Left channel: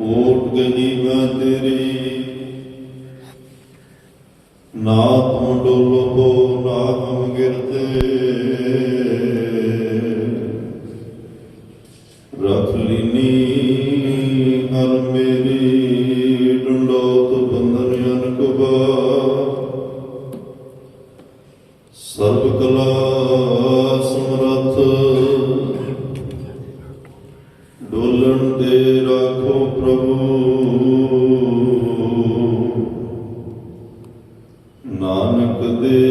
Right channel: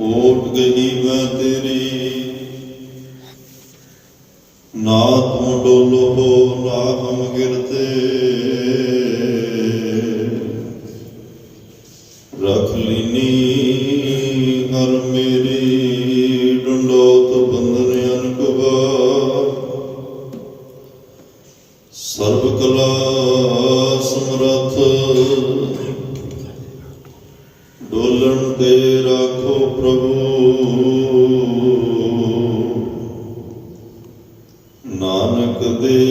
ओट गई मैं तेरी, ना तुम डोलो हो ना हम गिरते। रख लीनी हर मेरी, डंडौत बंधन अनकबा। सर्व कला समरथ, डोलन दे राखो प्रभु। नानक दे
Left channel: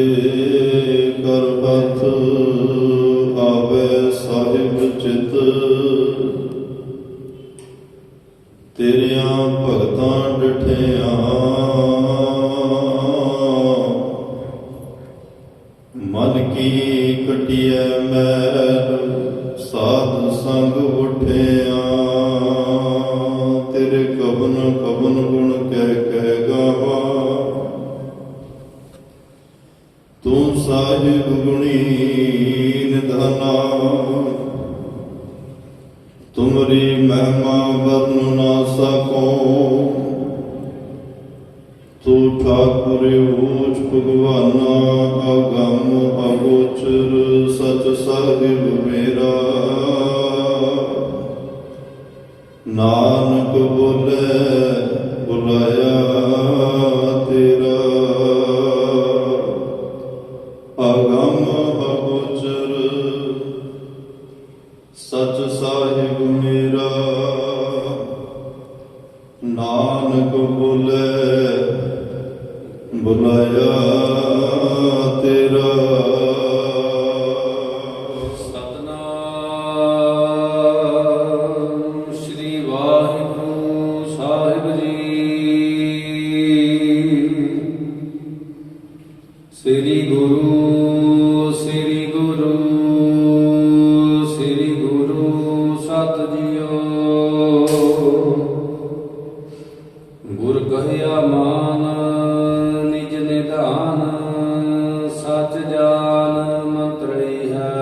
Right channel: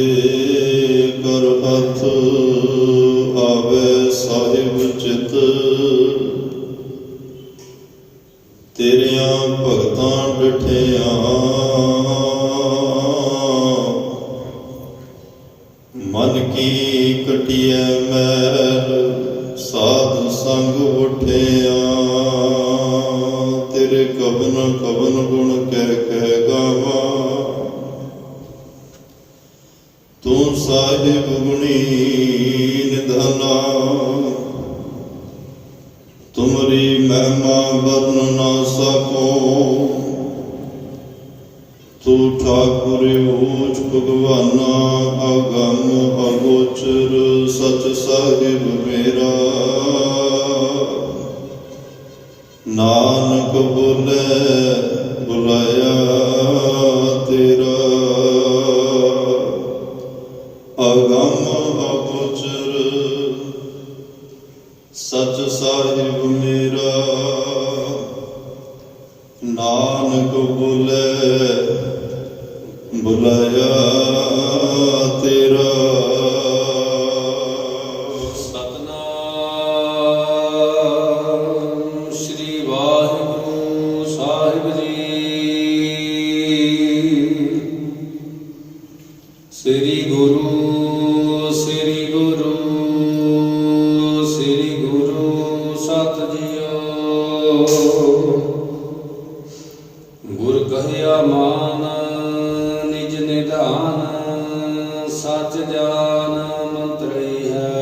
कर हथ, आवे साहिब चित। तेरिया भगतां डिठिया, मन की कटिया मैल। साध संग उठिया, तेरे कवन कवन गुण कह कह गावा। तू साहिब गुणी निधना, तुमरी महिमा वर्ण ना सको। तू ठाकुर ऊच भगवाना, अगम अगोचर सच साहिब मेरा। नानक बोले बुलाया तेरा, अगम अगोचर सच साहिब मेरा। नानक बोले बुलाया तेरा। श्री गुरु श्री गुरु श्री गुरु सत जियो। गुर कहया मान निज निधान, सच जान मंत्री है।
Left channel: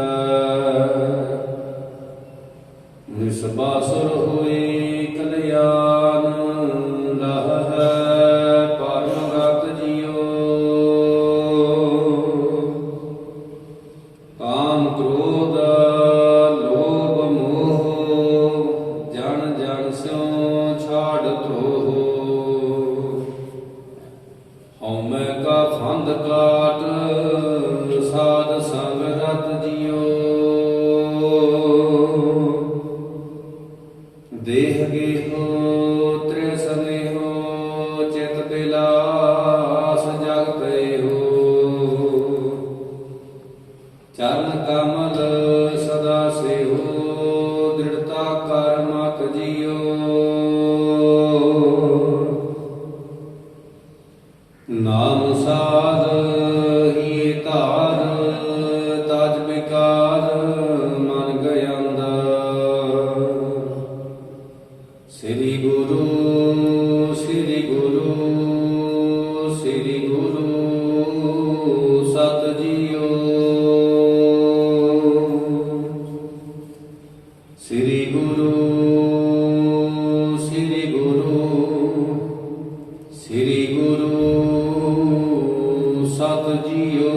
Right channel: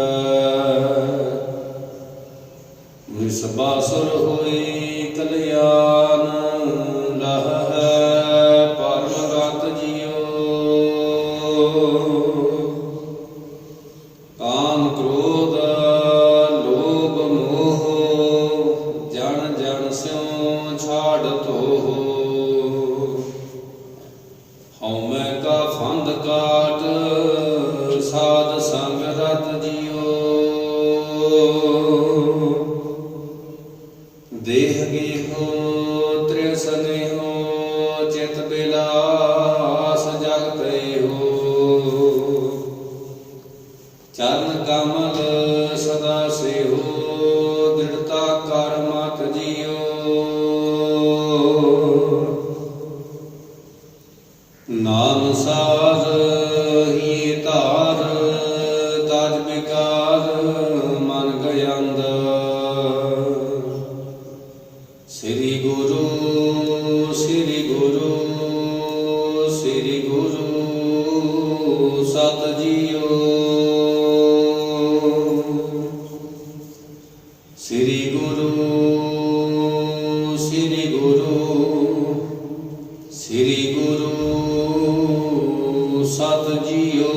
निस बासुर होए कल्याण, लह है परम गत जियो। काम क्रोध लोभ मोह, जन जन स्यों छाड़ तोह। हौमै का फंद काट, साध संग रत जियो। देह गेहो त्रिसने हो, चित बिलास जगते हो। चरण कमल सदा से हो, दृढ़ता कर मत जियो। नाम साध ये तार, तज विकार मन गयंद। श्री गुरु श्री गुरु श्री गुरु सत जियो। श्री गुरु श्री गुरु श्री गुरु सत जियो।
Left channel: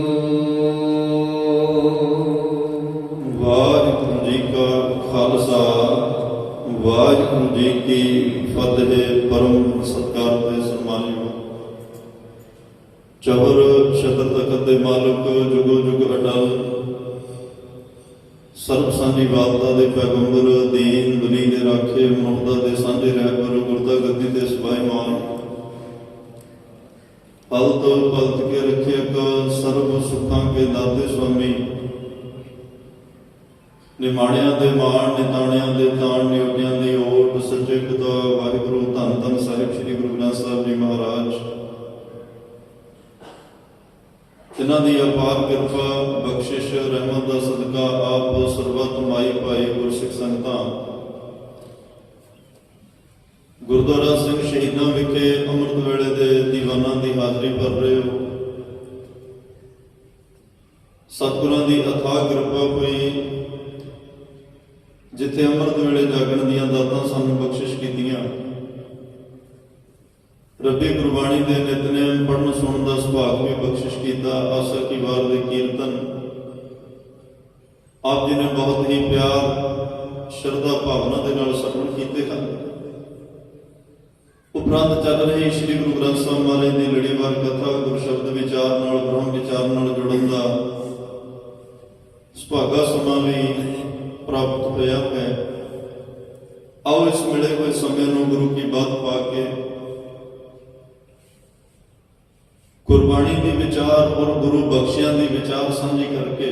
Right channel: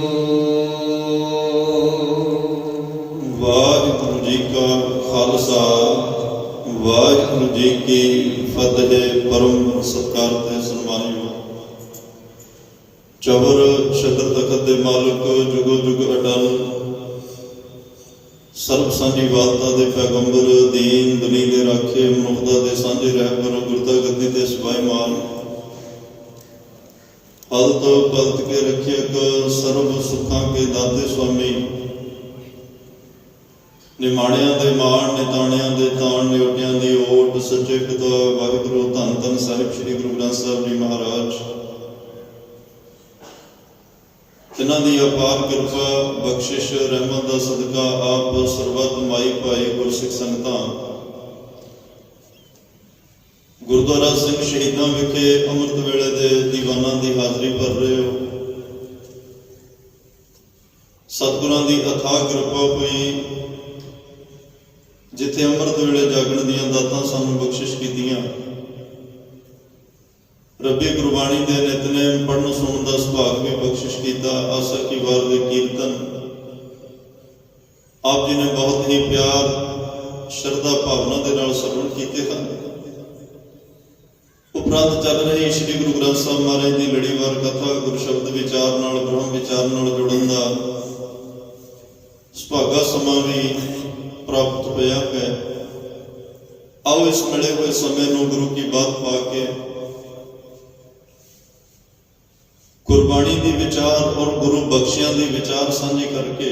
वाहिगुरु जी का खालसा, वाहिगुरु जी की फतेह। परम सत्कार ते सन्मानियो, चवर शतर तखत दे मालक, जुगो जुग अटल, सर्व सांझी वालता दे पैगंबर, दीन दुनी दे राखे, मनुखता दे सांझे रहबर, गुरता गद्दी ते सिपाही मान। हलत पलत के रखियक, सर्व सुखां के दाते स्वामी। निमाणियां दे मान, निताणियां दे ताण, नियोटियां दी ओट। सच्चे पिता वाहिगुरु धन धन साहिब श्री गुरु ग्रंथ साहिब जी महाराज, जिन्हां दी अपार किरपा बख्शिश रहमत दा सदका आप सरबत माई भाई गुरसिख संगतां गुरुद्वारा सिंह शहीदां विखे अमृत वेले दे दीवानां दी हाजरी भर रहे हो। सतगुरां दी अथाह किरपा होई, जिथे अमृत वेले जागण दीयां दातां सानूं बख्शिश कीतियां, ਰੱਬੀ ਗੁਰਬਾਣੀ ਦੇ ਨਿਤਨੇਮ ਪੜ੍ਹਨ ਸੁਣਨ ਦਾ ਸੁਭਾਗ ਵੀ ਬਖਸ਼ਿਸ਼ ਕੀਤਾ। ਆਸਾ ਕੀ ਵਾਰ ਦੇ ਕੀਰਤਨ ਆਪ ਜੀ ਨੇ ਬਹੁਤ ਹੀ ਪਿਆਰ ਸ਼ਰਧਾ ਭਾਵਨਾ ਦੇ ਨਾਲ ਸਰਵਣ ਕੀਤੇ ਹਨ। ਉਪਰੰਤ ਚੱਲ ਰਹੀ ਸ੍ਰੀ ਗੁਰੂ ਗ੍ਰੰਥ ਸਾਹਿਬ ਮਹਾਰਾਜ ਦੀ ਲੜੀਵਾਰ ਕਥਾ ਗੁਰ ਸ਼ਬਦ ਵਿਚਾਰ ਨਾਲ ਬ੍ਰਹਮ ਵਿਚਾਰ ਨਾਲ ਜੁੜਨ ਦਾ ਸੁਭਾਗਾ ਸਮਾਂ ਵੀ ਪ੍ਰਾਪਤ ਹੋਇਆ ਹੈ। ਆਓ ਇਸ ਮਿਲੇ ਹੋਏ ਸਮੇਂ ਨੂੰ ਗੁਰੂ ਕੀ ਬਾਤ ਪਾ ਕੇ ਗੁਰਬਾਣੀ ਦੀ ਵਿਚਾਰ ਔਰ ਗੁਰੂ ਬਖਸ਼ਿਆਂ ਦੀ ਵਿਚਾਰ ਸਾਂਝੀ ਕਰਕੇ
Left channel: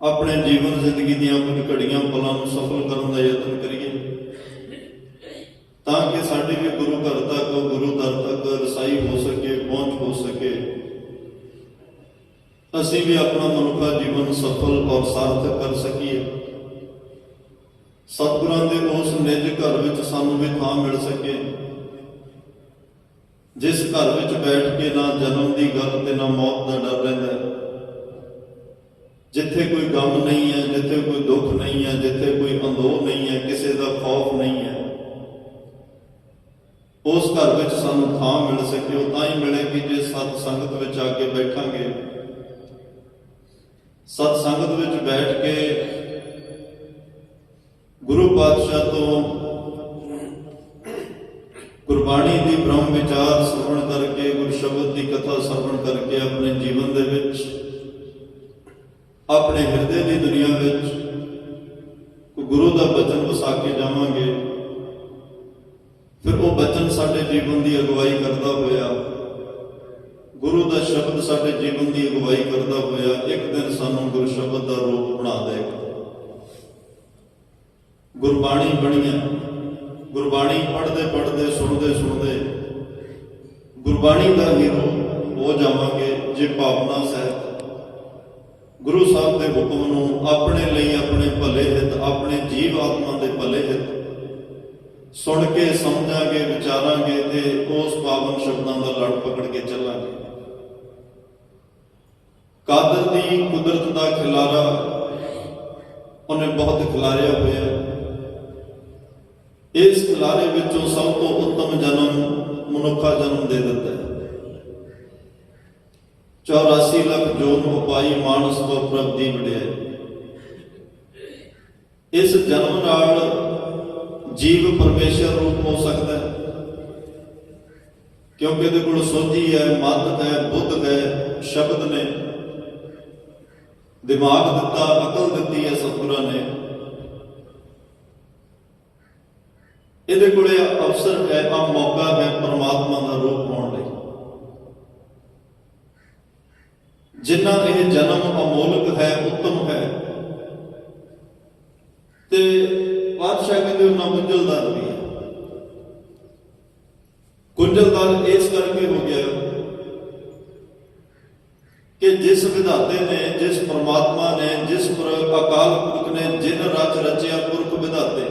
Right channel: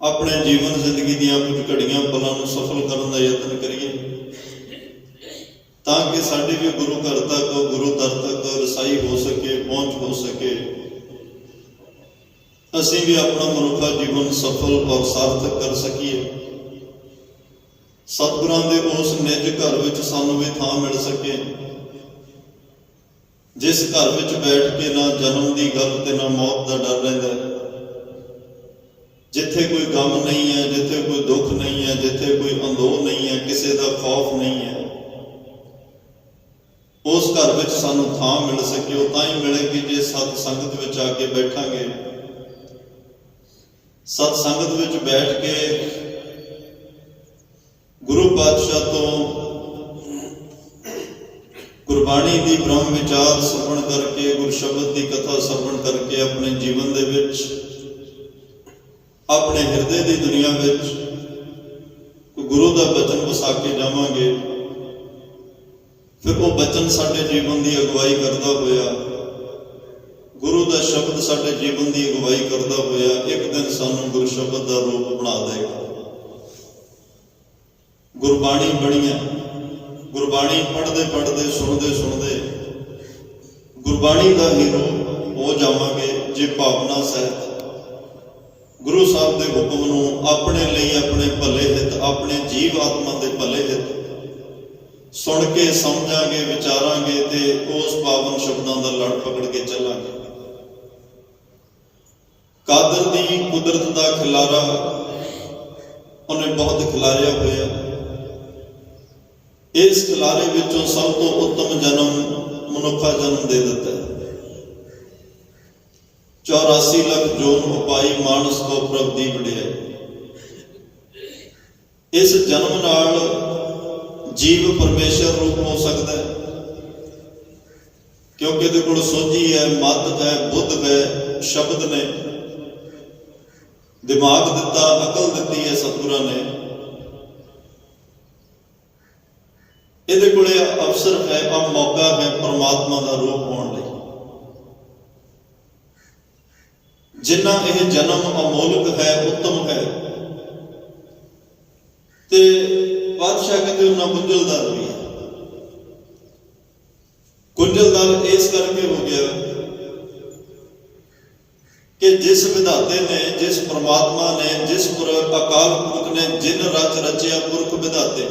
ਆਪਣੇ ਜੀਵਨ ਜ਼ਿੰਦਗੀ ਦੀਆਂ ਕੁਝ ਘੜੀਆਂ ਪਲਾਂ ਨੂੰ ਸਫਲ ਕਰਨ ਦਾ ਯਤਨ ਕਰੀਏ, ਤਾਂ ਕਿ ਸਾਡੀ ਵੀ ਗੁਰੂ ਘਰ ਤੱਕ, ਗੁਰੂ ਦਰ ਤੱਕ ਰਸਾਈ ਹੋ ਸਕੇ, ਪਹੁੰਚ ਹੋ ਸਕੇ। ਅਸੀਂ ਵੀ ਆਪਣਾ ਮਨੁੱਖਾ ਜੀਵਨ ਸਫਲ ਔਰ ਸਾਰਥਕ ਕਰ ਸਕੀਏ। ਸਤਿਗੁਰਾਂ ਦੇ ਉਸ ਨਿੱਜ ਘਰ ਵਿੱਚ ਸਾਨੂੰ ਵੀ ਥਾਂ ਮਿਲ ਸਕੇ, ਜਿਸ ਘਰ ਵਿੱਚ ਬੈਠ ਕੇ ਨਾ ਜਨਮ ਦੀ ਗੱਲ ਤੇ ਨਾ ਮੌਤ ਦਾ ਡਰ ਰਹਿੰਦਾ ਹੈ, ਜਿੱਥੇ ਕੋਈ ਗਮ ਨਹੀਂ ਹੈ, ਜਿੱਥੇ ਕੋਈ ਦੁੱਖ ਨਹੀਂ ਹੈ, ਜਿੱਥੇ ਕੋਈ ਅੰਦੋਹ ਨਹੀਂ ਹੈ, ਕਿਸੇ ਦਾ ਖੌਫ ਨਹੀਂ ਹੈ। ਉਸ ਘਰ ਵਿੱਚ ਸਾਨੂੰ ਥਾਂ ਮਿਲ ਸਕੇ। ਉਹ ਤਾਂ ਹੀ ਮਿਲੇਗੀ ਜੇ ਸਤ ਸੰਗਤ ਵਿੱਚ ਆ ਕੇ ਬੈਠਾਂਗੇ। ਸਤ ਸੰਗਤ ਵਿੱਚ ਬੈਠ ਕੇ ਗੁਰੂ ਪਾਤਸ਼ਾਹ ਤੋਂ ਗੁਰਬਾਣੀ ਦੀ ਬ੍ਰਹਮ ਵਿਚਾਰ ਸਰਵਣ ਕਰਕੇ, ਗੁਰ ਸ਼ਬਦ ਦੀ ਕਥਾ ਸਰਵਣ ਕਰਕੇ ਆਪਣੇ ਜੀਵਨ ਦੇ ਵਿੱਚ, ਆਪਣੇ ਹਿਰਦੇ ਦੀ ਦੁਨੀਆ ਵਿੱਚ ਗੁਰੂ ਦਾ ਬਚਨ ਵਸਾ ਕੇ ਜਾਵਾਂਗੇ। ਫਿਰ ਉਹ ਬਚਨ ਸਾਡੇ ਜੀਵਨ ਦੀ ਅਗਵਾਈ ਕਰਦਾ ਹੋਇਆ, ਗੁਰੂ ਦਾ ਸ਼ਬਦ ਸਾਡੇ ਜੀਵਨ ਦੀ ਅਗਵਾਈ ਕਰਦਾ ਹੋਇਆ ਇੱਕ ਦਿਨ ਸਾਨੂੰ ਗੁਰ ਸ਼ਬਦ ਦਾ ਰੂਪ ਬਣਾ ਦੇਗਾ। ਗੁਰਬਾਣੀ ਬਣੀਆਂ, ਗੁਰਬਾਣੀ ਪੜ੍ਹਦੇ ਪੜ੍ਹਦੇ, ਸੁਣਦੇ ਸੁਣਦੇ ਗੁਰਬਾਣੀ ਦਾ ਹੀ ਰੂਪ ਹੋ ਜਾਵਾਂਗੇ ਜੇ ਭਾਵਨਾ ਸਹਿਤ ਗੁਰੂ ਸਾਹਿਬ ਦੇ ਹੁਕਮ ਨੂੰ ਆਪਣੇ ਲਈ, ਆਪਣੇ ਭਲੇ ਹਿੱਤ, ਆਪਣੇ ਜੀਵ ਆਤਮਾ ਦੇ ਭਲੇ ਹਿੱਤ ਸੁਣ ਕੇ ਸਮਝਾਂਗੇ, ਵਿਚਾਰਾਂਗੇ ਤੇ ਉਸ ਪਾਵਨ ਸ਼ਬਦਾਂ ਦਾ ਲੜ ਪਕੜ ਕੇ ਚੱਲਾਂਗੇ। ਕਾਦਰ ਦੀ ਕੁਦਰਤ ਦਾ ਖਿਲਾਰਾ ਉਹਨੇ ਬਹੁਤ ਖਿਲਾਰਿਆ ਹੋਇਆ। ਇਸ ਖਿਲਾਰੇ ਵਿੱਚੋਂ ਸਭ ਤੋਂ ਉੱਤਮ ਜਨਮ ਮਨੁੱਖਾ ਜਨਮ ਦੇ ਦਿੱਤਾ ਹੈ। 84 ਲੱਖ ਜੋਨ ਉਪਾਈ ਮਾਨਸ ਕੋ ਪ੍ਰਭ ਦੀ ਵਡਿਆਈ। ਇਸ ਜਨਮ ਨਾਲ ਜੀਵ ਪਰਮੇਸ਼ਰ ਰੂਪ ਹੋ ਸਕਦਾ ਹੈ, ਕਿਉਂਕਿ ਇਹਦੇ ਕੋਲ ਸੋਝੀ ਹੈ, ਮੱਤ ਹੈ, ਬੁੱਧ ਹੈ, ਸ਼ਬਦ ਨੇ, ਦਿਮਾਗ ਦਿੱਤਾ, ਅਕਲ ਦਿੱਤੀ ਹੈ ਸਤਿਗੁਰਾਂ ਨੇ। ਇਹਦੇ ਕੋਲੇ ਅਵਸਰ ਹੈ, ਆ ਮੌਕਾ ਹੈ ਪਰਮਾਤਮਾ ਦਾ ਰੂਪ ਹੋਣ ਲਈ। ਜਿੰਨਾ ਇਹ ਜਨਮ ਅਮੋਲਕ ਹੈ, ਉੱਤਮ ਹੈ, ਤੇ ਪਾਤਸ਼ਾਹ ਕਹਿੰਦੇ ਉਹਨਾਂ ਗੁੰਝਲਦਾਰ ਵੀ ਹੈ। ਗੁੰਝਲਦਾਰ ਇਸ ਕਰਕੇ ਹੋ ਗਿਆ ਕਿ ਜਿਸ ਵਿਧਾਤੇ ਨੇ, ਜਿਸ ਪਰਮਾਤਮਾ ਨੇ, ਜਿਸ ਅਕਾਲ ਪੁਰਖ ਨੇ ਜਿਨ ਰਚ ਰਚਿਆ ਪੁਰਖ ਵਿਧਾਤੇ,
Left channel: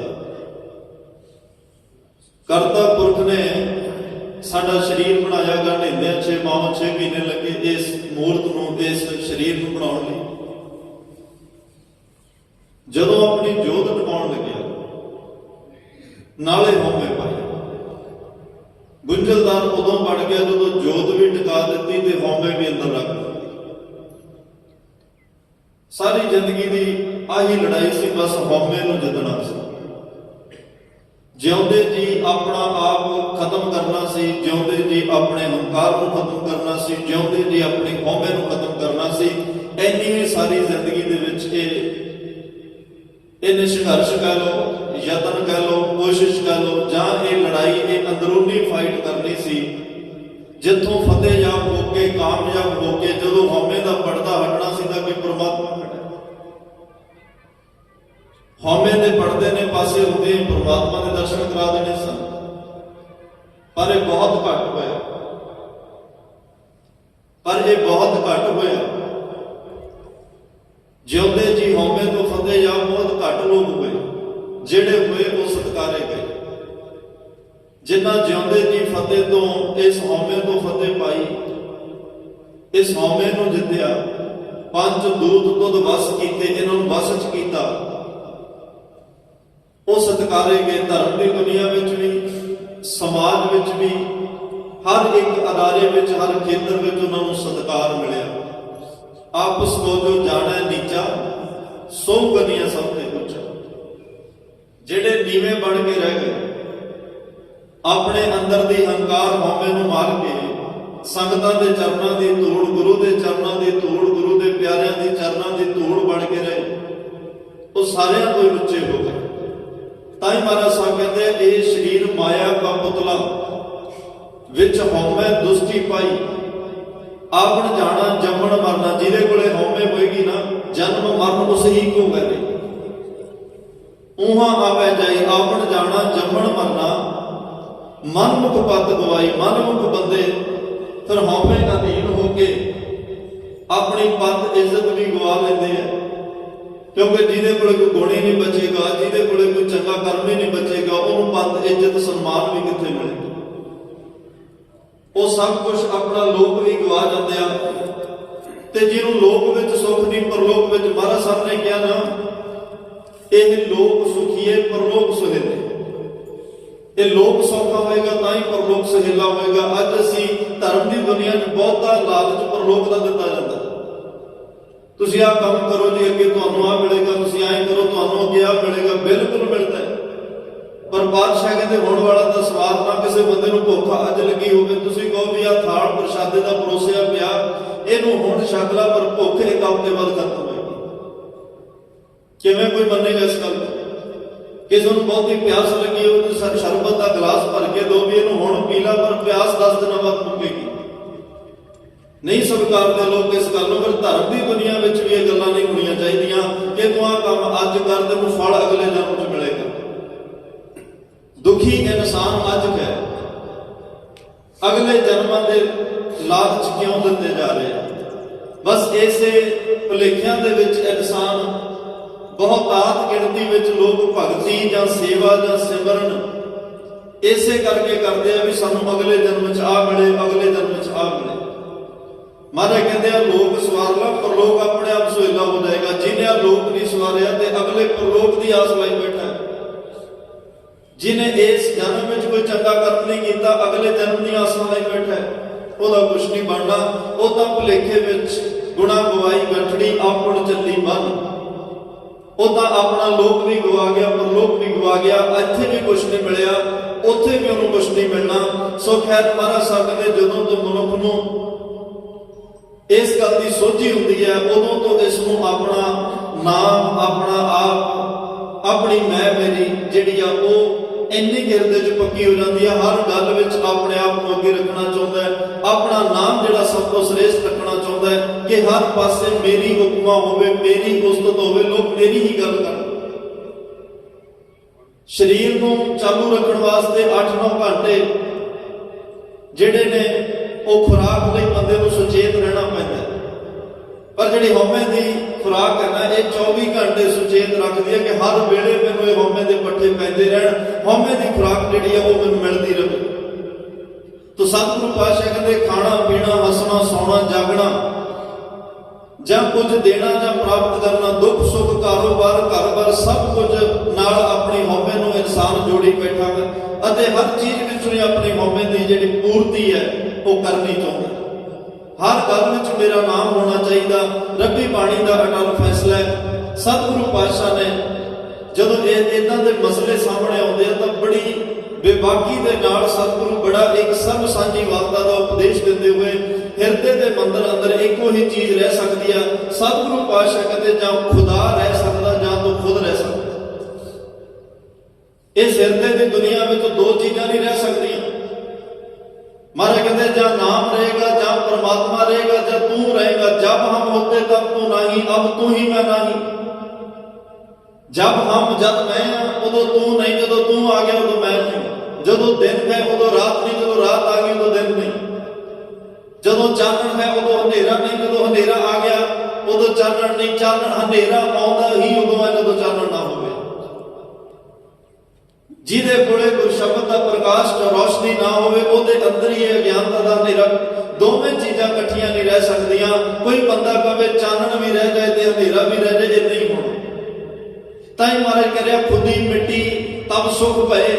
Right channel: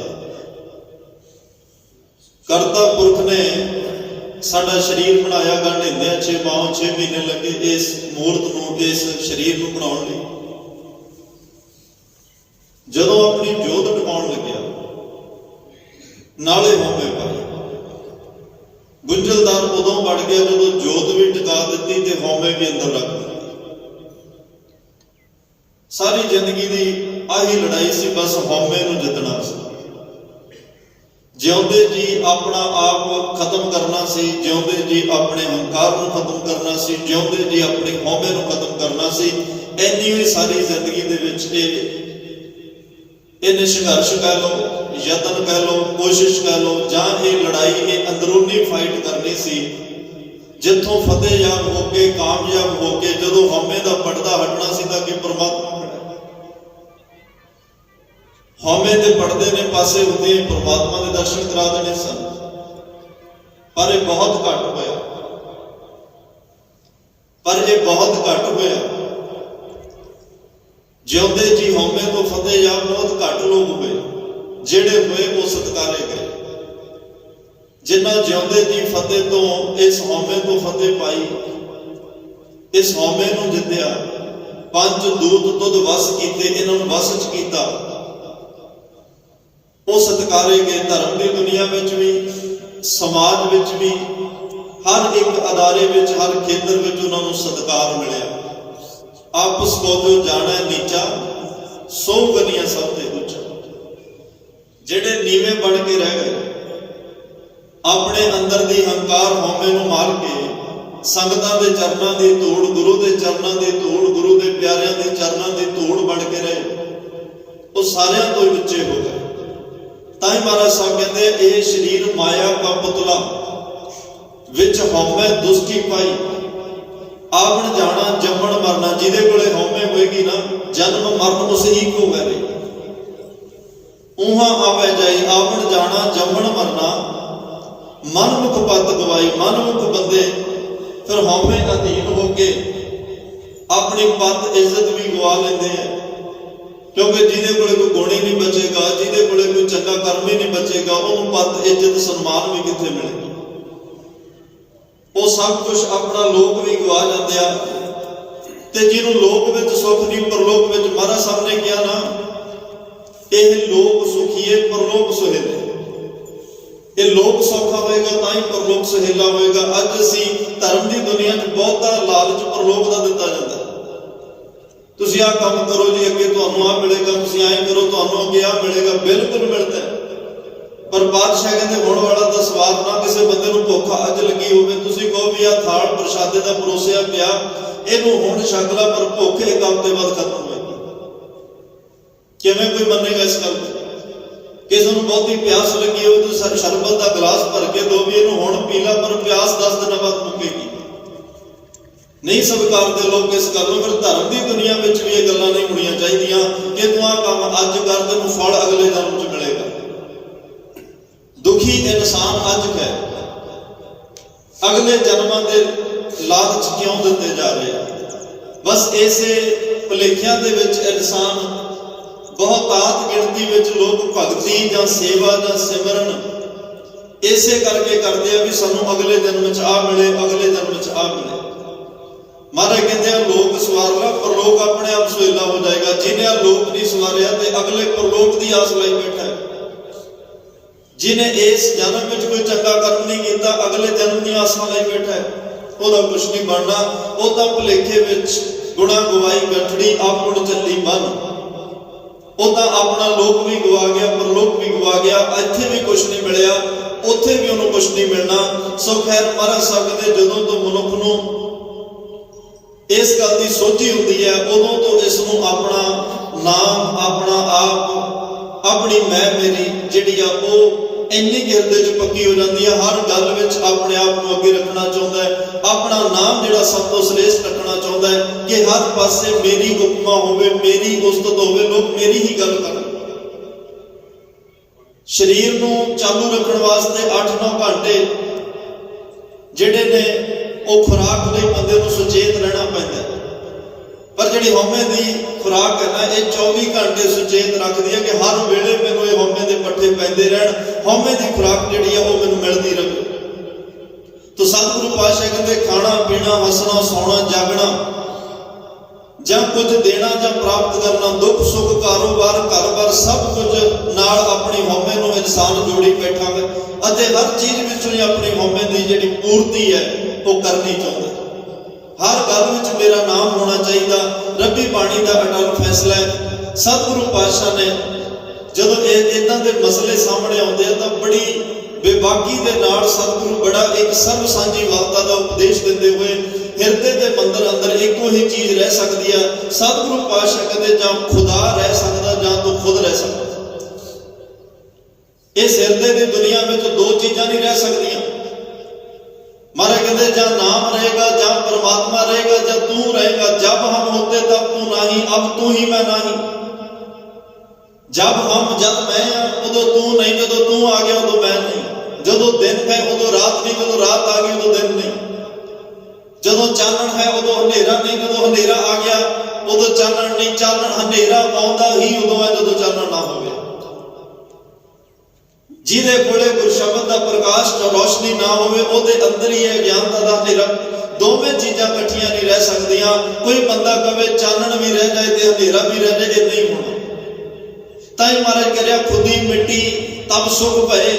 ਕਰਤਾ ਪੁਰਖ ਨੇ ਸਾਡਾ ਸਰੀਰ ਬਣਾਇਆ। ਗੰਢਿੰਦਿਆਂ 6 ਮਾਹ 6 ਮਹੀਨੇ ਲੱਗੇ ਇਸ ਮੂਰਤ ਨੂੰ, ਇਸ ਸਰੀਰ ਨੂੰ ਬਣਾਉਣ ਲਈ। ਜਦੋਂ ਆਪਣੀ ਜੋਤ ਟਿਕਾਉਣ ਲੱਗਿਆ, ਨਾਲੇ ਹਉਮੈ ਪਾਈ। ਗੁੰਝਲਦਾਰ ਉਦੋਂ ਬਣ ਗਿਆ ਜਦੋਂ ਜੋਤ ਵੀ ਟਿਕਾ ਦਿੱਤੀ ਤੇ ਹਉਮੈ ਵੀ ਅੰਦਰ ਰੱਖ ਦਿੱਤੀ। ਸਾਰੀ ਜ਼ਿੰਦਗੀ ਦੀ ਆਹੀ ਲੜਾਈ ਸੀ, ਬਸ ਹਉਮੈ ਨੂੰ ਜਿੱਤਣਾ ਸੀ। ਜਿਉਂਦੇ ਜੀ ਆਪਣਾ ਆਪ ਖਤਮ ਕਰਨਾ ਸੀ, ਜਿਉਂਦੇ ਜੀ ਆਪਣੇ ਹੰਕਾਰ ਨੂੰ ਖਤਮ ਕਰਨਾ ਸੀ, ਜਿਉਂਦੇ ਜੀ ਆਪਣੀ ਹਉਮੈ ਨੂੰ ਖਤਮ ਕਰਨਾ ਸੀ। ਇੰਨੀ ਵੀ ਸਾਰੀ ਜ਼ਿੰਦਗੀ ਦੇ ਵਿੱਚ ਇਹ ਸੰਘਰਸ਼ ਕਹਿ ਲਓ, ਯਤਨ ਕਹਿ ਲਓ, ਕੋਸ਼ਿਸ਼ ਕਹਿ ਲਓ, ਜਾਂ ਇਹ ਲੜਾਈ, ਇਹ ਅੰਦਰੂਨੀ ਫਾਈਟ ਕਰਨੀ ਸੀ, ਜਿੱਥੋਂ ਫਤਿਹਯਾਬ ਹੋ ਕੇ, ਕਾਮਯਾਬ ਹੋ ਕੇ ਜਦੋਂ ਹਉਮੈ ਦਾ ਪਰਦਾ ਹਟਣਾ ਸੀ ਤਾਂ ਕਿ ਪਰਮਾਤਮਾ ਖੜਾ। ਹਉਮੈ ਦੇ ਪਰਦੇ ਨੇ ਪਾਸੇ ਹੁੰਦੇ ਪਰਮਾਤਮਾ ਦੇ ਦਰਸ਼ਨ ਕਰਾ ਦੇਣੇ ਸਨ, ਪਰ ਇਹ ਬਹੁਤ ਘੱਟ ਹੋਇਆ। ਜਿਉਂਦੇ ਜੀ ਹਉਮੈ ਤੋਂ ਫਤਿਹਯਾਬ ਬਹੁਤ ਘੱਟ ਲੋਕ ਹੋਏ, ਜਿਹੜੇ ਹੋਏ ਉਹ ਸਤਿਕਾਰੇ ਗਏ। ਜਿਨ੍ਹਾਂ ਜਿਉਂਦੇ ਜੀ ਫਤਿਹ ਤੋਂ, ਇਸ ਹਉਮੈ ਤੋਂ ਫਤਿਹ ਪਾਈ, ਇਸ ਹਉਮੈ ਨੂੰ ਜਿੱਤਿਆ, 5 ਦੂਤ ਤੁਧ ਵਸ ਕੀਤੇ, ਇਹਨਾਂ ਨੂੰ ਵਸ ਚ ਕੀਤਾ, ਉਹ ਸਤਿਕਾਰੇ ਗਏ। ਧਰਮ ਦੀ ਦੁਨੀਆ ਵਿੱਚ ਵੀ, ਸਮਾਜ समाज विच भी हर एक अदारे विच हर खेतर विच उन्हां नूं सत्कार मिलिया। आपस को जो जाने नीचा सो गनिया सब ते ऊंचा। जिहड़े नीवे बन के रह गए अपने अंदर दी हंकार हौमे नूं मार के संगतां दे चरनां दी धूड़, गुरु दे चरनां दी धूड़, गुरु दे प्यारिਆਂ दी चरनां दी धूड़ बन के रहे, वो सारियां तो ही उच्चे हो गए। तां ही महाराज साहब कहते ये शरीर माया का पुतला विच हौमे दुष्टि पाई, आवण जाना जमण मरना। जिहदे कोले हौमे होएगी ना जन्म मरण उस ही को करे। उहां आवे जाई आवण जाना जमण मरना, मनमुख पत गवाई। मनमुख बंदे फिर हौमे अधीन होके अपनी पत इज्जत भी गवा लेंदे हैं, क्योंकि जिहदे कोले कोई गुण ही नहीं बचेगा, जिहदे कोले कोई चंगा कर्म ही नहीं बचेगा, उन्हें पत इज्जत सन्मान भी कित्थे मिलेगा। वो सब कुछ अपना लोक भी गवा जाते हैं। ते जिन्हों लोक विच सुख नहीं परलोक विच महाराज साहब ने कहा ना, यह लोक सुखीए परलोक सुहेले। ये लोक सौखा होएगा तां ही परलोक सुहेला होएगा। अज असीं धर्म की दुनिया च बहुता लालच परलोक का दिता जाता। तुसीं आ काम करो जी अगे तुहानूं आ मिलेगा, तुसीं ऐ करो तुहानूं अगे आ मिलेगा। बिल्कुल मिलता है, पर बादशाह कहते होने वाला तो सवाल ना किसी बंदे नूं भुख अज लगी होवे, तुसीं कहो भी आ थाल प्रशादे दा परोसिया पिया इहनूं हुण छक ला, पर भुख एक हफ्ते बाद खत्म होएगी। किवें कोई मन्नेगा इस गल नूं? किसी नूं बहुती प्यास लगी हो तो शरबत का गिलास भर के दो भी इहनूं हुण पी ला, पर प्यास 10 दिन बाद मुकेगी। नहीं स्वीकारते लोग इस गल नूं। फिर धर्म की दुनिया में भी ये गल्लां नहीं होणीआं चाहीदियां कि तूं आ काम अज कर तैनूं फल अगले जन्म च मिलेगा। दुखी इंसान अज है, अगले जन्मां दे लालच क्यों दिते जा रहे हैं? बस ऐसे भुलेखिਆਂ दे विच इंसान बहुतात गिणती विच लोग भगती जां सेवा जां सिमरन इसे करके करते हैं भी सानू अगले जन्म च आ मिले, अगले जन्म च आ मिले। महाराज कहते हैं लोक सवार ला, परलोक अपने आप सुहेला हो जाएगा। जिन्हें लोक नहीं सवारिया ते अगले परलोक की आस लाई बैठा है। जिन्हें इस जन्म में कोई चंगा कर्म नहीं किया, अगले जन्म की आस लाई बैठा है, वह कुछ नहीं बनना। वो तो भुलेखे विच गुणा गवाई बैठड़ी आपड़ चली मन। वो तो अपना लोक भी गवा गया, परलोक भी गवा गया। इत्थे भी कुछ नहीं मिलिया, उत्थे भी उन्होंने कुछ नहीं मिलना। सो खैर महाराज साहब कहते जदों तो मनुख नूं इस गल की सोची होती है, उदों तो इसनूं अपना नाम, अपना आप, अपनी मैं मेरी जिहड़ी आ वो इन्नी गिरदे च पक्की हो जाती है। हर गल विच अपने आप को अगे रखना चाहता है, अपना नाम जिहड़ा सब तो श्रेष्ठ रखना चाहता है कि हर पासे मेरी उपमा होवे, मेरी उस्तत होवे, लोग मेरी ही गल करन। शरीर नूं चालू रखण वास्ते 8-9 घंटे जिहड़े ने ਉਹ खुराक ਲਈ ਬੰਦੇ ਨੂੰ ਸੁਚੇਤ ਰਹਿਣਾ ਪੈਂਦਾ ਹੈ। ਪਰ ਜਿਹੜੀ ਹਉਮੈ ਦੀ खुराक है ना, ये 24 घंटे सुचेत रखती है कि हर वेले मैनूं ये हउमे दे पट्ठे पैंदे रहण, हउमे दी खुराक जिहड़ी है वो मैनूं मिलदी रहे। तो सतगुरु पातशाह कहंदे खाना पीना, हसना सौना जागना, जां कुछ देना जां प्राप्त करना, दुख सुख कारोबार घर-बार सब कुछ नाल अपनी हउमे नूं इंसान जोड़ी बैठा है अते हर चीज विचों ही अपनी हउमे दी जिहड़ी पूर्ति है वो करनी चाहता। हर गल विच मेरा नाम होना चाहिए। रब्बी बाणी का अटल फैसला है। सतगुरु पातशाह ने जदों इदां दे मसले सामने आउंदे हैं तो बड़ी बेबाकी दे नाल सतगुरु बड़ा एक सर्व सांझी वार्ता का उपदेश देते हुए हिरदे दे मंदिर अंदर एको ही चीज रह सकती है। सतगुरु पातशाह कहते जां खुदा रह सकता जां तो खुद रह सकता। इस हिरदे की दुनिया में तो 2 चीज़ां नहीं रह सकदियां। महाराज कहते जां नाम रहेगा, जां परमात्मा रहेगा, जां तू रहेगा। जब हम होते तब तू नहीं, अब तू ही मैं नहीं। जब मैं उदों तू नहीं, जदों तू आ गया उदों मैं नहीं। जदों दिन है उदों रात नहीं, जदों रात आ गई उदों दिन नहीं। जदों चानण है उदों हनेरा नहीं, जदों हनेरा आ गया उदों चानण नहीं। चानण हनेरा आउंदा ही उदों है जदों चानण ना होवे। जिहदे कोले गुर शब्द का प्रकाश तो रोशनी ना होवे, उहदे अंदर ही अज्ञानता दा हनेरा। दोवें चीज़ां इकट्ठियां नहीं रह सकदियां। कोई बंदा कहे चानण भी रह जाए ते हनेरा भी रह जाए, इदां ही होना। ताई महाराज कह रहा खुदी मिट्टी तब सुख भए।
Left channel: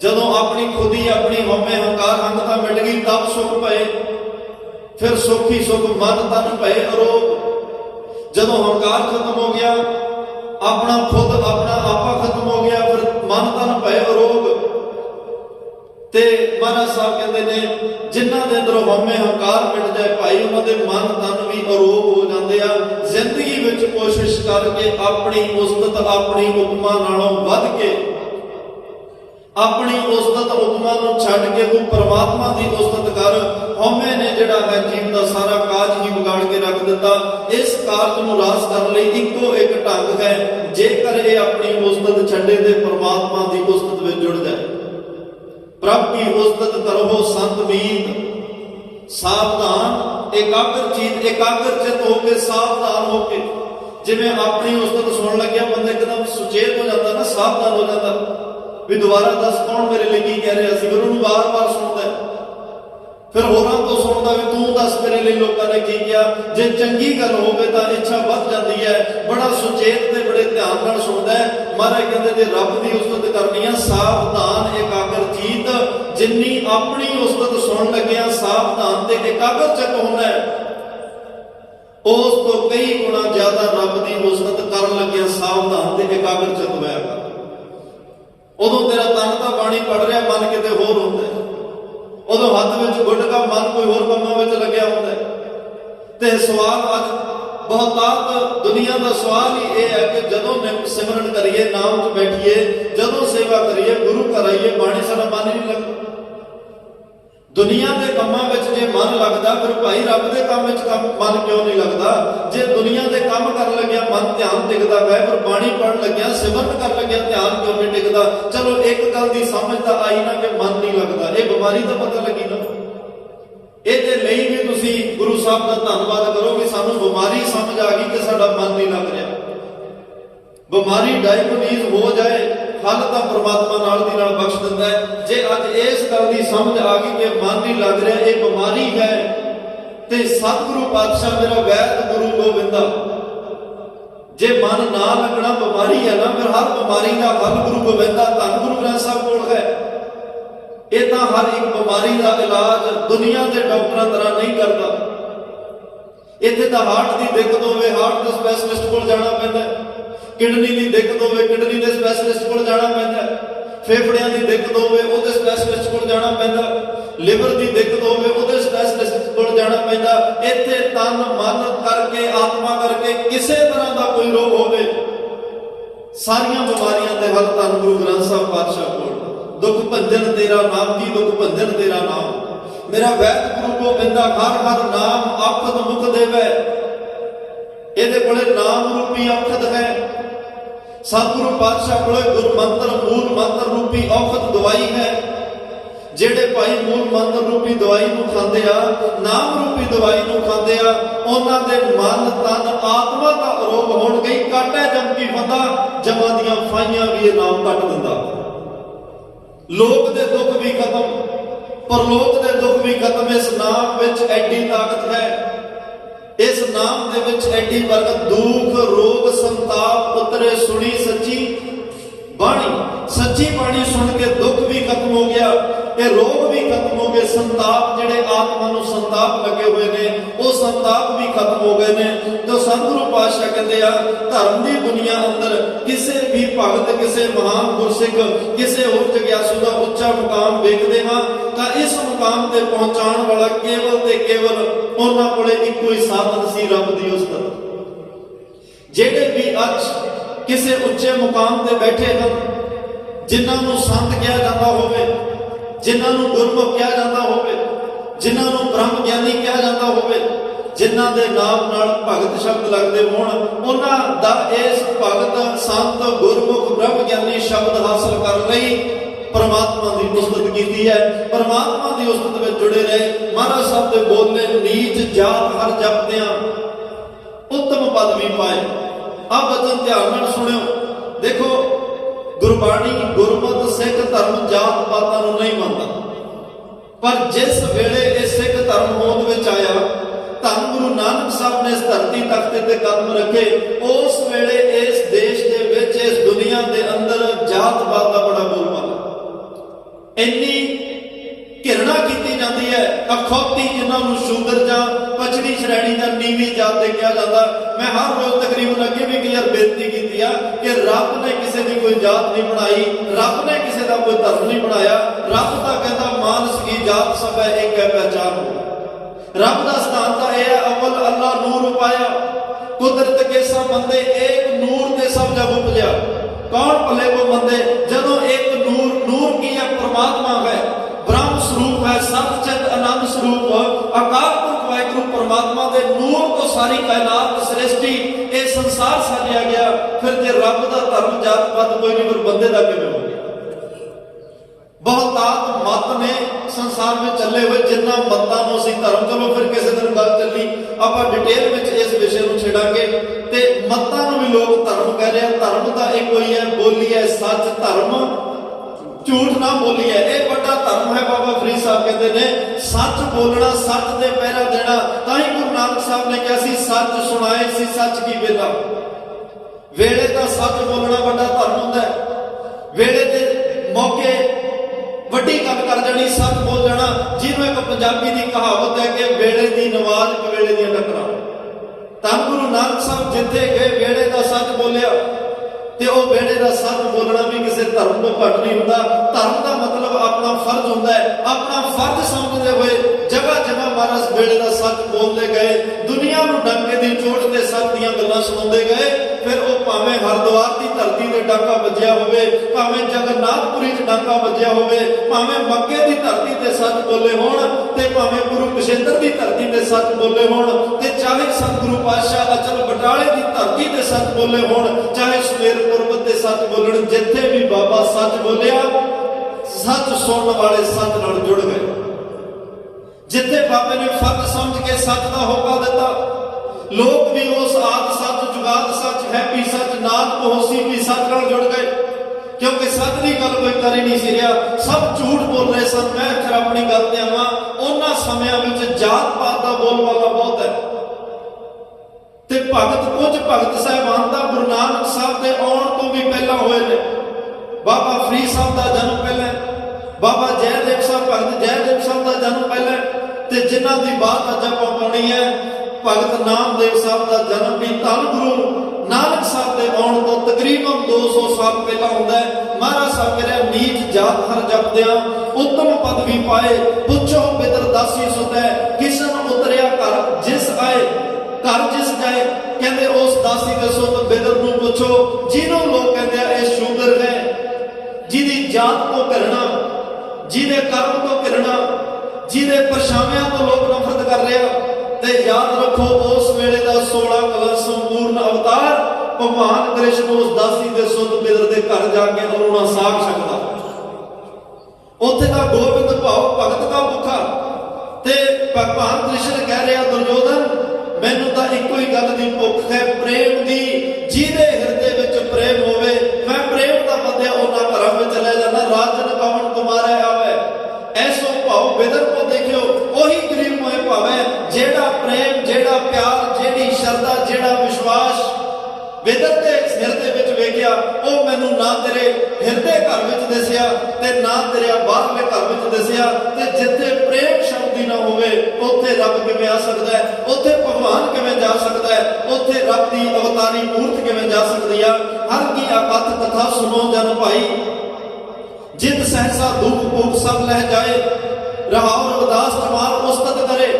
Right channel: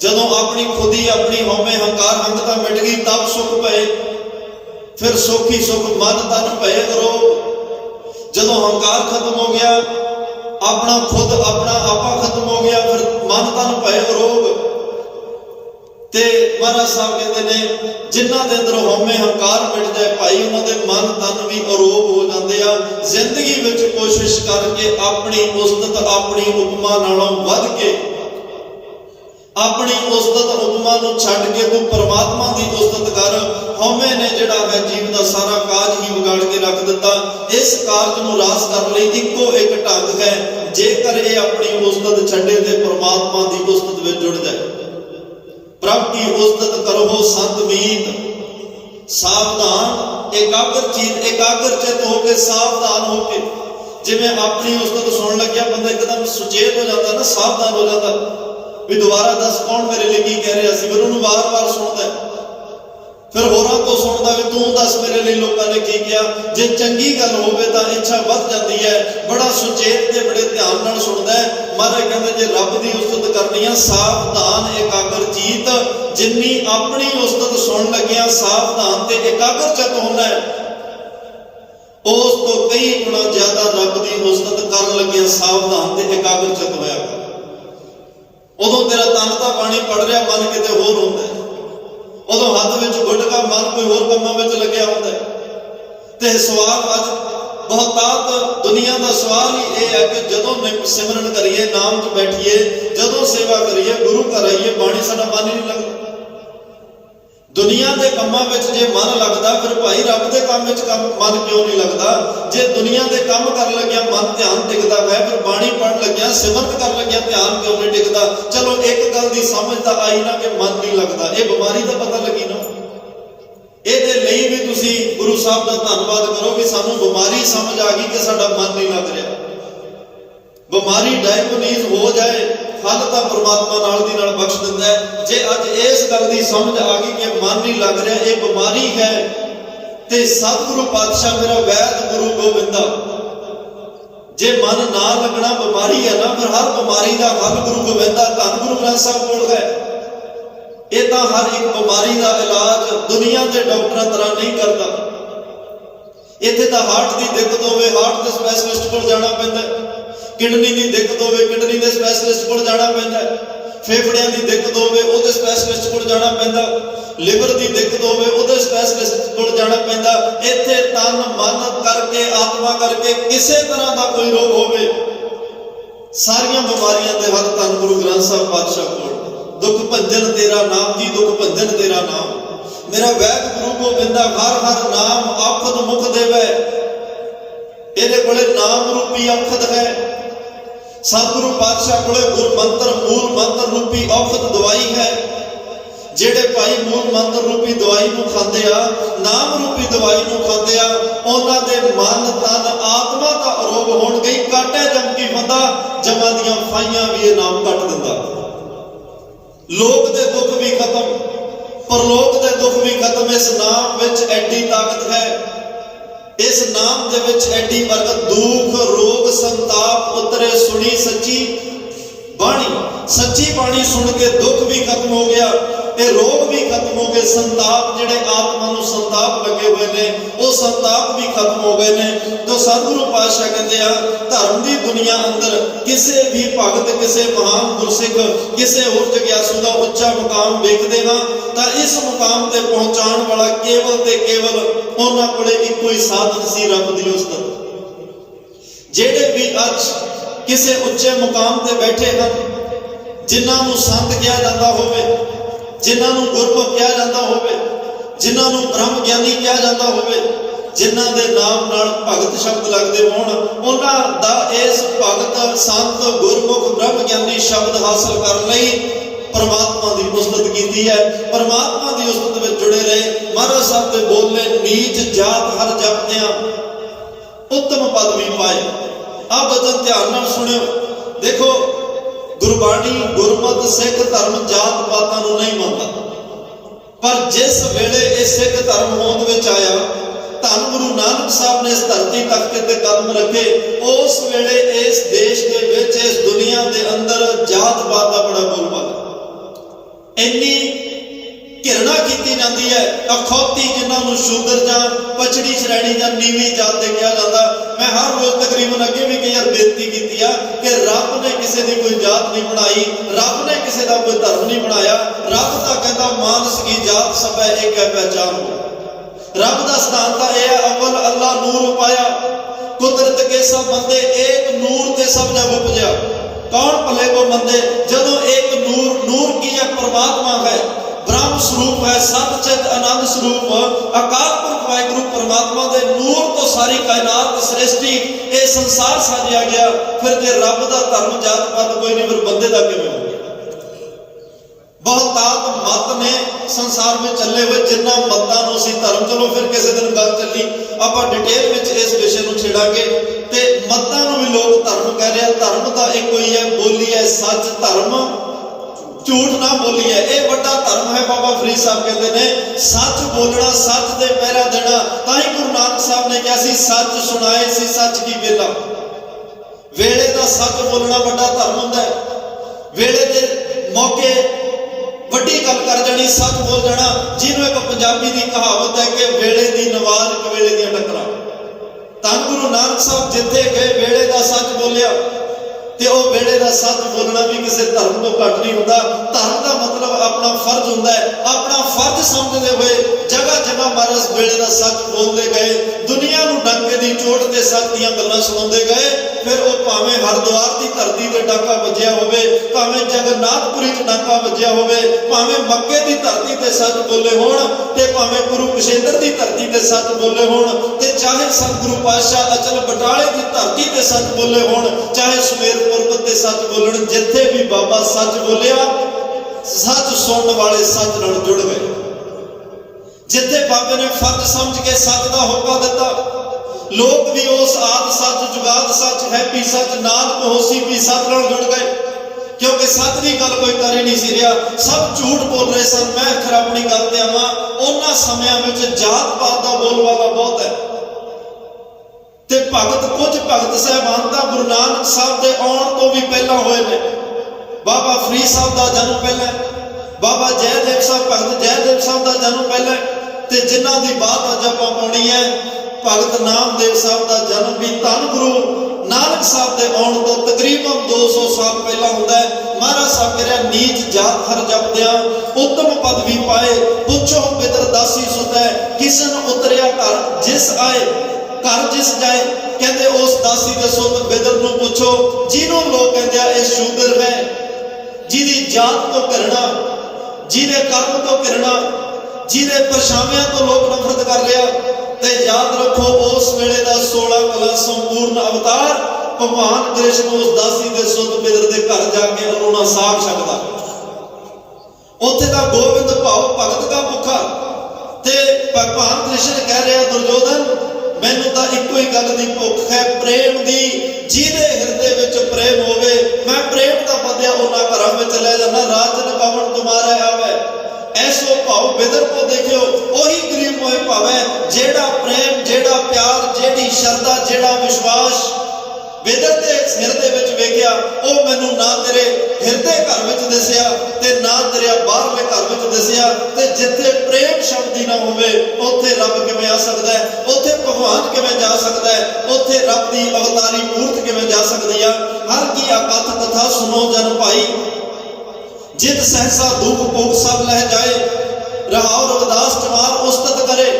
ਜਦੋਂ ਆਪਣੀ ਖੁਦੀ ਆਪਣੀ ਹਉਮੈ ਹੰਕਾਰ ਹੰਗਤਾ ਮਿਟ ਗਈ ਤਬ ਸੁਖ ਪਏ। ਫਿਰ ਸੋਖੀ ਸੁਖ ਮਨ ਤਨ ਭਏ ਅਰੋਗ। ਜਦੋਂ ਹੰਕਾਰ ਖਤਮ ਹੋ ਗਿਆ, ਆਪਣਾ ਖੁਦ ਆਪਣਾ ਆਪਾ ਖਤਮ ਹੋ ਗਿਆ, ਫਿਰ ਮਨ ਤਨ ਭਏ ਅਰੋਗ। ਤੇ ਮਹਾਰਾਜ ਸਾਹਿਬ ਕਹਿੰਦੇ ਨੇ ਜਿਨ੍ਹਾਂ ਦੇ ਅੰਦਰੋਂ ਹਉਮੈ ਹੰਕਾਰ ਮਿਟ ਜਾਏ ਭਾਈ, ਉਹਨਾਂ ਦੇ ਮਨ ਤਨ ਵੀ ਅਰੋਗ ਹੋ ਜਾਂਦੇ ਆ। ਜ਼ਿੰਦਗੀ ਵਿੱਚ ਕੋਸ਼ਿਸ਼ ਕਰਕੇ ਆਪਣੀ ਉਸਤਤ ਆਪਣੀ ਉਪਮਾ ਨਾਲੋਂ ਵੱਧ ਕੇ, ਆਪਣੀ ਉਸਤਤ ਉਪਮਾ ਨੂੰ ਛੱਡ ਕੇ ਤੂੰ ਪਰਮਾਤਮਾ ਦੀ ਉਸਤਤ ਕਰ। ਹਉਮੈ ਨੇ ਜਿਹੜਾ ਹੈ ਜੀਵ ਦਾ ਸਾਰਾ ਕਾਜ ਹੀ ਵਿਗਾੜ ਕੇ ਰੱਖ ਦਿੱਤਾ। ਇਸ ਕਾਰਜ ਨੂੰ ਰਾਸ ਕਰਨ ਲਈ ਇੱਕੋ ਇੱਕ ਢੰਗ ਹੈ, ਜੇਕਰ ਇਹ ਆਪਣੀ ਉਸਤਤ ਛੱਡੇ ਤੇ ਪਰਮਾਤਮਾ ਦੀ ਉਸਤਤ ਵਿੱਚ ਜੁੜ ਜਾਏ। ਪ੍ਰਭ ਕੀ ਉਸਤਤ ਕਰੋ ਸੰਤ ਮੀਤ, ਸਾਵਧਾਨ ਇਕਾਗਰ ਚਿਤ ਹੋ ਕੇ, ਸਾਵਧਾਨ ਹੋ ਕੇ। ਜਿਵੇਂ ਆਪਣੀ ਉਸਤਤ ਸੁਣਨ ਲੱਗਿਆ ਬੰਦਾ ਇੱਕਦਮ ਸੁਚੇਤ ਹੋ ਜਾਂਦਾ ਨਾ, ਸਾਵਧਾਨ ਹੋ ਜਾਂਦਾ ਵੀ ਦੁਬਾਰਾ ਦੱਸ ਕੌਣ ਮੇਰੇ ਲਈ ਕੀ ਕਹਿ ਰਿਹਾ ਸੀ। ਫਿਰ ਉਹਨੂੰ ਵਾਰ-ਵਾਰ ਸੁਣਦਾ, ਫਿਰ ਹੋਰਾਂ ਤੋਂ ਸੁਣਦਾ ਵੀ ਤੂੰ ਦੱਸ ਮੇਰੇ ਲਈ ਲੋਕਾਂ ਨੇ ਕੀ ਕਿਹਾ। ਜੇ ਚੰਗੀ ਗੱਲ ਹੋਵੇ ਤਾਂ ਇੱਛਾ ਵੱਧ ਜਾਂਦੀ ਹੈ, ਬੜਾ ਸੁਚੇਤ ਤੇ ਬੜੇ ਧਿਆਨ ਨਾਲ ਸੁਣਦਾ ਹੈ। ਮਹਾਰਾਜ ਕਹਿੰਦੇ ਜੇ ਰੱਬ ਦੀ ਉਸਤਤ ਕਰਨੀ ਆ, ਸਾਵਧਾਨ ਇਕਾਗਰ ਚੀਤ। ਜਿੰਨੀ ਆਪਣੀ ਉਸਤਤ ਸੁਣਨ ਲੱਗਿਆ ਸਾਵਧਾਨ ਤੇ ਇਕਾਗਰ ਚਿਤ ਹੋਣਾ ਹੈ, ਉਸ ਤੋਂ ਕਈ ਗੁਣਾ ਜ਼ਿਆਦਾ ਰੱਬ ਦੀ ਉਸਤਤ ਕਰਨ ਲੱਗਿਆ ਸਾਵਧਾਨ ਤੇ ਇਕਾਗਰ ਚਿਤ ਹੋਇਆ ਕਰ। ਉਦੋਂ ਤੇਰਾ ਤਨ ਤਾਂ ਬਾਣੀ ਪੜ ਰਿਹਾ, ਮਨ ਕਿਤੇ ਹੋਰ ਹੁੰਦਾ। ਉਦੋਂ ਹੱਥ ਵਿੱਚ ਗੁਟਕਾ, ਮਨ ਕੋਈ ਹੋਰ ਕੰਮਾਂ ਵਿੱਚ ਲੱਗਿਆ ਹੁੰਦਾ। ਤੇ ਸਵਾਲ ਅੱਜ ਬਹੁਤਾਤ ਦੁਨੀਆ ਦਾ ਸਵਾਲ ਹੀ ਇਹ ਹੈ ਕਿ ਜਦੋਂ ਸਿਮਰਨ ਕਰੀਏ, ਨਾਮ 'ਚ ਬੈਠੀਏ, ਜਦੋਂ ਸੇਵਾ ਕਰੀਏ, ਗੁਰੂ ਘਰ ਆਈਏ, ਬਾਣੀ ਸਾਡਾ ਮਨ ਹੀ ਨਹੀਂ ਲੱਗਦਾ। ਦੁਨੀਆ ਦੇ ਕੰਮਾਂ ਵਿੱਚ ਜੇ ਮਨ ਲੱਗਦਾ, ਫਿਰ ਭਾਈ ਰੱਬ ਦੇ ਕੰਮ ਵਿੱਚ ਮਨ ਕਿਉਂ ਨਹੀਂ ਲੱਗਦਾ? ਜੇ ਦੁਨੀਆ ਦੇ ਕੰਮ ਕਰਨ ਲੱਗਿਆ ਮਨ ਧਿਆਨ ਟਿਕਦਾ ਹੈ, ਫਿਰ ਬਾਣੀ ਪੜ੍ਹਨ ਲੱਗਿਆ, ਸਿਮਰਨ ਕਰਨ ਲੱਗਿਆ ਧਿਆਨ ਕਿਉਂ ਨਹੀਂ ਟਿਕਦਾ? ਚਲੋ ਇੱਕ ਗੱਲ ਦੀ ਸਮਝ ਤਾਂ ਆਈ ਨਾ ਕਿ ਮਨ ਨਹੀਂ ਲੱਗਦਾ, ਇਹ ਬਿਮਾਰੀ ਤਾਂ ਪਤਾ ਲੱਗੀ ਨਾ। ਇਹਦੇ ਲਈ ਵੀ ਤੁਸੀਂ ਗੁਰੂ ਸਾਹਿਬ ਦਾ ਧੰਨਵਾਦ ਕਰੋ ਕਿ ਸਾਨੂੰ ਬਿਮਾਰੀ ਸਮਝ ਆ ਗਈ ਕਿ ਸਾਡਾ ਮਨ ਨਹੀਂ ਲੱਗ ਰਿਹਾ। ਬਿਮਾਰੀ ਡਾਇਗਨੋਸਿਸ ਹੋ ਜਾਏ, ਹੱਲ ਤਾਂ ਪ੍ਰਮਾਤਮਾ ਨਾਲ ਦੀ ਨਾਲ ਬਖਸ਼ ਦਿੰਦਾ ਹੈ। ਜੇ ਅੱਜ ਇਸ ਗੱਲ ਦੀ ਸਮਝ ਆ ਗਈ ਕਿ ਮਨ ਨਹੀਂ ਲੱਗ ਰਿਹਾ, ਇਹ ਬਿਮਾਰੀ ਹੈ, ਤੇ ਸਤਿਗੁਰੂ ਪਾਤਸ਼ਾਹ ਮੇਰਾ ਵੈਦ ਗੁਰੂ ਗੋਬਿੰਦਾ, ਜੇ ਮਨ ਨਾ ਲੱਗਣਾ ਬਿਮਾਰੀ ਹੈ ਨਾ, ਫਿਰ ਹਰ ਬਿਮਾਰੀ ਦਾ ਹੱਲ ਗੁਰੂ ਗੋਬਿੰਦਾ ਧੰਨ ਗੁਰੂ ਗ੍ਰੰਥ ਸਾਹਿਬ ਕੋਲ ਹੈ। ਇਹ ਤਾਂ ਹਰ ਇੱਕ ਬਿਮਾਰੀ ਦਾ ਇਲਾਜ ਦੁਨੀਆ ਦੇ ਡਾਕਟਰਾਂ ਤਰ੍ਹਾਂ ਨਹੀਂ ਕਰਦਾ। ਇੱਥੇ ਤਾਂ ਹਾਰਟ ਦੀ ਦਿੱਕਤ ਹੋਵੇ, ਹਾਰਟ ਦੇ ਸਪੈਸ਼ਲਿਸਟ ਕੋਲ ਜਾਣਾ ਪੈਂਦਾ। ਕਿਡਨੀ ਦੀ ਦਿੱਕਤ ਹੋਵੇ, ਕਿਡਨੀ ਦੇ ਸਪੈਸ਼ਲਿਸਟ ਕੋਲ ਜਾਣਾ ਪੈਂਦਾ। ਫੇਫੜਿਆਂ ਦੀ ਦਿੱਕਤ ਹੋਵੇ, ਉਹਦੇ ਸਪੈਸ਼ਲਿਸਟ ਕੋਲ ਜਾਣਾ ਪੈਂਦਾ। ਲਿਵਰ ਦੀ ਦਿੱਕਤ ਹੋਵੇ, ਉਹਦੇ ਸਪੈਸ਼ਲਿਸਟ ਕੋਲ ਜਾਣਾ ਪੈਂਦਾ। ਇੱਥੇ ਤਨ ਮਨ ਕਰਕੇ, ਆਤਮਾ ਕਰਕੇ ਕਿਸੇ ਤਰ੍ਹਾਂ ਦਾ ਕੋਈ ਰੋਗ ਹੋਵੇ, ਸਾਰੀਆਂ ਬਿਮਾਰੀਆਂ ਦੇ ਹੱਲ ਧੰਨ ਗੁਰੂ ਗ੍ਰੰਥ ਸਾਹਿਬ ਪਾਤਸ਼ਾਹ ਕੋਲ। ਦੁੱਖ ਭੰਜਨ ਤੇਰਾ ਨਾਮ ਜੀ, ਦੁੱਖ ਭੰਜਨ ਤੇਰਾ ਨਾਮ। ਮੇਰਾ ਵੈਦ ਗੁਰੂ ਗੋਬਿੰਦਾ ਹਰ ਹਰ ਨਾਮ ਆਖਦ ਮੁਖ ਦੇਵੈ। ਇਹਦੇ ਕੋਲੇ ਨਾਮ ਰੂਪੀ ਔਖਦ ਹੈ। ਸਤਿਗੁਰੂ ਪਾਤਸ਼ਾਹ ਕੋਲੇ ਗੁਰ ਮੰਤਰ ਮੂਲ ਮੰਤਰ ਰੂਪੀ ਔਖਦ ਦਵਾਈ ਹੈ। ਜਿਹੜੇ ਭਾਈ ਮੂਲ ਮੰਤਰ ਰੂਪੀ ਦਵਾਈ ਨੂੰ ਖਾਂਦੇ ਆ, ਨਾਮ ਰੂਪੀ ਦਵਾਈ ਨੂੰ ਖਾਂਦੇ ਆ, ਉਹਨਾਂ ਦੇ ਮਨ ਤਨ ਆਤਮਾ ਦਾ ਅਰੋਗ ਹੋਣ ਗਈ। ਕਾਟੇ ਜਮਕੀ ਹੁੰਦਾ, ਜਮਾਂ ਦੀਆਂ ਫਾਈਆਂ ਵੀ ਇਹ ਨਾਮ ਕੱਟ ਦਿੰਦਾ। ਲੋਕ ਦੇ ਦੁੱਖ ਵੀ ਖਤਮ, ਪਰਲੋਕ ਦੇ ਦੁੱਖ ਵੀ ਖਤਮ। ਇਸ ਨਾਮ ਵਿੱਚ ਐਡੀ ਤਾਕਤ ਹੈ, ਇਸ ਨਾਮ ਦੇ ਵਿੱਚ ਐਡੀ ਬਰਕਤ। ਦੁੱਖ ਰੋਗ ਸੰਤਾਪ ਉਤਰੇ ਸੁਣੀ ਸੱਚੀ ਬਾਣੀ। ਸੱਚੀ ਬਾਣੀ ਸੁਣ ਕੇ ਦੁੱਖ ਵੀ ਖਤਮ ਹੋ ਗਿਆ, ਇਹ ਰੋਗ ਵੀ ਖਤਮ ਹੋ ਗਏ। ਸੰਤਾਪ ਜਿਹੜੇ ਆਤਮਾ ਨੂੰ ਸੰਤਾਪ ਲੱਗੇ ਹੋਏ ਨੇ, ਉਹ ਸੰਤਾਪ ਵੀ ਖਤਮ ਹੋ ਗਏ ਨੇ। ਤੇ ਸਤਿਗੁਰੂ ਪਾਤਸ਼ਾਹ ਕਹਿੰਦੇ ਆ, ਧਰਮ ਦੀ ਦੁਨੀਆ ਅੰਦਰ ਕਿਸੇ ਵੀ ਭਗਤ, ਕਿਸੇ ਮਹਾਨ ਗੁਰਸਿੱਖ, ਕਿਸੇ ਹੋਰ ਜਗਿਆਸੂ ਦਾ ਉੱਚਾ ਮੁਕਾਮ ਵੇਖਦੇ ਹਾਂ ਤਾਂ ਇਸ ਮੁਕਾਮ ਤੇ ਪਹੁੰਚਾਉਣ ਵਾਲਾ ਕੇਵਲ ਤੇ ਕੇਵਲ ਉਹਨਾਂ ਕੋਲੇ ਇੱਕੋ ਹੀ ਸਾਧਨ ਸੀ, ਰੱਬ ਦੀ ਉਸਤਤ। ਜਿਹੜੇ ਵੀ ਅੱਜ ਕਿਸੇ ਉੱਚੇ ਮੁਕਾਮ ਤੇ ਬੈਠੇ ਹਨ, ਜਿਨ੍ਹਾਂ ਨੂੰ ਸੰਤ ਕਿਹਾ ਜਾਂਦਾ ਹੋਵੇ, ਜਿਨ੍ਹਾਂ ਨੂੰ ਗੁਰਮੁਖ ਕਿਹਾ ਜਾਂਦਾ ਹੋਵੇ, ਜਿਨ੍ਹਾਂ ਨੂੰ ਬ੍ਰਹਮ ਗਿਆਨੀ ਕਿਹਾ ਜਾਂਦਾ ਹੋਵੇ, ਜਿਨ੍ਹਾਂ ਦੇ ਨਾਮ ਨਾਲ ਭਗਤ ਸ਼ਬਦ ਲੱਗਦੇ ਹੋਣ, ਉਹਨਾਂ ਦਾ ਇਸ ਭਗਤ ਸੰਤ ਗੁਰਮੁਖ ਬ੍ਰਹਮ ਗਿਆਨੀ ਸ਼ਬਦ ਹਾਸਲ ਕਰਨ ਲਈ ਪਰਮਾਤਮਾ ਦੀ ਉਸਤਤ ਕੀਤੀ ਹੈ। ਪਰਮਾਤਮਾ ਦੀ ਉਸਤਤ ਵਿੱਚ ਜੁੜੇ ਰਹੇ। ਮਹਾਰਾਜ ਸਾਹਿਬ ਦੇ ਬੋਲੇ, ਨੀਚ ਜਾਤ ਹਰ ਜਪਦਿਆਂ ਉੱਤਮ ਪਦਵੀ ਪਾਏ। ਆਹ ਬਚਨ ਧਿਆਨ ਨਾਲ ਸੁਣਿਓ। ਦੇਖੋ, ਗੁਰਬਾਣੀ ਗੁਰਮਤਿ ਸਿੱਖ ਧਰਮ ਜਾਤ ਪਾਤਾਂ ਨੂੰ ਨਹੀਂ ਮੰਨਦਾ, ਪਰ ਜਿਸ ਵੇਲੇ ਇਹ ਸਿੱਖ ਧਰਮ ਹੋਂਦ ਵਿੱਚ ਆਇਆ, ਧੰਨ ਗੁਰੂ ਨਾਨਕ ਸਾਹਿਬ ਨੇ ਇਸ ਧਰਤੀ ਤਖਤੇ ਤੇ ਕਦਮ ਰੱਖੇ, ਉਸ ਵੇਲੇ ਇਸ ਦੇਸ਼ ਦੇ ਵਿੱਚ, ਇਸ ਦੁਨੀਆ ਦੇ ਅੰਦਰ ਜਾਤ ਪਾਤ ਦਾ ਬੜਾ ਬੋਲਬਾਲਾ। ਇੰਨੀ ਘਿਰਣਾ ਕੀਤੀ ਜਾਂਦੀ ਹੈ, ਅਖੌਤੀ ਜਿਨ੍ਹਾਂ ਨੂੰ ਸ਼ੂਦਰ ਜਾਂ ਪਛੜੀ ਸ਼੍ਰੇਣੀ ਜਾਂ ਨੀਵੀਂ ਜਾਤ ਦੇ ਕਿਹਾ ਜਾਂਦਾ। ਮੈਂ ਹਰ ਰੋਜ਼ ਤਕਰੀਬਨ ਅੱਗੇ ਵੀ ਕਈ ਵਾਰ ਬੇਨਤੀ ਕੀਤੀ ਆ ਕਿ ਰੱਬ ਨੇ ਕਿਸੇ ਦੀ ਕੋਈ ਜਾਤ ਨਹੀਂ ਬਣਾਈ, ਰੱਬ ਨੇ ਕਿਸੇ ਦਾ ਕੋਈ ਧਰਮ ਨਹੀਂ ਬਣਾਇਆ। ਰੱਬ ਤਾਂ ਕਹਿੰਦਾ ਮਾਨਸ ਕੀ ਜਾਤ ਸਭ ਹੈ ਇੱਕ ਹੈ ਪਹਿਚਾਨ। ਰੱਬ ਦਾ ਸਿਧਾਂਤ ਤਾਂ ਇਹ ਹੈ, ਅਵਲ ਅੱਲਾ ਨੂਰ ਉਪਾਇਆ, ਕੁਦਰਤ ਕੇ ਸਭ ਬੰਦੇ एक ਨੂਰ ਤੇ ਸਭ ਜਗ ਉਪਜਿਆ। ਕੌਣ ਭਲੇ ਕੋ ਮੰਦੇ, ਜਦੋਂ ਇੱਕ ਨੂਰ ਕੀ ਹੈ, परमात्मा है, ब्रह्म स्वरूप है, सतचित आनंद स्वरूप अकाल पुरख वाहिगुरु परमात्मा दे नूर तो सारी कायनात सृष्टि ये संसार साजिया गया। फिर जे रब दा धर्म जात पात कोई नहीं, फिर बंदे दा किवें हो गया? बहुतात मत ने संसार में चले हुए, जिन्हां मतां नूं असीं धर्म, चलो फिर किसी दिन गल चली आपां डिटेल विच इस विषय नूं छेड़ांगे। ते मतां नूं भी लोग धर्म कह रहे हैं। धर्म दा एक ही है, बोली है सच, धर्म झूठ ना बोली है, यह बड़ा धर्म है। बाबा फरीद साहब कहते हैं सच बोलना, सच दे पहरा देना। ताई गुरु नानक साहब ने कहा सी सच सुनाए सी सच की बेला। वेले दा सच बोलना बड़ा धर्म हुंदा है। वेले दे मौके वड्डी गल कर जानी, सच बोल जाना। जिन्हों एक पंजाबी की कहावत है कि वेले दी नवाज कवेले दी टकरा। धन गुरु नानक साहब जिथे गए वेले दा सच बोलिया, ते ओ वेले दा सच बोलना भी किसी धर्म तो घट नहीं होता। धर्म का मतलब अपना फर्ज होता है, अपना फर्ज समझते हुए जगह जगह महाराज वेले दा सच बोलते गए। दुनिया नूं डंके दी चोट ते सच दीयां गल्लां सुणाउंदे गए। फिर वो भावें हरिद्वार की धरती ते डाका वज्जिया होवे, भावें जगन्नाथपुरी च डाका वज्जिया होवे, भावें मक्के की धरती ते सच बोले होण, ते भावें गुरु कुशेंद्र की धरती ते सच बोले होण, ते चाहे सतगुरु पातशाह अचल बटाले की धरती ते सच बोले होण, चाहे सुमेर पर्वत ते सच बोलण। जिथे भी बाबा सच बोलिया, सच सुनने वाले सच नाल जुड़ गए। जिथे बाबे ने फर्ज समझ के सच का होका दिता, लोग भी उस आद सच, जुगाद सच, हैप्पी सच, नानक होसी भी सच नाल जुड़ गए। क्योंकि सच की गल कोई कर ही नहीं सी रहा, सब झूठ बोल रहे सन। मैं फिर अपनी गल ते आवां, उन्हां समयां विच जात पात दा बोलबाला बहुत है। ते भगत कुछ भगत साहबान दा गुरु नानक साहब दे आउण तो भी पहला होए ने। बाबा फरीद साहब दा जन्म पहले, बाबा जयदेव साहब भगत जयदेव साहब दा जन्म पहले, ते जिन्हां दी बात अज आपां पाउणी है भगत नामदेव साहब का जन्म भी धन गुरु नानक साहब के आने तो तकरीबन 200 साल पहला होता है। महाराज साहब कह रहे नीच जात हर जपद्या उत्तम पदवी पाए, पुछो बिदर दासी सुतै, किसन उतरिया घर जिस आए, घर जिस जाए। कहते उस दासी के सुत बिदर नूं पुछो, जिन्हों लोग कहते हैं यह शूदर है, जिहदी जात तो घृणा, जिहदे कर्म तो घृणा, जिहदे परछावियां तो लोग नफरत कर रहे हैं। ते याद रखो उस वेले दा 16 कला संपूर्ण अवतार भगवान कृष्ण उस दासी के सुत बिदर के घर जाके उन्होंने साख सकता। उत्थे दा गोविंद भाव भगत का भुखा, ते भगवान कृष्ण कह रहे दुर्योधन मैनू तां इक्को ही गल दी भुख है, प्रेम दी। जिहदे हिरदे विच प्रेम होवे, मैं प्रेम दा बंदिया उन्हां घरां विच ले जाना, राजन कवन तुम्हारे आवे। ऐसो भाव बिदर को देखियो, ओही गरीब मोए भावे जेड़ा प्रेम, जेड़ा प्यार, जेड़ी श्रद्धा, जेड़ा विश्वास बिदर दे हिरदे विच वेखिया, ओ मैनू ना तेरे हिरदे घर विच दिसिया ते ना तेरे बाहरले घर विच दिसिया। ते जिथे प्रेम शब्द ही ना होवे, उत्थे रब किवें आ सकदा है, उत्थे भगवान किवें जा सकदा है, उत्थे रब दी अवतारी मूर्त किवें जा सकदी है। हर की आकथ कथा सुनो जन भाई, जित सहसा दुख भूख सब लह जाए, रहाओ रविदास चमार उस्तत करे।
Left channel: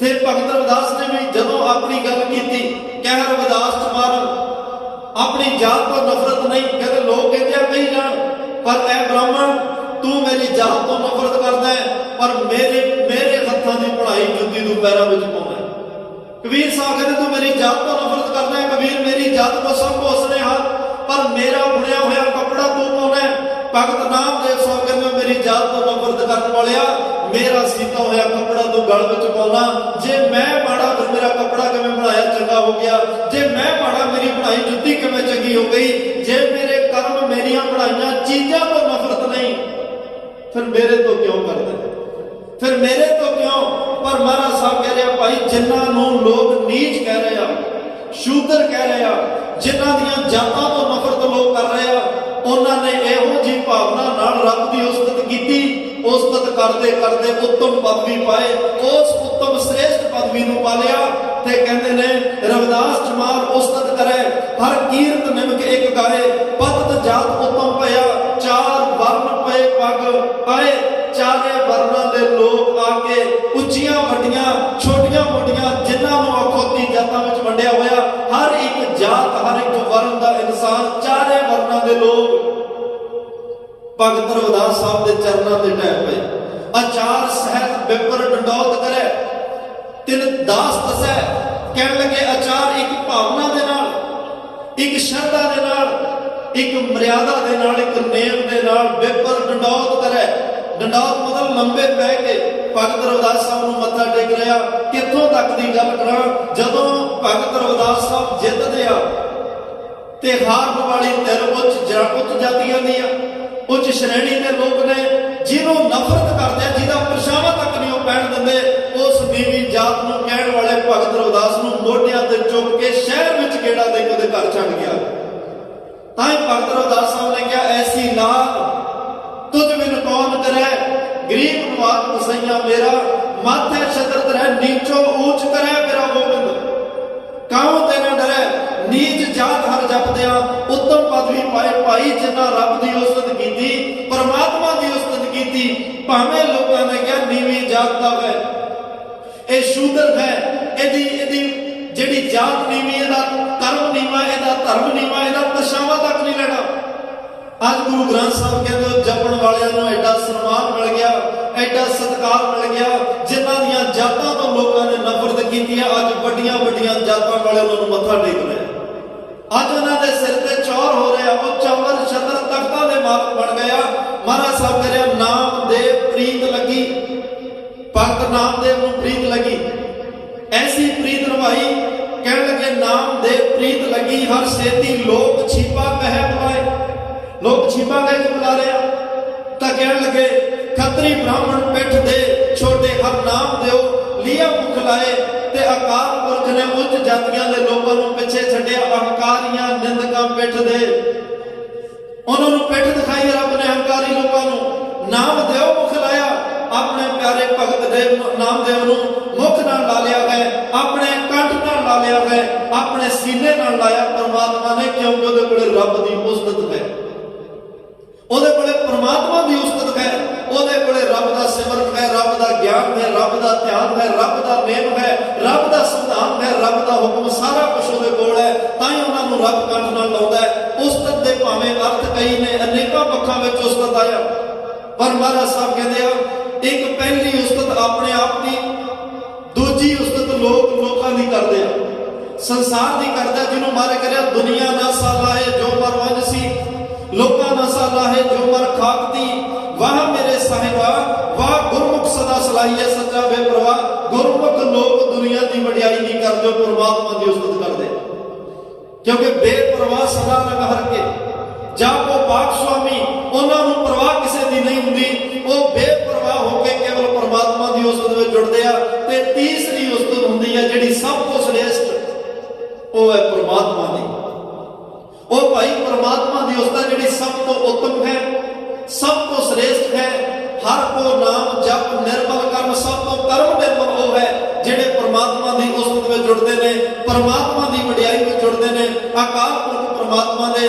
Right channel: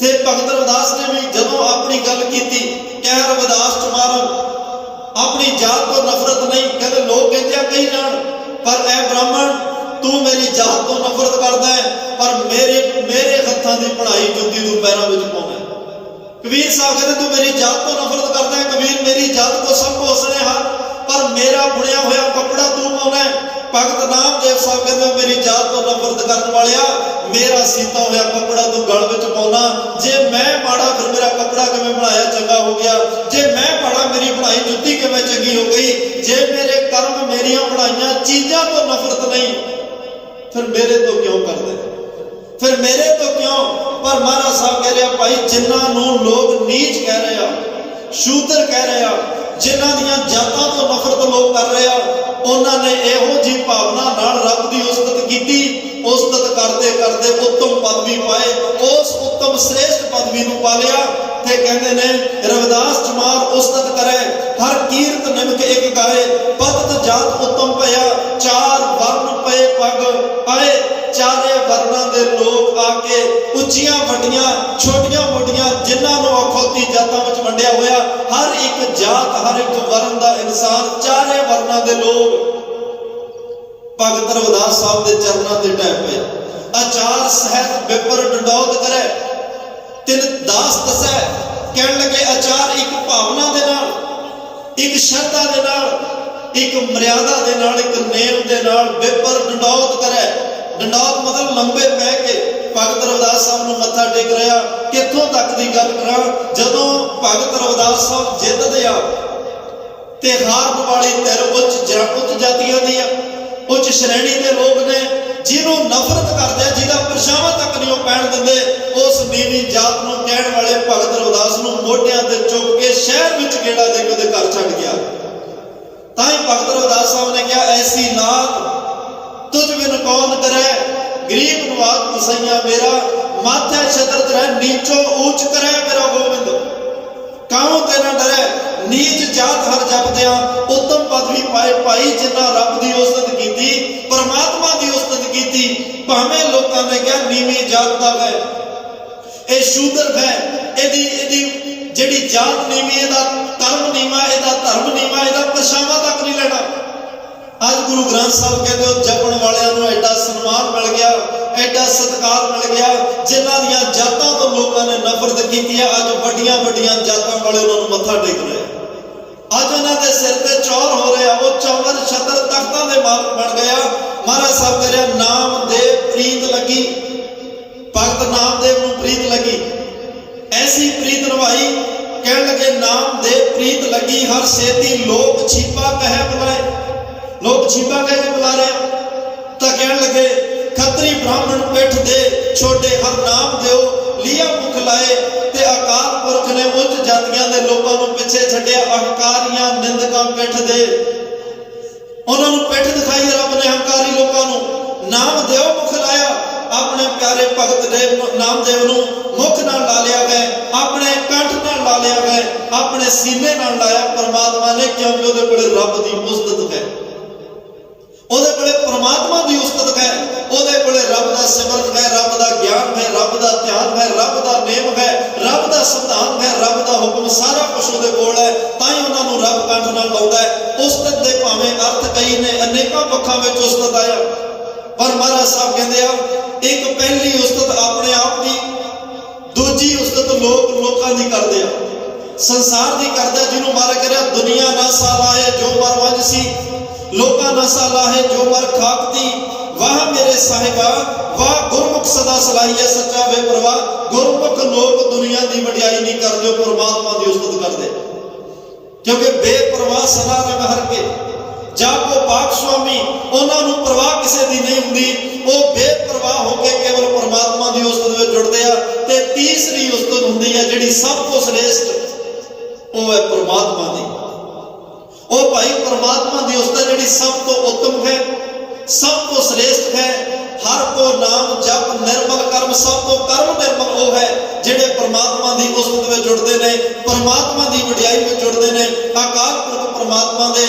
ते भगत रविदास ने भी जदों अपनी गल की, कह रविदास चमार अपनी जात को नफरत नहीं। कहते लोग कहते कही जान, पर ऐ ब्राह्मण तू मेरी जात तो नफरत करता है, पर मेरे हत्थां दी बनाई जुत्ती तू पैरों में पाउंदा है। कबीर साहब कहते तू मेरी जात को नफरत करता है, कबीर मेरी जात को सब पोसने हां, पर मेरा बुनिया हुआ कपड़ा तू पाउंदा है। भगत नामदेव साहब कहते मेरी जात तो नफरत करने वालिया, मेरा सीता होया कपड़ा तू गल विच पाउणा। जे मैं माड़ा फिर मेरा कपड़ा किवें बनाया चंगा हो गया, जे मैं माड़ा मेरी बनाई जुत्ती किवें चंगी हो गई। जे मेरे कर्म मेरिया बनाईयां चीज़ां तो नफरत नहीं, फिर मेरे तो क्यों करदे, फिर मेरे तो क्यों। पर महाराज साहब कह रहे भाई जिन्हां नूं लोग नीच कह रहे आ, शूदर कह रहे आ, जिन्हां दियां जातां तो नफरत लोग कर रहे आ, उन्होंने इहो जी भावना नाल रब दी उस्तत करते करते उत्तम पदवी पाए, उस उत्तम श्रेष्ठ पदवी नूं पा लिया। ते कहते ने रविदास जमार उस्तत करे, हर कीर्त निमक एक गाए, पतत जात उत्तम भया, चार वर्ण पे पग आए। चारे वर्णा दे लोग आके उच्चियां वड्डियां छोटियां मोटियां जिन्हां नूं अखौती जातां विच वंडिया होया, हर एक जात हर एक वर्ण दा इंसान, चारे वर्णा दे लोग भगत रविदास साहब के चरणों से ढह पे। आचार सहत बिपर डंडौत करे, तिन दास दसै, कह लगे आचार एक भावना दे नाल, एक श्रद्धा दे नाल, एक मर्यादा दे नाल, एक नेम दे नाल बिपर डंडौत करे। डंडौत मतलब लंबे पै के भगत रविदास साहब नूं मत्था टेक रहा। कित्थों तक की गल करा, जदों भगत रविदास साहब जितदे आ ते हारन वाली धिर उच्च जातियां दी आ, उच्च श्रेणी के लोग ने, जिन्हों नफरत करते हैं, जिहदा परछावां तक नहीं पैण दिंदे, उस नीवी जात नूं कहण वाले भगत रविदास नूं मोढियां ते चुक के शहर विच गेड़ा दे के घर छड्ड गया। तां ही भगत रविदास साहब ने कहा, ऐसी लात तुझ बिन कौन करे, गरीब नवाज मुसैया मेरा, माथे छतर तरह नीचो ऊंच करे मेरा गोविंद, काहों ते ना डरे, नीच जात हर जपदिया उत्तम पदवी पाए भाई, जिन्ना रब दी उस्तत कीती, परमात्मा दी उस्तत कीती। भावें लोकां ने कहा नीवी जात दा है, ए शूद्र है, एदी जेड़ी जात नीवी, एदा कर्म नीवा, एदा धर्म नीवा, एदा परछावां तक नहीं लेना। आज गुरु ग्रंथ साहब कहते हो जपण वालियां नूं एडा सन्मान मिल गया, एडा सत्कार मिल गया, जिन्हां दियां जातां तो लोकां ने नफरत कीती है, अज वड्डियां वड्डियां जातां वाले उन्हां नूं मत्था टेक रहे। अज उन्हां दे सिर ते चौर हो रहा, वो चौवर छतर तख्तां दे मालक बन गया। महाराज साहब कह रहे नामदेव प्रीत लगी, भगत नामदेव नूं प्रीत लगी, ऐसी प्रीत नवाई, कह लगे नामदेव प्रीत लगी, हर सेती लोक छीपा कहे बुलाए, लोग छीपा कह के बुला रहे हैं। तो कह लगे खतरी ब्राह्मण पिठ दे छोटे हर नाम देओ, लिया मुख लाए, ते अकाल पुरख ने उच्च जातियां दे लोगों नूं पिछे छड्डिया, अहंकारियां निंदकां पिठ दे, उन्हां नूं पिठ दिखाई रब ने अहंकारी लोगों नूं, नाम देओ मुख लाया, अपने प्यारे भगत देव नामदेव नूं मुख नाल ला लिया है, अपने कंठ नाल ला लिया है, अपने सीने नाल लाया परमात्मा ने, क्योंकि उहदे कोले रब दी उस्तत है, ਉਹਦੇ ਕੋਲੇ परमात्मा की उस्तत है, ਉਹਦੇ ਕੋਲੇ रब का सिमरन है, रब का ज्ञान है, रब का ध्यान है, रब का नेम है, रब का संविधान है, रब का हुक्म, सारा कुछ ਉਹਦੇ ਕੋਲ है। ਤਾਂ ਹੀ ਉਹਨਾਂ ਨੂੰ रब कंठ नाल लाउंदा है। उस्तत दे भावें अर्थ कई ने, अनेकों पक्षां विच उस्तत आया, पर महाराज साहब कहते हैं एक पहली उस्तत अपने आप की, दूजी उस्तत लोकां दी करदे आ, संसार दी करदे, जिन्हों मारे करिया दुनिया ना सालाहे जो मर वंजसी, लोका नसा लाहे जो मर खाकती, वाह मेरे साहिबा वाह गुरमुख सदा सलाहिए सच्चा बेपरवाह। गुरमुख लोग दुनिया की वडियाई नहीं करते, परमात्मा की उस्तत करते, क्योंकि बेपरवाह सदा रंग हर के जापो पाक स्वामी, उन्होंने परवाह किसी की नहीं होंगी, वो बेपरवाह होकर केवल परमात्मा की उस्तत में जुड़ते हैं। ते तीसरी उस्तत होंगी है जिहड़ी सब तो श्रेष्ठ, वो है परमात्मा की। वो भाई परमात्मा की उस्तत जिहड़ी सब तो उत्तम है, सब तो श्रेष्ठ है, हर को नाम जप निर्मल कर्म, सब तो कर्म निर्मल वो है जिहड़े परमात्मा की उस्तत में जुड़ते हैं, परमात्मा की वडियाई में जुड़ते हैं। अकाल पुरख परमात्मा के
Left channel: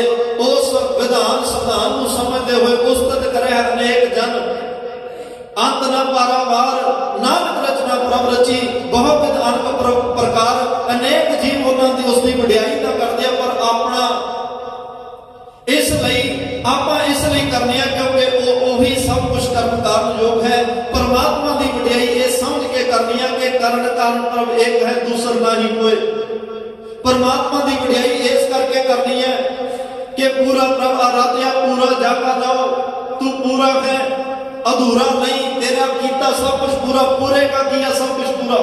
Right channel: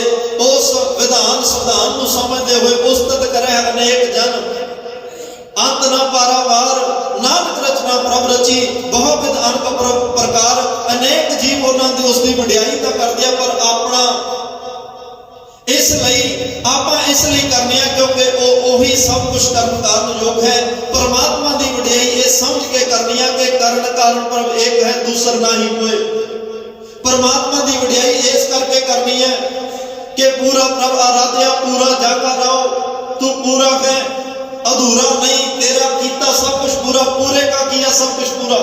उस विधान संविधान को समझते हुए उस्तत करे अनेक जन, अंत न पारावार, नानक रचना प्रभ रची, बहुत विध अनक प्रकार, अनेक जीव उन्होंने उसकी वडियाई तो करते हैं, पर अपना इसलिए आप इसलिए करने क्योंकि वही सब कुछ कर्म कारण योग है। परमात्मा की वडियाई ये समझ के करनी है कि कारण कारण प्रभ एक है, दूसरा ना ही कोई। परमात्मा की वडियाई इस करके करनी है कि पूरा प्रभ आराध्या, पूरा जागा रहो, तू पूरा है, अधूरा नहीं, तेरा कीता सब कुछ पूरा, पूरे का किया सब कुछ पूरा,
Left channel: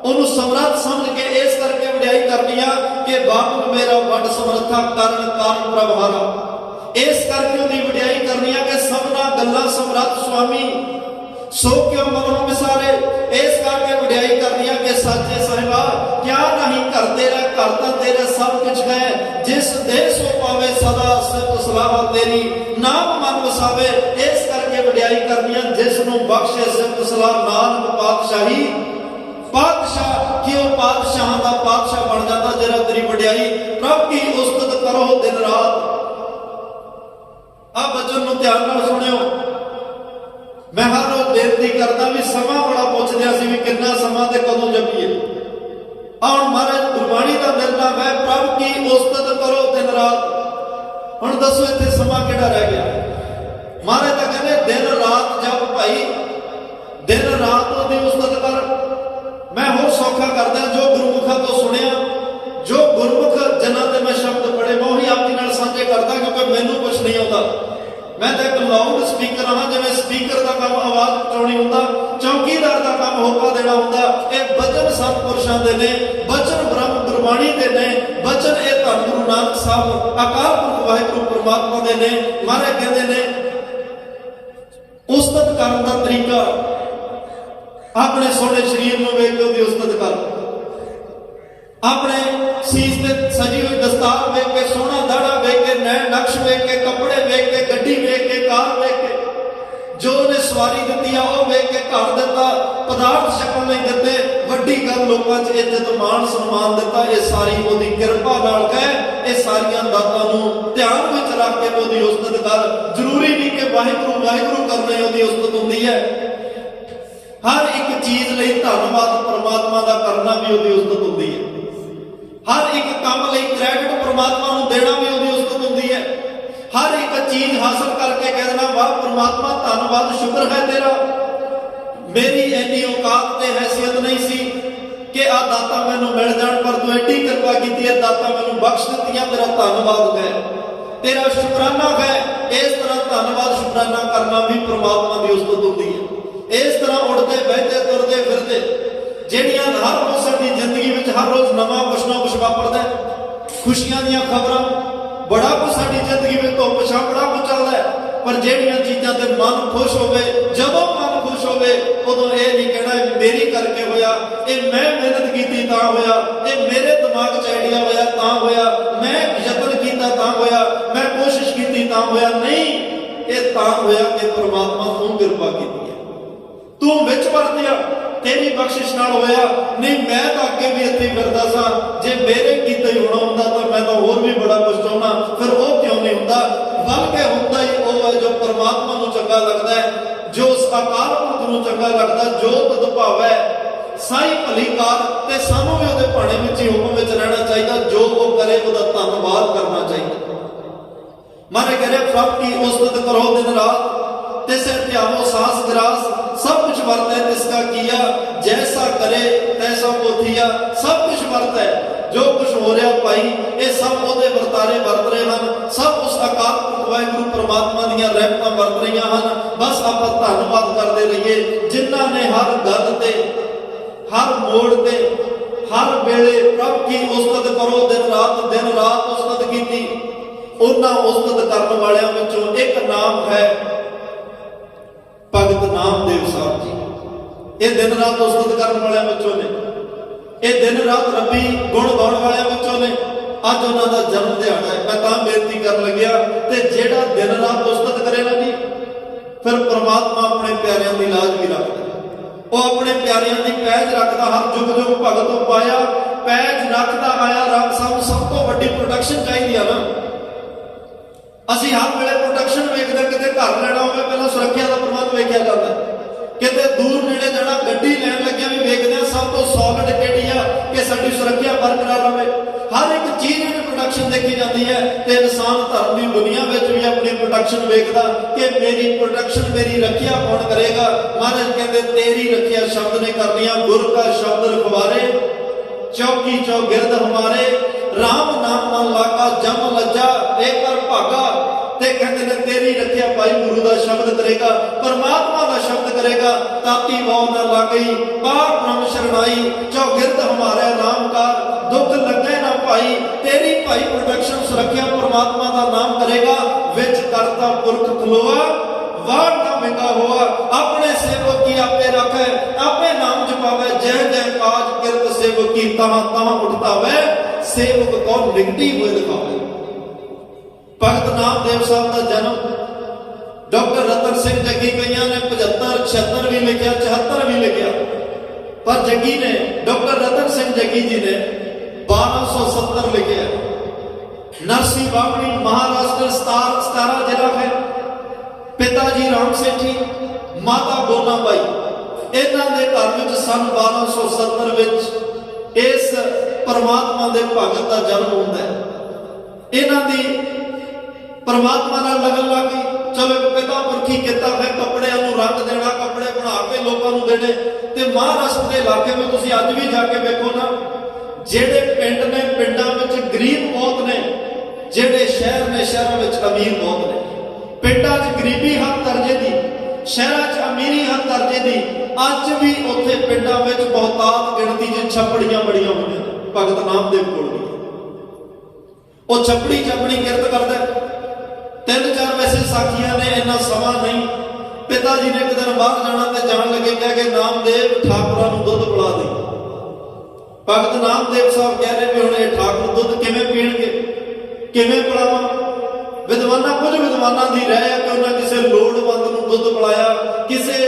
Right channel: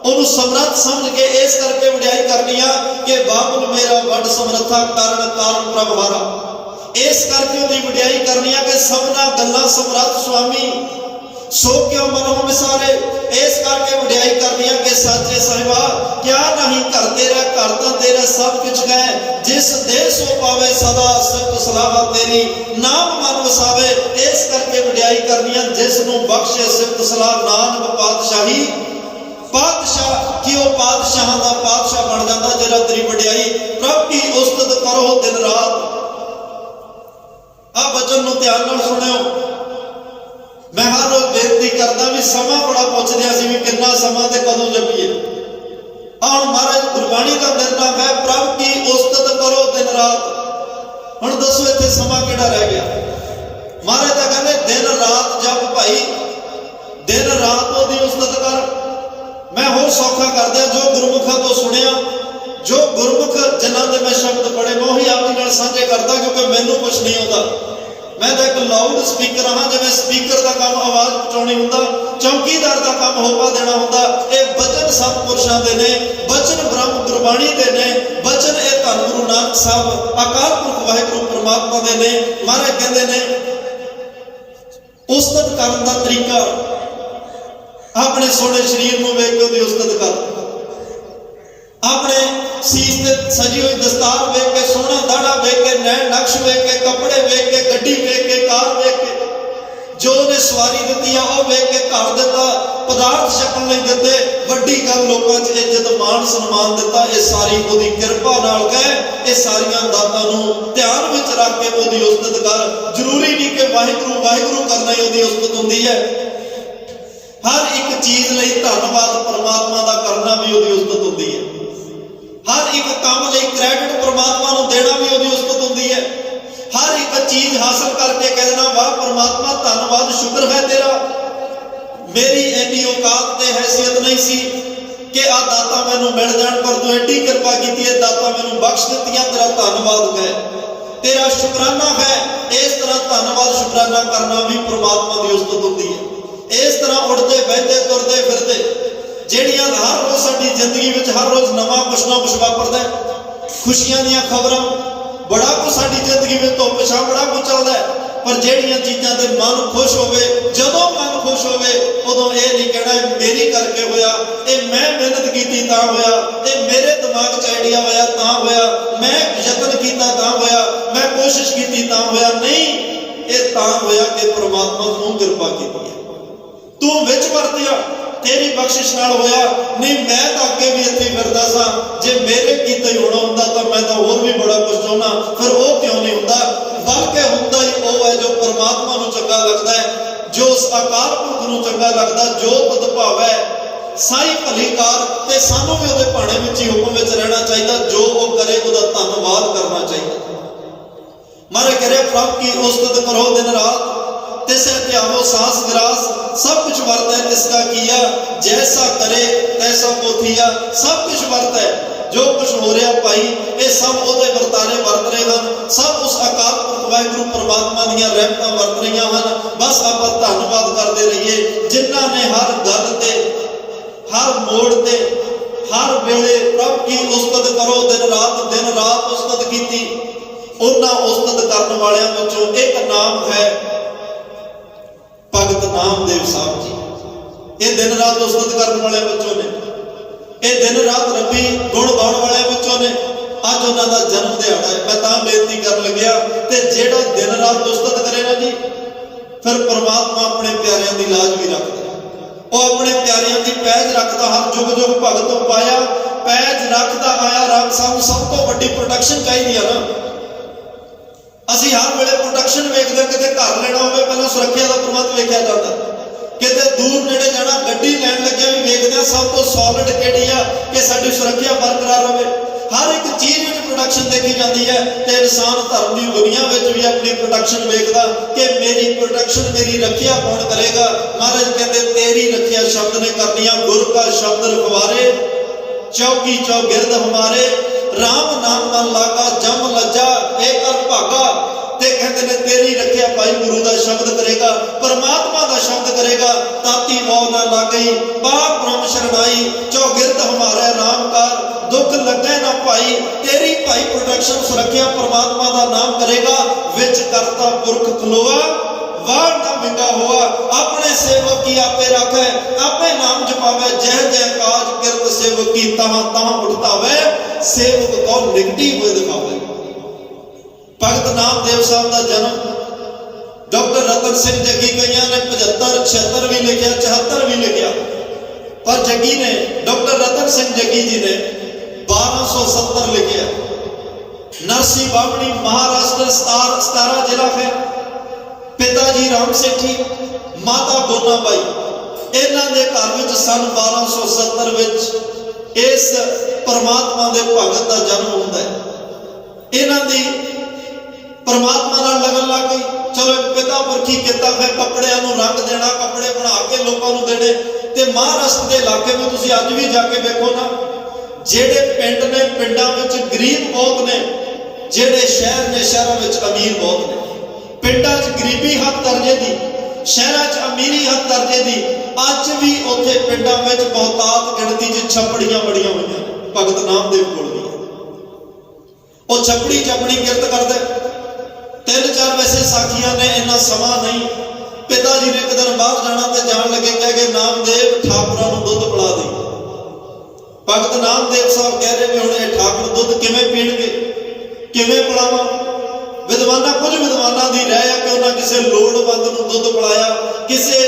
उन्होंने समर्थ समझ के इस करके वडियाई करनी है कि बाबुल मेरा वड समर्था, कारण कारण प्रभारा, इस करके उन्हें वडियाई करनी है कि सबना गल्ला समर्थ स्वामी, सो क्यों मनो विसारे, इस करके वडियाई करनी है कि साचे साहिबा क्या नहीं कर तेरा, करता तेरे सब कुछ है, जिस देश हो पावे सदा सब सलाह तेरी, नाम मन वसावे, इस करके वडियाई ਵਡਿਆਈ ਕਰਨੀ ਹੈ ਜਿਸ ਨੂੰ ਬਖਸ਼ੇ ਸਿਫਤ ਸਲਾਹ ਨਾਨਕ ਪਾਤਸ਼ਾਹੀ। ਪਾਤਸ਼ਾਹ ਕਿ ਉਹ ਪਾਤਸ਼ਾਹਾਂ ਦਾ ਪਾਤਸ਼ਾਹ ਬਣ ਜਾਂਦਾ ਜਿਹੜਾ ਤੇਰੀ ਵਡਿਆਈ ਪ੍ਰਭ ਕੀ ਉਸਤਤ ਕਰੋ ਦਿਨ ਰਾਤ। ਆ ਬਚਨ ਨੂੰ ਧਿਆਨ ਨਾਲ ਸੁਣਿਓ। ਮੈਂ ਹਰ ਰੋਜ਼ ਬੇਨਤੀ ਕਰਦਾ ਵੀ ਸਮਾਂ ਬੜਾ ਪੁੱਛਦਿਆ ਸੀ ਵੀ ਕਿੰਨਾ ਸਮਾਂ ਤੇ ਕਦੋਂ ਜਪੀਏ। ਹੁਣ ਮਹਾਰਾਜ ਗੁਰਬਾਣੀ ਦਾ ਨਿਰਨਾਮ ਹੈ ਪ੍ਰਭ ਕੀ ਉਸਤਤ ਕਰੋ ਦਿਨ ਰਾਤ। ਹੁਣ ਦੱਸੋ ਇੱਥੇ ਸਮਾਂ ਕਿਹੜਾ ਰਹਿ ਗਿਆ? ਮਹਾਰਾਜ ਤਾਂ ਕਹਿੰਦੇ ਦਿਨ ਰਾਤ ਜਪ ਭਾਈ, ਦਿਨ ਰਾਤ ਉਹਦੀ ਉਸਤਤ ਕਰ। ਮੈਂ ਹੋਰ ਸੌਖਾ ਕਰਦਾ ਜੋ ਗੁਰਮੁਖਾਂ ਤੋਂ ਸੁਣਿਆ, ਜੋ ਗੁਰਮੁਖ ਜਨਾਂ ਦੇ ਮੈਂ ਸ਼ਬਦ ਪੜ੍ਹੇ ਮੈਂ ਉਹੀ ਆਪ ਜੀ ਨਾਲ ਸਾਂਝੇ ਕਰਦਾ ਕਿਉਂਕਿ ਮੈਨੂੰ ਕੁਛ ਨਹੀਂ ਆਉਂਦਾ। ਮੈਂ ਤਾਂ ਇੱਕ ਲਾਊਡ ਸਪੀਕਰ ਹਾਂ, ਜਿਵੇਂ ਸਪੀਕਰ ਦਾ ਕੰਮ ਆਵਾਜ਼ ਪਹੁੰਚਾਉਣੀ ਹੁੰਦਾ, ਚੌਕੀਦਾਰ ਦਾ ਕੰਮ ਹੋਕਾ ਦੇਣਾ ਹੁੰਦਾ। ਇਹ ਬਚਨ ਸਤਿਪੁਰਸ਼ਾਂ ਦੇ ਨੇ, ਬਚਨ ਬ੍ਰਹਮ ਗੁਰਬਾਣੀ ਦੇ ਨੇ, ਬਚਨ ਇਹ ਧੰਨ ਗੁਰੂ ਨਾਨਕ ਸਾਹਿਬ ਅਕਾਲ ਪੁਰਖ ਵਾਹਿਗੁਰੂ ਪਰਮਾਤਮਾ ਦੇ ਨੇ। ਮਹਾਰਾਜ ਕਹਿੰਦੇ ਨੇ ਉਸਤਤ ਕਰਨ ਦਾ ਤਰੀਕਾ ਆਪਣੇ ਸੋਹਣੇ ਸਰੀਰ ਨੂੰ ਵੇਖ ਕੇ ਉਹਦੀ ਉਸਤਤ ਕਰ। ਆਪਣੇ ਸੀਸ ਤੇ ਸਜੀ ਹੋਈ ਦਸਤਾਰ ਵੇਖ ਕੇ, ਸੋਹਣਾ ਦਾੜਾ ਵੇਖ ਕੇ, ਨੈਣ ਨਕਸ਼ ਵੇਖ ਕੇ, ਕੱਪੜੇ ਵੇਖ ਕੇ, ਗੱਡੀ ਵੇਖ ਕੇ, ਕਾਰ ਵੇਖ ਕੇ, ਜੋ ਉਹਨੇ ਸਵਾਰੀ ਦਿੱਤੀ ਆ ਉਹ ਵੇਖ ਕੇ, ਘਰ ਦਿੱਤਾ, ਪਦਾਰਥ ਛਕਣ ਲਈ ਦਿੱਤੇ, ਵੱਡੀ ਗੱਲ ਲੋਕਾਂ 'ਚ ਇੱਜ਼ਤ ਮਾਣ ਸਨਮਾਨ ਦਿੱਤਾ, ਇਹ ਸਾਰੀ ਉਹਦੀ ਕਿਰਪਾ ਨਾਲ ਹੈ। ਇਹ ਸਾਰੀਆਂ ਦਾਤਾਂ ਨੂੰ ਧਿਆਨ ਵਿੱਚ ਰੱਖ ਕੇ ਉਹਦੀ ਉਸਤਤ ਕਰ। ਜ਼ਰੂਰੀ ਨਹੀਂ ਕਿ ਵਾਹਿਗੁਰੂ ਵਾਹਿਗੁਰੂ ਕਰਨਾ ਹੀ ਉਹਦੀ ਉਸਤਤ ਹੁੰਦੀ ਹੈ। ਹਰ ਇੱਕ ਚੀਜ਼ ਲਈ ਧੰਨਵਾਦ ਪ੍ਰਮਾਤਮਾ ਦਾ ਕਰਨਾ ਵੀ ਉਹਦੀ ਉਸਤਤ ਹੁੰਦੀ ਹੈ। ਹਰ ਇੱਕ ਕੰਮ ਲਈ ਕ੍ਰੈਡਿਟ ਪ੍ਰਮਾਤਮਾ ਨੂੰ ਦੇਣਾ ਵੀ ਉਹਦੀ ਉਸਤਤ ਹੁੰਦੀ ਹੈ। ਹਰ ਇੱਕ ਚੀਜ਼ ਹਾਸਲ ਕਰਕੇ ਕਹਿ ਦੇਣਾ ਵਾਹ ਪ੍ਰਮਾਤਮਾ ਧੰਨਵਾਦ ਸ਼ੁਕਰ ਹੈ ਤੇਰਾ, ਮੇਰੀ ਇੰਨੀ ਔਕਾਤ ਤੇ ਹੈਸੀਅਤ ਨਹੀਂ ਸੀ ਕਿ ਆ ਦਾਤਾ ਮੈਨੂੰ ਮਿਲ ਜਾਣ, ਪਰ ਤੂੰ ਐਡੀ ਕਿਰਪਾ ਕੀਤੀ ਹੈ, ਦਾਤਾ ਮੈਨੂੰ ਬਖਸ਼ ਦਿੱਤੀਆਂ, ਤੇਰਾ ਧੰਨਵਾਦ ਹੈ, ਤੇਰਾ ਸ਼ੁਕਰਾਨਾ ਹੈ। ਇਸ ਤਰ੍ਹਾਂ ਧੰਨਵਾਦ ਸ਼ੁਕਰਾਨਾ ਕਰਨਾ ਵੀ ਪ੍ਰਮਾਤਮਾ ਦੀ ਉਸਤਤ ਹੁੰਦੀ ਹੈ। ਇਸ ਤਰ੍ਹਾਂ ਉੱਠਦੇ ਬਹਿੰਦੇ ਤੁਰਦੇ ਫਿਰਦੇ ਜਿਹੜੀਆਂ ਹਰ ਰੋਜ਼ ਸਾਡੀ ਜ਼ਿੰਦਗੀ ਵਿੱਚ ਹਰ ਰੋਜ਼ ਨਵਾਂ ਕੁਛ ਨਾ ਕੁਛ ਵਾਪਰਦਾ, ਖੁਸ਼ੀਆਂ ਦੀਆਂ ਖਬਰਾਂ, ਬੜਾ ਕੁਛ ਸਾਡੀ ਜ਼ਿੰਦਗੀ ਵਿੱਚ ਧੁੱਪ ਛਾਂ ਬੜਾ ਕੁਛ ਚੱਲਦਾ, ਪਰ ਜਿਹੜੀਆਂ ਚੀਜ਼ਾਂ ਤੇ ਮਨ ਖੁਸ਼ ਹੋਵੇ, ਜਦੋਂ ਮਨ ਖੁਸ਼ ਹੋਵੇ ਉਦੋਂ ਇਹ ਨਹੀਂ ਕਹਿਣਾ ਮੇਰੀ ਕਰਕੇ ਹੋਇਆ, ਇਹ ਮੈਂ ਮਿਹਨਤ ਕੀਤੀ ਤਾਂ ਹੋਇਆ, ਇਹ ਮੇਰੇ ਦਿਮਾਗ 'ਚ ਆਈਡੀਆ ਹੋਇਆ ਤਾਂ ਹੋਇਆ, ਮੈਂ ਯਤਨ ਕੀਤਾ ਤਾਂ ਹੋਇਆ, ਮੈਂ ਕੋਸ਼ਿਸ਼ ਕੀਤੀ ਤਾਂ ਹੋਇਆ। ਨਹੀਂ, ਇਹ ਤਾਂ ਹੋਇਆ ਕਿ ਪ੍ਰਮਾਤਮਾ ਤੂੰ ਕਿਰਪਾ ਕੀਤੀ ਹੈ, ਤੂੰ ਵਿੱਚ ਵਰਤਿਆ, ਤੇਰੀ ਬਖਸ਼ਿਸ਼ ਨਾਲ ਹੋਇਆ। ਨਹੀਂ ਮੈਂ ਤਾਂ ਅੱਗੇ ਵੀ ਇੱਥੇ ਫਿਰਦਾ ਸਾਂ, ਜੇ ਮੇਰੇ ਕੀਤਾ ਹੀ ਹੋਣਾ ਹੁੰਦਾ ਤਾਂ ਮੈਂ ਤਾਂ ਹੋਰ ਵੀ ਬੜਾ ਕੁਝ ਚਾਹੁੰਦਾ, ਫਿਰ ਉਹ ਕਿਉਂ ਨਹੀਂ ਹੁੰਦਾ? ਬਲਕਿ ਹੁੰਦਾ ਹੀ ਉਹ ਹੈ ਜੋ ਪਰਮਾਤਮਾ ਨੂੰ ਚੰਗਾ ਲੱਗਦਾ ਹੈ, ਜੋ ਉਸ ਅਕਾਲ ਪੁਰਖ ਨੂੰ ਚੰਗਾ ਲੱਗਦਾ, ਜੋ ਤਦ ਭਾਵੈ ਸਾਈ ਭਲੀ ਕਾਰ। ਤੇ ਸਾਨੂੰ ਵੀ ਉਹਦੇ ਭਾਣੇ ਵਿੱਚ ਹੀ ਹੁਕਮ ਵਿੱਚ ਰਹਿਣਾ ਚਾਹੀਦਾ, ਜੋ ਉਹ ਕਰੇ ਉਹਦਾ ਧੰਨਵਾਦ ਕਰਨਾ ਚਾਹੀਦਾ। ਮਾਰੇ ਕਰੇ ਪ੍ਰਭ ਕੀ ਉਸਤਤ ਕਰੋ ਦਿਨ ਰਾਤ, ਤਿਸੇ ਧਿਆਵੋ ਸਾਸ ਗਿਰਾਸ, सब कुछ वर्त है तिसका किया, जैसा करे तैसा पोथिया। सब कुछ वर्त है, जो कुछ हो रहा भाई ये सब ओदे वर्तारे वर्त रहे हैं, सब उस अकाल पुरख वाहिगुरू परमात्मा दीयां रहमतां वर्त रहीआं हन। बस आपां धन्नवाद करते रहिए जिन्हां ने हर गल ते, हर मोड़ ते, हर वेले प्रभ की उस्तत करो दिन रात उस्तत कीती। उन्हां उस्तत करन वालियां विचों एक नाम है भगत नामदेव साहब जी। ये दिन रात उस्तत करने वाले बच्चों ने, ये दिन रात रबी गुण गाउण वाले बच्चों ने। अज उन्होंने जन्म दिहाड़ा है, मैं तां बेनती कर लग्या ते जेड़ा दिन रात उस्तत करे ना जी, फिर परमात्मा अपने प्यारियां की लाज भी रखता है, वो अपने प्यारियां की पैज रखता। हर जुग जुग भगत पाया पैज रखता आया रब। सानू सब तो वड्डी प्रोटेक्शन चाहिए ना। ਅਸੀਂ ਹਰ ਵੇਲੇ ਪ੍ਰੋਟੈਕਸ਼ਨ ਵੇਖਦੇ, ਕਿਤੇ ਘਰ ਲੈਣਾ ਹੋਵੇ ਪਹਿਲਾਂ ਸੁਰੱਖਿਆ ਦਾ ਪ੍ਰਬੰਧ ਵੇਖਿਆ ਜਾਂਦਾ, ਕਿਤੇ ਦੂਰ ਨੇੜੇ ਜਾਣਾ ਗੱਡੀ ਲੈਣ ਲੱਗੇ ਵੀ ਵੇਖਦੇ ਆ ਸਭ ਤੋਂ ਸੋਲਿਡ ਕਿਹੜੀ ਆ ਕਿ ਸਾਡੀ ਸੁਰੱਖਿਆ ਬਰਕਰਾਰ ਰਵੇ। ਹਰ ਇੱਕ ਚੀਜ਼ ਵਿੱਚ ਪ੍ਰੋਟੈਕਸ਼ਨ ਦੇਖੀ ਜਾਂਦੀ ਹੈ ਤੇ ਇਨਸਾਨ ਧਰਮ ਦੀ ਦੁਨੀਆ ਵਿੱਚ ਵੀ ਆਪਣੀ ਪ੍ਰੋਟੈਕਸ਼ਨ ਵੇਖਦਾ ਕਿ ਮੇਰੀ ਪ੍ਰੋਟੈਕਸ਼ਨ, ਮੇਰੀ ਰੱਖਿਆ ਕੌਣ ਕਰੇਗਾ। ਮਹਾਰਾਜ ਕਹਿੰਦੇ ਤੇਰੀ ਰੱਖਿਆ ਸ਼ਬਦ ਨੇ ਕਰਨੀ ਆ, ਗੁਰ ਕਾ ਸ਼ਬਦ ਰਖਵਾਰੇ ਚੌਕੀ ਚੌਗਿਰਦ ਹਮਾਰੇ। राम नाम मन लागा जम लज्जा ए कर भागा। ते कहते ने तेरी रखिया भाई गुरु का शब्द करेगा, परमात्मा का शब्द करेगा, ताती वाव ना लागई बार ब्रह्म शरणाई, चौगिरद हमारे नाम का दुख लगे ना भाई। तेरी भाई प्रोटेक्शन सुरक्षा परमात्मा का नाम करेगा। विच करता पुरख खलोआ वार ना मिंगा हुआ, अपने सेवक की आपे रखे, आपे नाम जपावे, जय जय काज किरत सेवक की तहां तहां उठतावे, सेवक को निगटी हुए दिखावे। भगत नामदेव साहब का जन्म डॉक्टर रतन ਸਿੰਘ ਜੱਗੀ ਕਈਆਂ ਨੇ 75 76 ਵੀ ਲਿਖਿਆ, 74 ਵੀ ਲਿਖਿਆ, ਪਰ ਜੱਗੀ ਨੇ, ਡਾਕਟਰ ਰਤਨ ਸਿੰਘ ਜੱਗੀ ਜੀ ਨੇ 1270 ਲਿਖਿਆ। नरसी बावणी महाराष्ट्र 17 जिला है। पिताजी राम सेठी, माता गोनाबाई, इन्हां दे घर विच सन 1270 विच इस परमात्मा दे भगत दा जन्म हुंदा है। इन्हां दी परमात्मा नाल लगन लग गई। चलो एक पिता पुरखी किता है, कपड़ियां नूं रंग देना, कपड़े बना के लोकां नूं देने। ते महाराष्ट्र दे इलाके में तुसीं अज भी जाके वेखो ना, ਜਿਹੜੇ ਪਿੰਡ ਨੇ ਪਿੰਡਾਂ ਵਿੱਚ ਗਰੀਬ ਬਹੁਤ ਨੇ, ਜਿਹੜੇ ਸ਼ਹਿਰ ਨੇ ਸ਼ਹਿਰਾਂ ਵਿੱਚ ਅਮੀਰ ਬਹੁਤ ਨੇ। ਪਿੰਡਾਂ 'ਚ ਗਰੀਬੀ ਹੱਦ ਦਰਜੇ ਦੀ, ਸ਼ਹਿਰਾਂ 'ਚ ਅਮੀਰੀ ਹੱਦ ਦਰਜੇ ਦੀ। ਅੱਜ ਵੀ ਉੱਥੇ ਪਿੰਡਾਂ ਵਿੱਚ ਬਹੁਤਾਤ ਗਿਣਤੀ 'ਚ ਛੱਪੜੀਆਂ ਬੜੀਆਂ ਹੋਈਆਂ ਨੇ। ਭਗਤ ਨਾਮਦੇਵ ਕੋਲ ਵੀ ਉਹ ਛੱਪੜੀ 'ਚ ਆਪਣੀ ਕਿਰਤ ਕਰਦਾ। 3-4 ਵੈਸੇ ਸਾਖੀਆਂ ਨੇ, ਇੰਨਾ ਸਮਾਂ ਨਹੀਂ। ਪਿਤਾ ਜੀ ਨੇ ਇੱਕ ਦਿਨ ਬਾਹਰ ਜਾਣਾ ਤੇ ਜਾਣ ਲੱਗੇ ਕਹਿ ਕੇ ਨਾਮਦੇਵ ਠਾਕੁਰਾਂ ਨੂੰ ਦੁੱਧ ਪਿਲਾ ਦੇ। ਭਗਤ ਨਾਮਦੇਵ ਸਾਹਿਬ ਕਹਿ ਰਹੇ ਵੀ ਹੁਣ ਇਹ ਠਾਕੁਰ ਦੁੱਧ ਕਿਵੇਂ ਪੀਣਗੇ, ਕਿਵੇਂ ਪਿਲਾਵਾਂ। ਕੁਝ ਵਿਦਵਾਨਾਂ ਦੀ ਰਾਏ ਹੈ ਕਿ ਉਹਨਾਂ ਕਿਸੇ ਲੋੜਵੰਦ ਨੂੰ ਦੁੱਧ ਪਿਲਾਇਆ, ਕਿਸੇ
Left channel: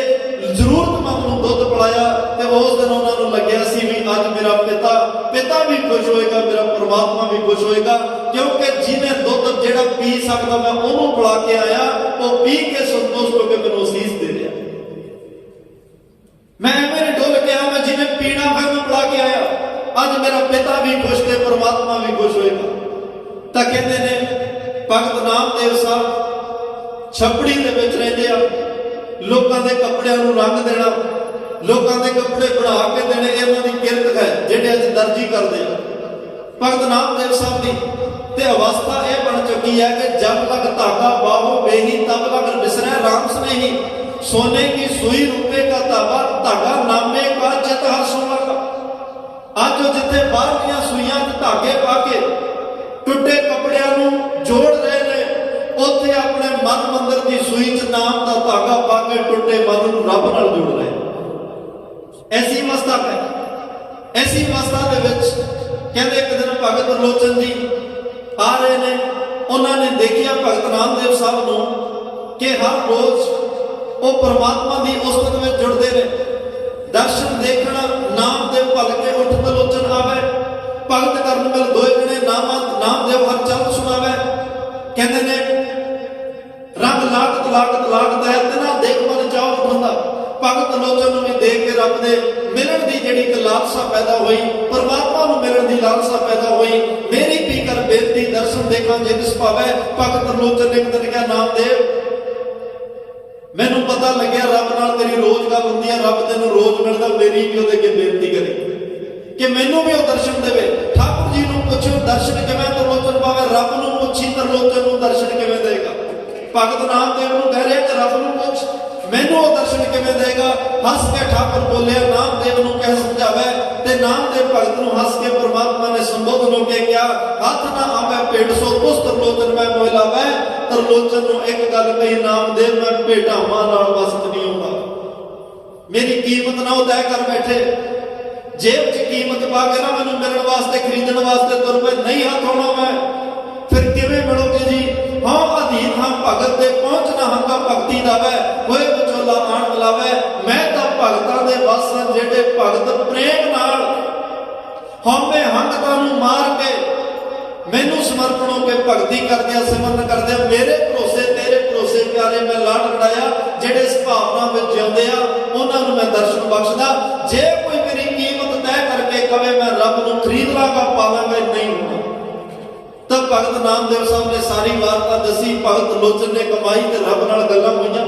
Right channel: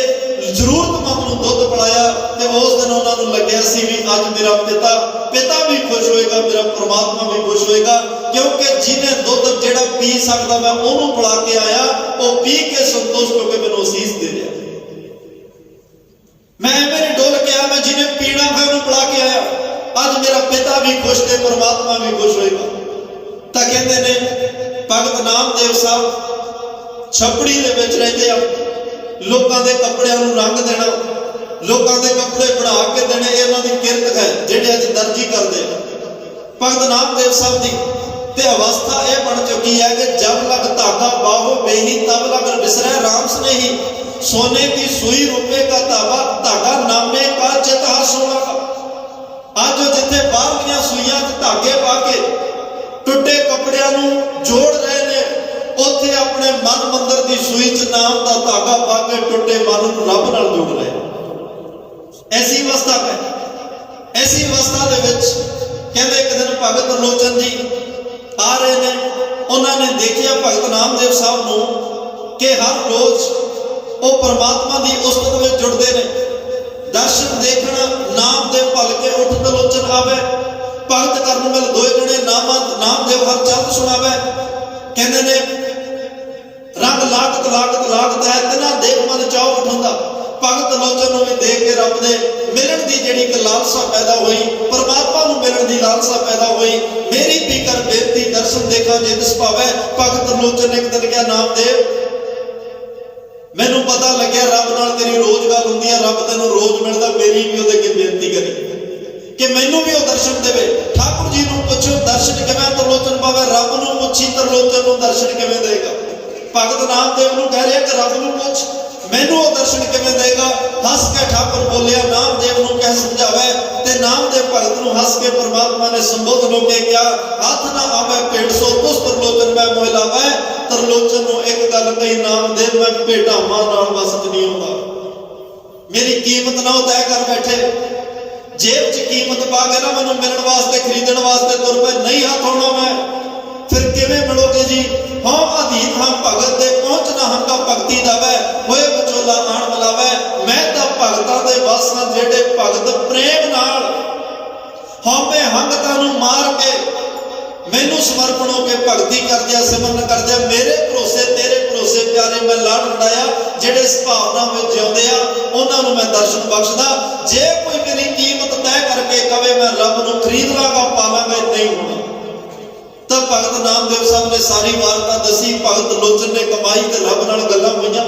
ਜ਼ਰੂਰਤਮੰਦ ਨੂੰ ਦੁੱਧ ਪਿਲਾਇਆ, ਤੇ ਉਸ ਦਿਨ ਉਹਨਾਂ ਨੂੰ ਲੱਗਿਆ ਸੀ ਵੀ ਅੱਜ ਮੇਰਾ ਪਿਤਾ ਵੀ ਖੁਸ਼ ਹੋਏਗਾ, ਮੇਰਾ ਪ੍ਰਮਾਤਮਾ ਵੀ ਖੁਸ਼ ਹੋਏਗਾ, ਕਿਉਂਕਿ ਜਿਹਨੇ ਦੁੱਧ ਜਿਹੜਾ ਪੀ ਸਕਦਾ ਮੈਂ ਉਹਨੂੰ ਪਿਲਾ ਕੇ ਆਇਆ, ਉਹ ਪੀ ਕੇ ਸੰਤੁਸ਼ਟ ਹੋ ਕੇ ਮੈਨੂੰ ਅਸੀਸ ਦੇ ਰਿਹਾ। मैं मेरे डोल के आया, मैं जिन्हें पीना है उन्हें पिला के आया। आज मेरा पिता भी खुश थे, परमात्मा भी खुश होएगा। तो कहते ने भगत नामदेव साहब छपड़ी दे विच रहंदे आ, लोकां दे कपड़ियां नूं रंग देना, लोकां दे कपड़े बना के देने, इन्हां दी किरत है जिहड़े अज दर्जी करदे आ। भगत नामदेव साहब दी ते अवस्था यह बन चुकी है कि जब लग धागा बाहो बेही तब लग बिसरे राम स्नेही। सोने की सुई रुपए का धागा नामे का चित सोना का। आज जो जिथे बाहर सुइयां धागे पा के टुटे कपड़ियां नूं जोड़ रहे ने, उत्थे अपने मन मंदिर की सुई च नाम का धागा पा के टुटे मन नूं रब नाल जोड़ रहे। ऐसी अवस्था है। ऐसी अवस्था दे विच कहंदे एक दिन भगत लोचन जी आ रहे ने, उन्होंने देखिया भगत नामदेव साहब नूं कि हर रोज ਉਹ परमात्मा की उस्तत में जुड़ते हैं। दर्शन देखना नाम दे भल के उठ तलोचन आवे, भगत करन मिल दोए जने नाम देव हर चंद सुनावे। कहते ने रंग लागत है तिना देख मन चाह उठा। भगत लोचन नूं भी देख के रब दे मिलन की जिहड़ी एक लालसा पैदा हुई, परमात्मा नूं मिलन की लालसा पैदा हुई। मेरी पीकर बेनती दर्शन देखा जिंद सुभावे। भगत लोचन ने एक दिन कहा नामदेव मैनू पता लग्या रब नाल तेरी रोज गल हुंदी है, रब तैनूं रोज मिलदा, मेरी भी उहदे अगे बेनती करी कि मैनू भी वो दर्शन देवे। ठाकुर जी नूं पुछो दर्शन किवें तरलोचन पावे, रब नूं पुछी तरलोचन नूं दर्शन किवें देगा। भगत नामदेव नूं कह रहे कि रब नूं पुछ मैनू वो दर्शन किवें देगा। हस के ठाकुर बोलिया नामदेव नूं कह समझावे, ते नामदेव भगत नूं हस के परमात्मा ने संबोधन होके क्या हाथ ना आवे पेट सो तुस तरलोचन मैं मोह लावे। तरलोचन नूं एक गल कही नामदेव मैं भेटावां नाल बस च नहीं आउंदा, मेरी कीमत ना तय कर बैठे। जेब च कीमत पा के ना मैनूं मिलण वास्ते खरीदण वास्ते तुर पे नहीं हाथ आउणा मैं, फिर किवें मिलोगे जी। हाँ अधीन हाँ भगत दे पहुंचना हंगा भगती दावे, होए विचोला आण मिलावे। मैं तां भगतां दे वस हां जिहड़े भगत प्रेम नाल हौमे हंगतां नूं मार के मैनू समर्पण होकर भगती करदिया सिमरन करदिया मेरे भरोसे तेरे भरोसे प्यारे मैं लाड लड़ाया जेडे इस भावना में जिउंदे आ उन्हां नूं मैं दर्शन बख्शदा। जे कोई मेरी कीमत तय करके कहे मैं रब नूं खरीद लांगा पावांगा नहीं होना। तब भगत नामदेव साहब ने सारी वार्ता दसी। भगत लोचन ने कमाई ते रब नाल गल्लां होईयां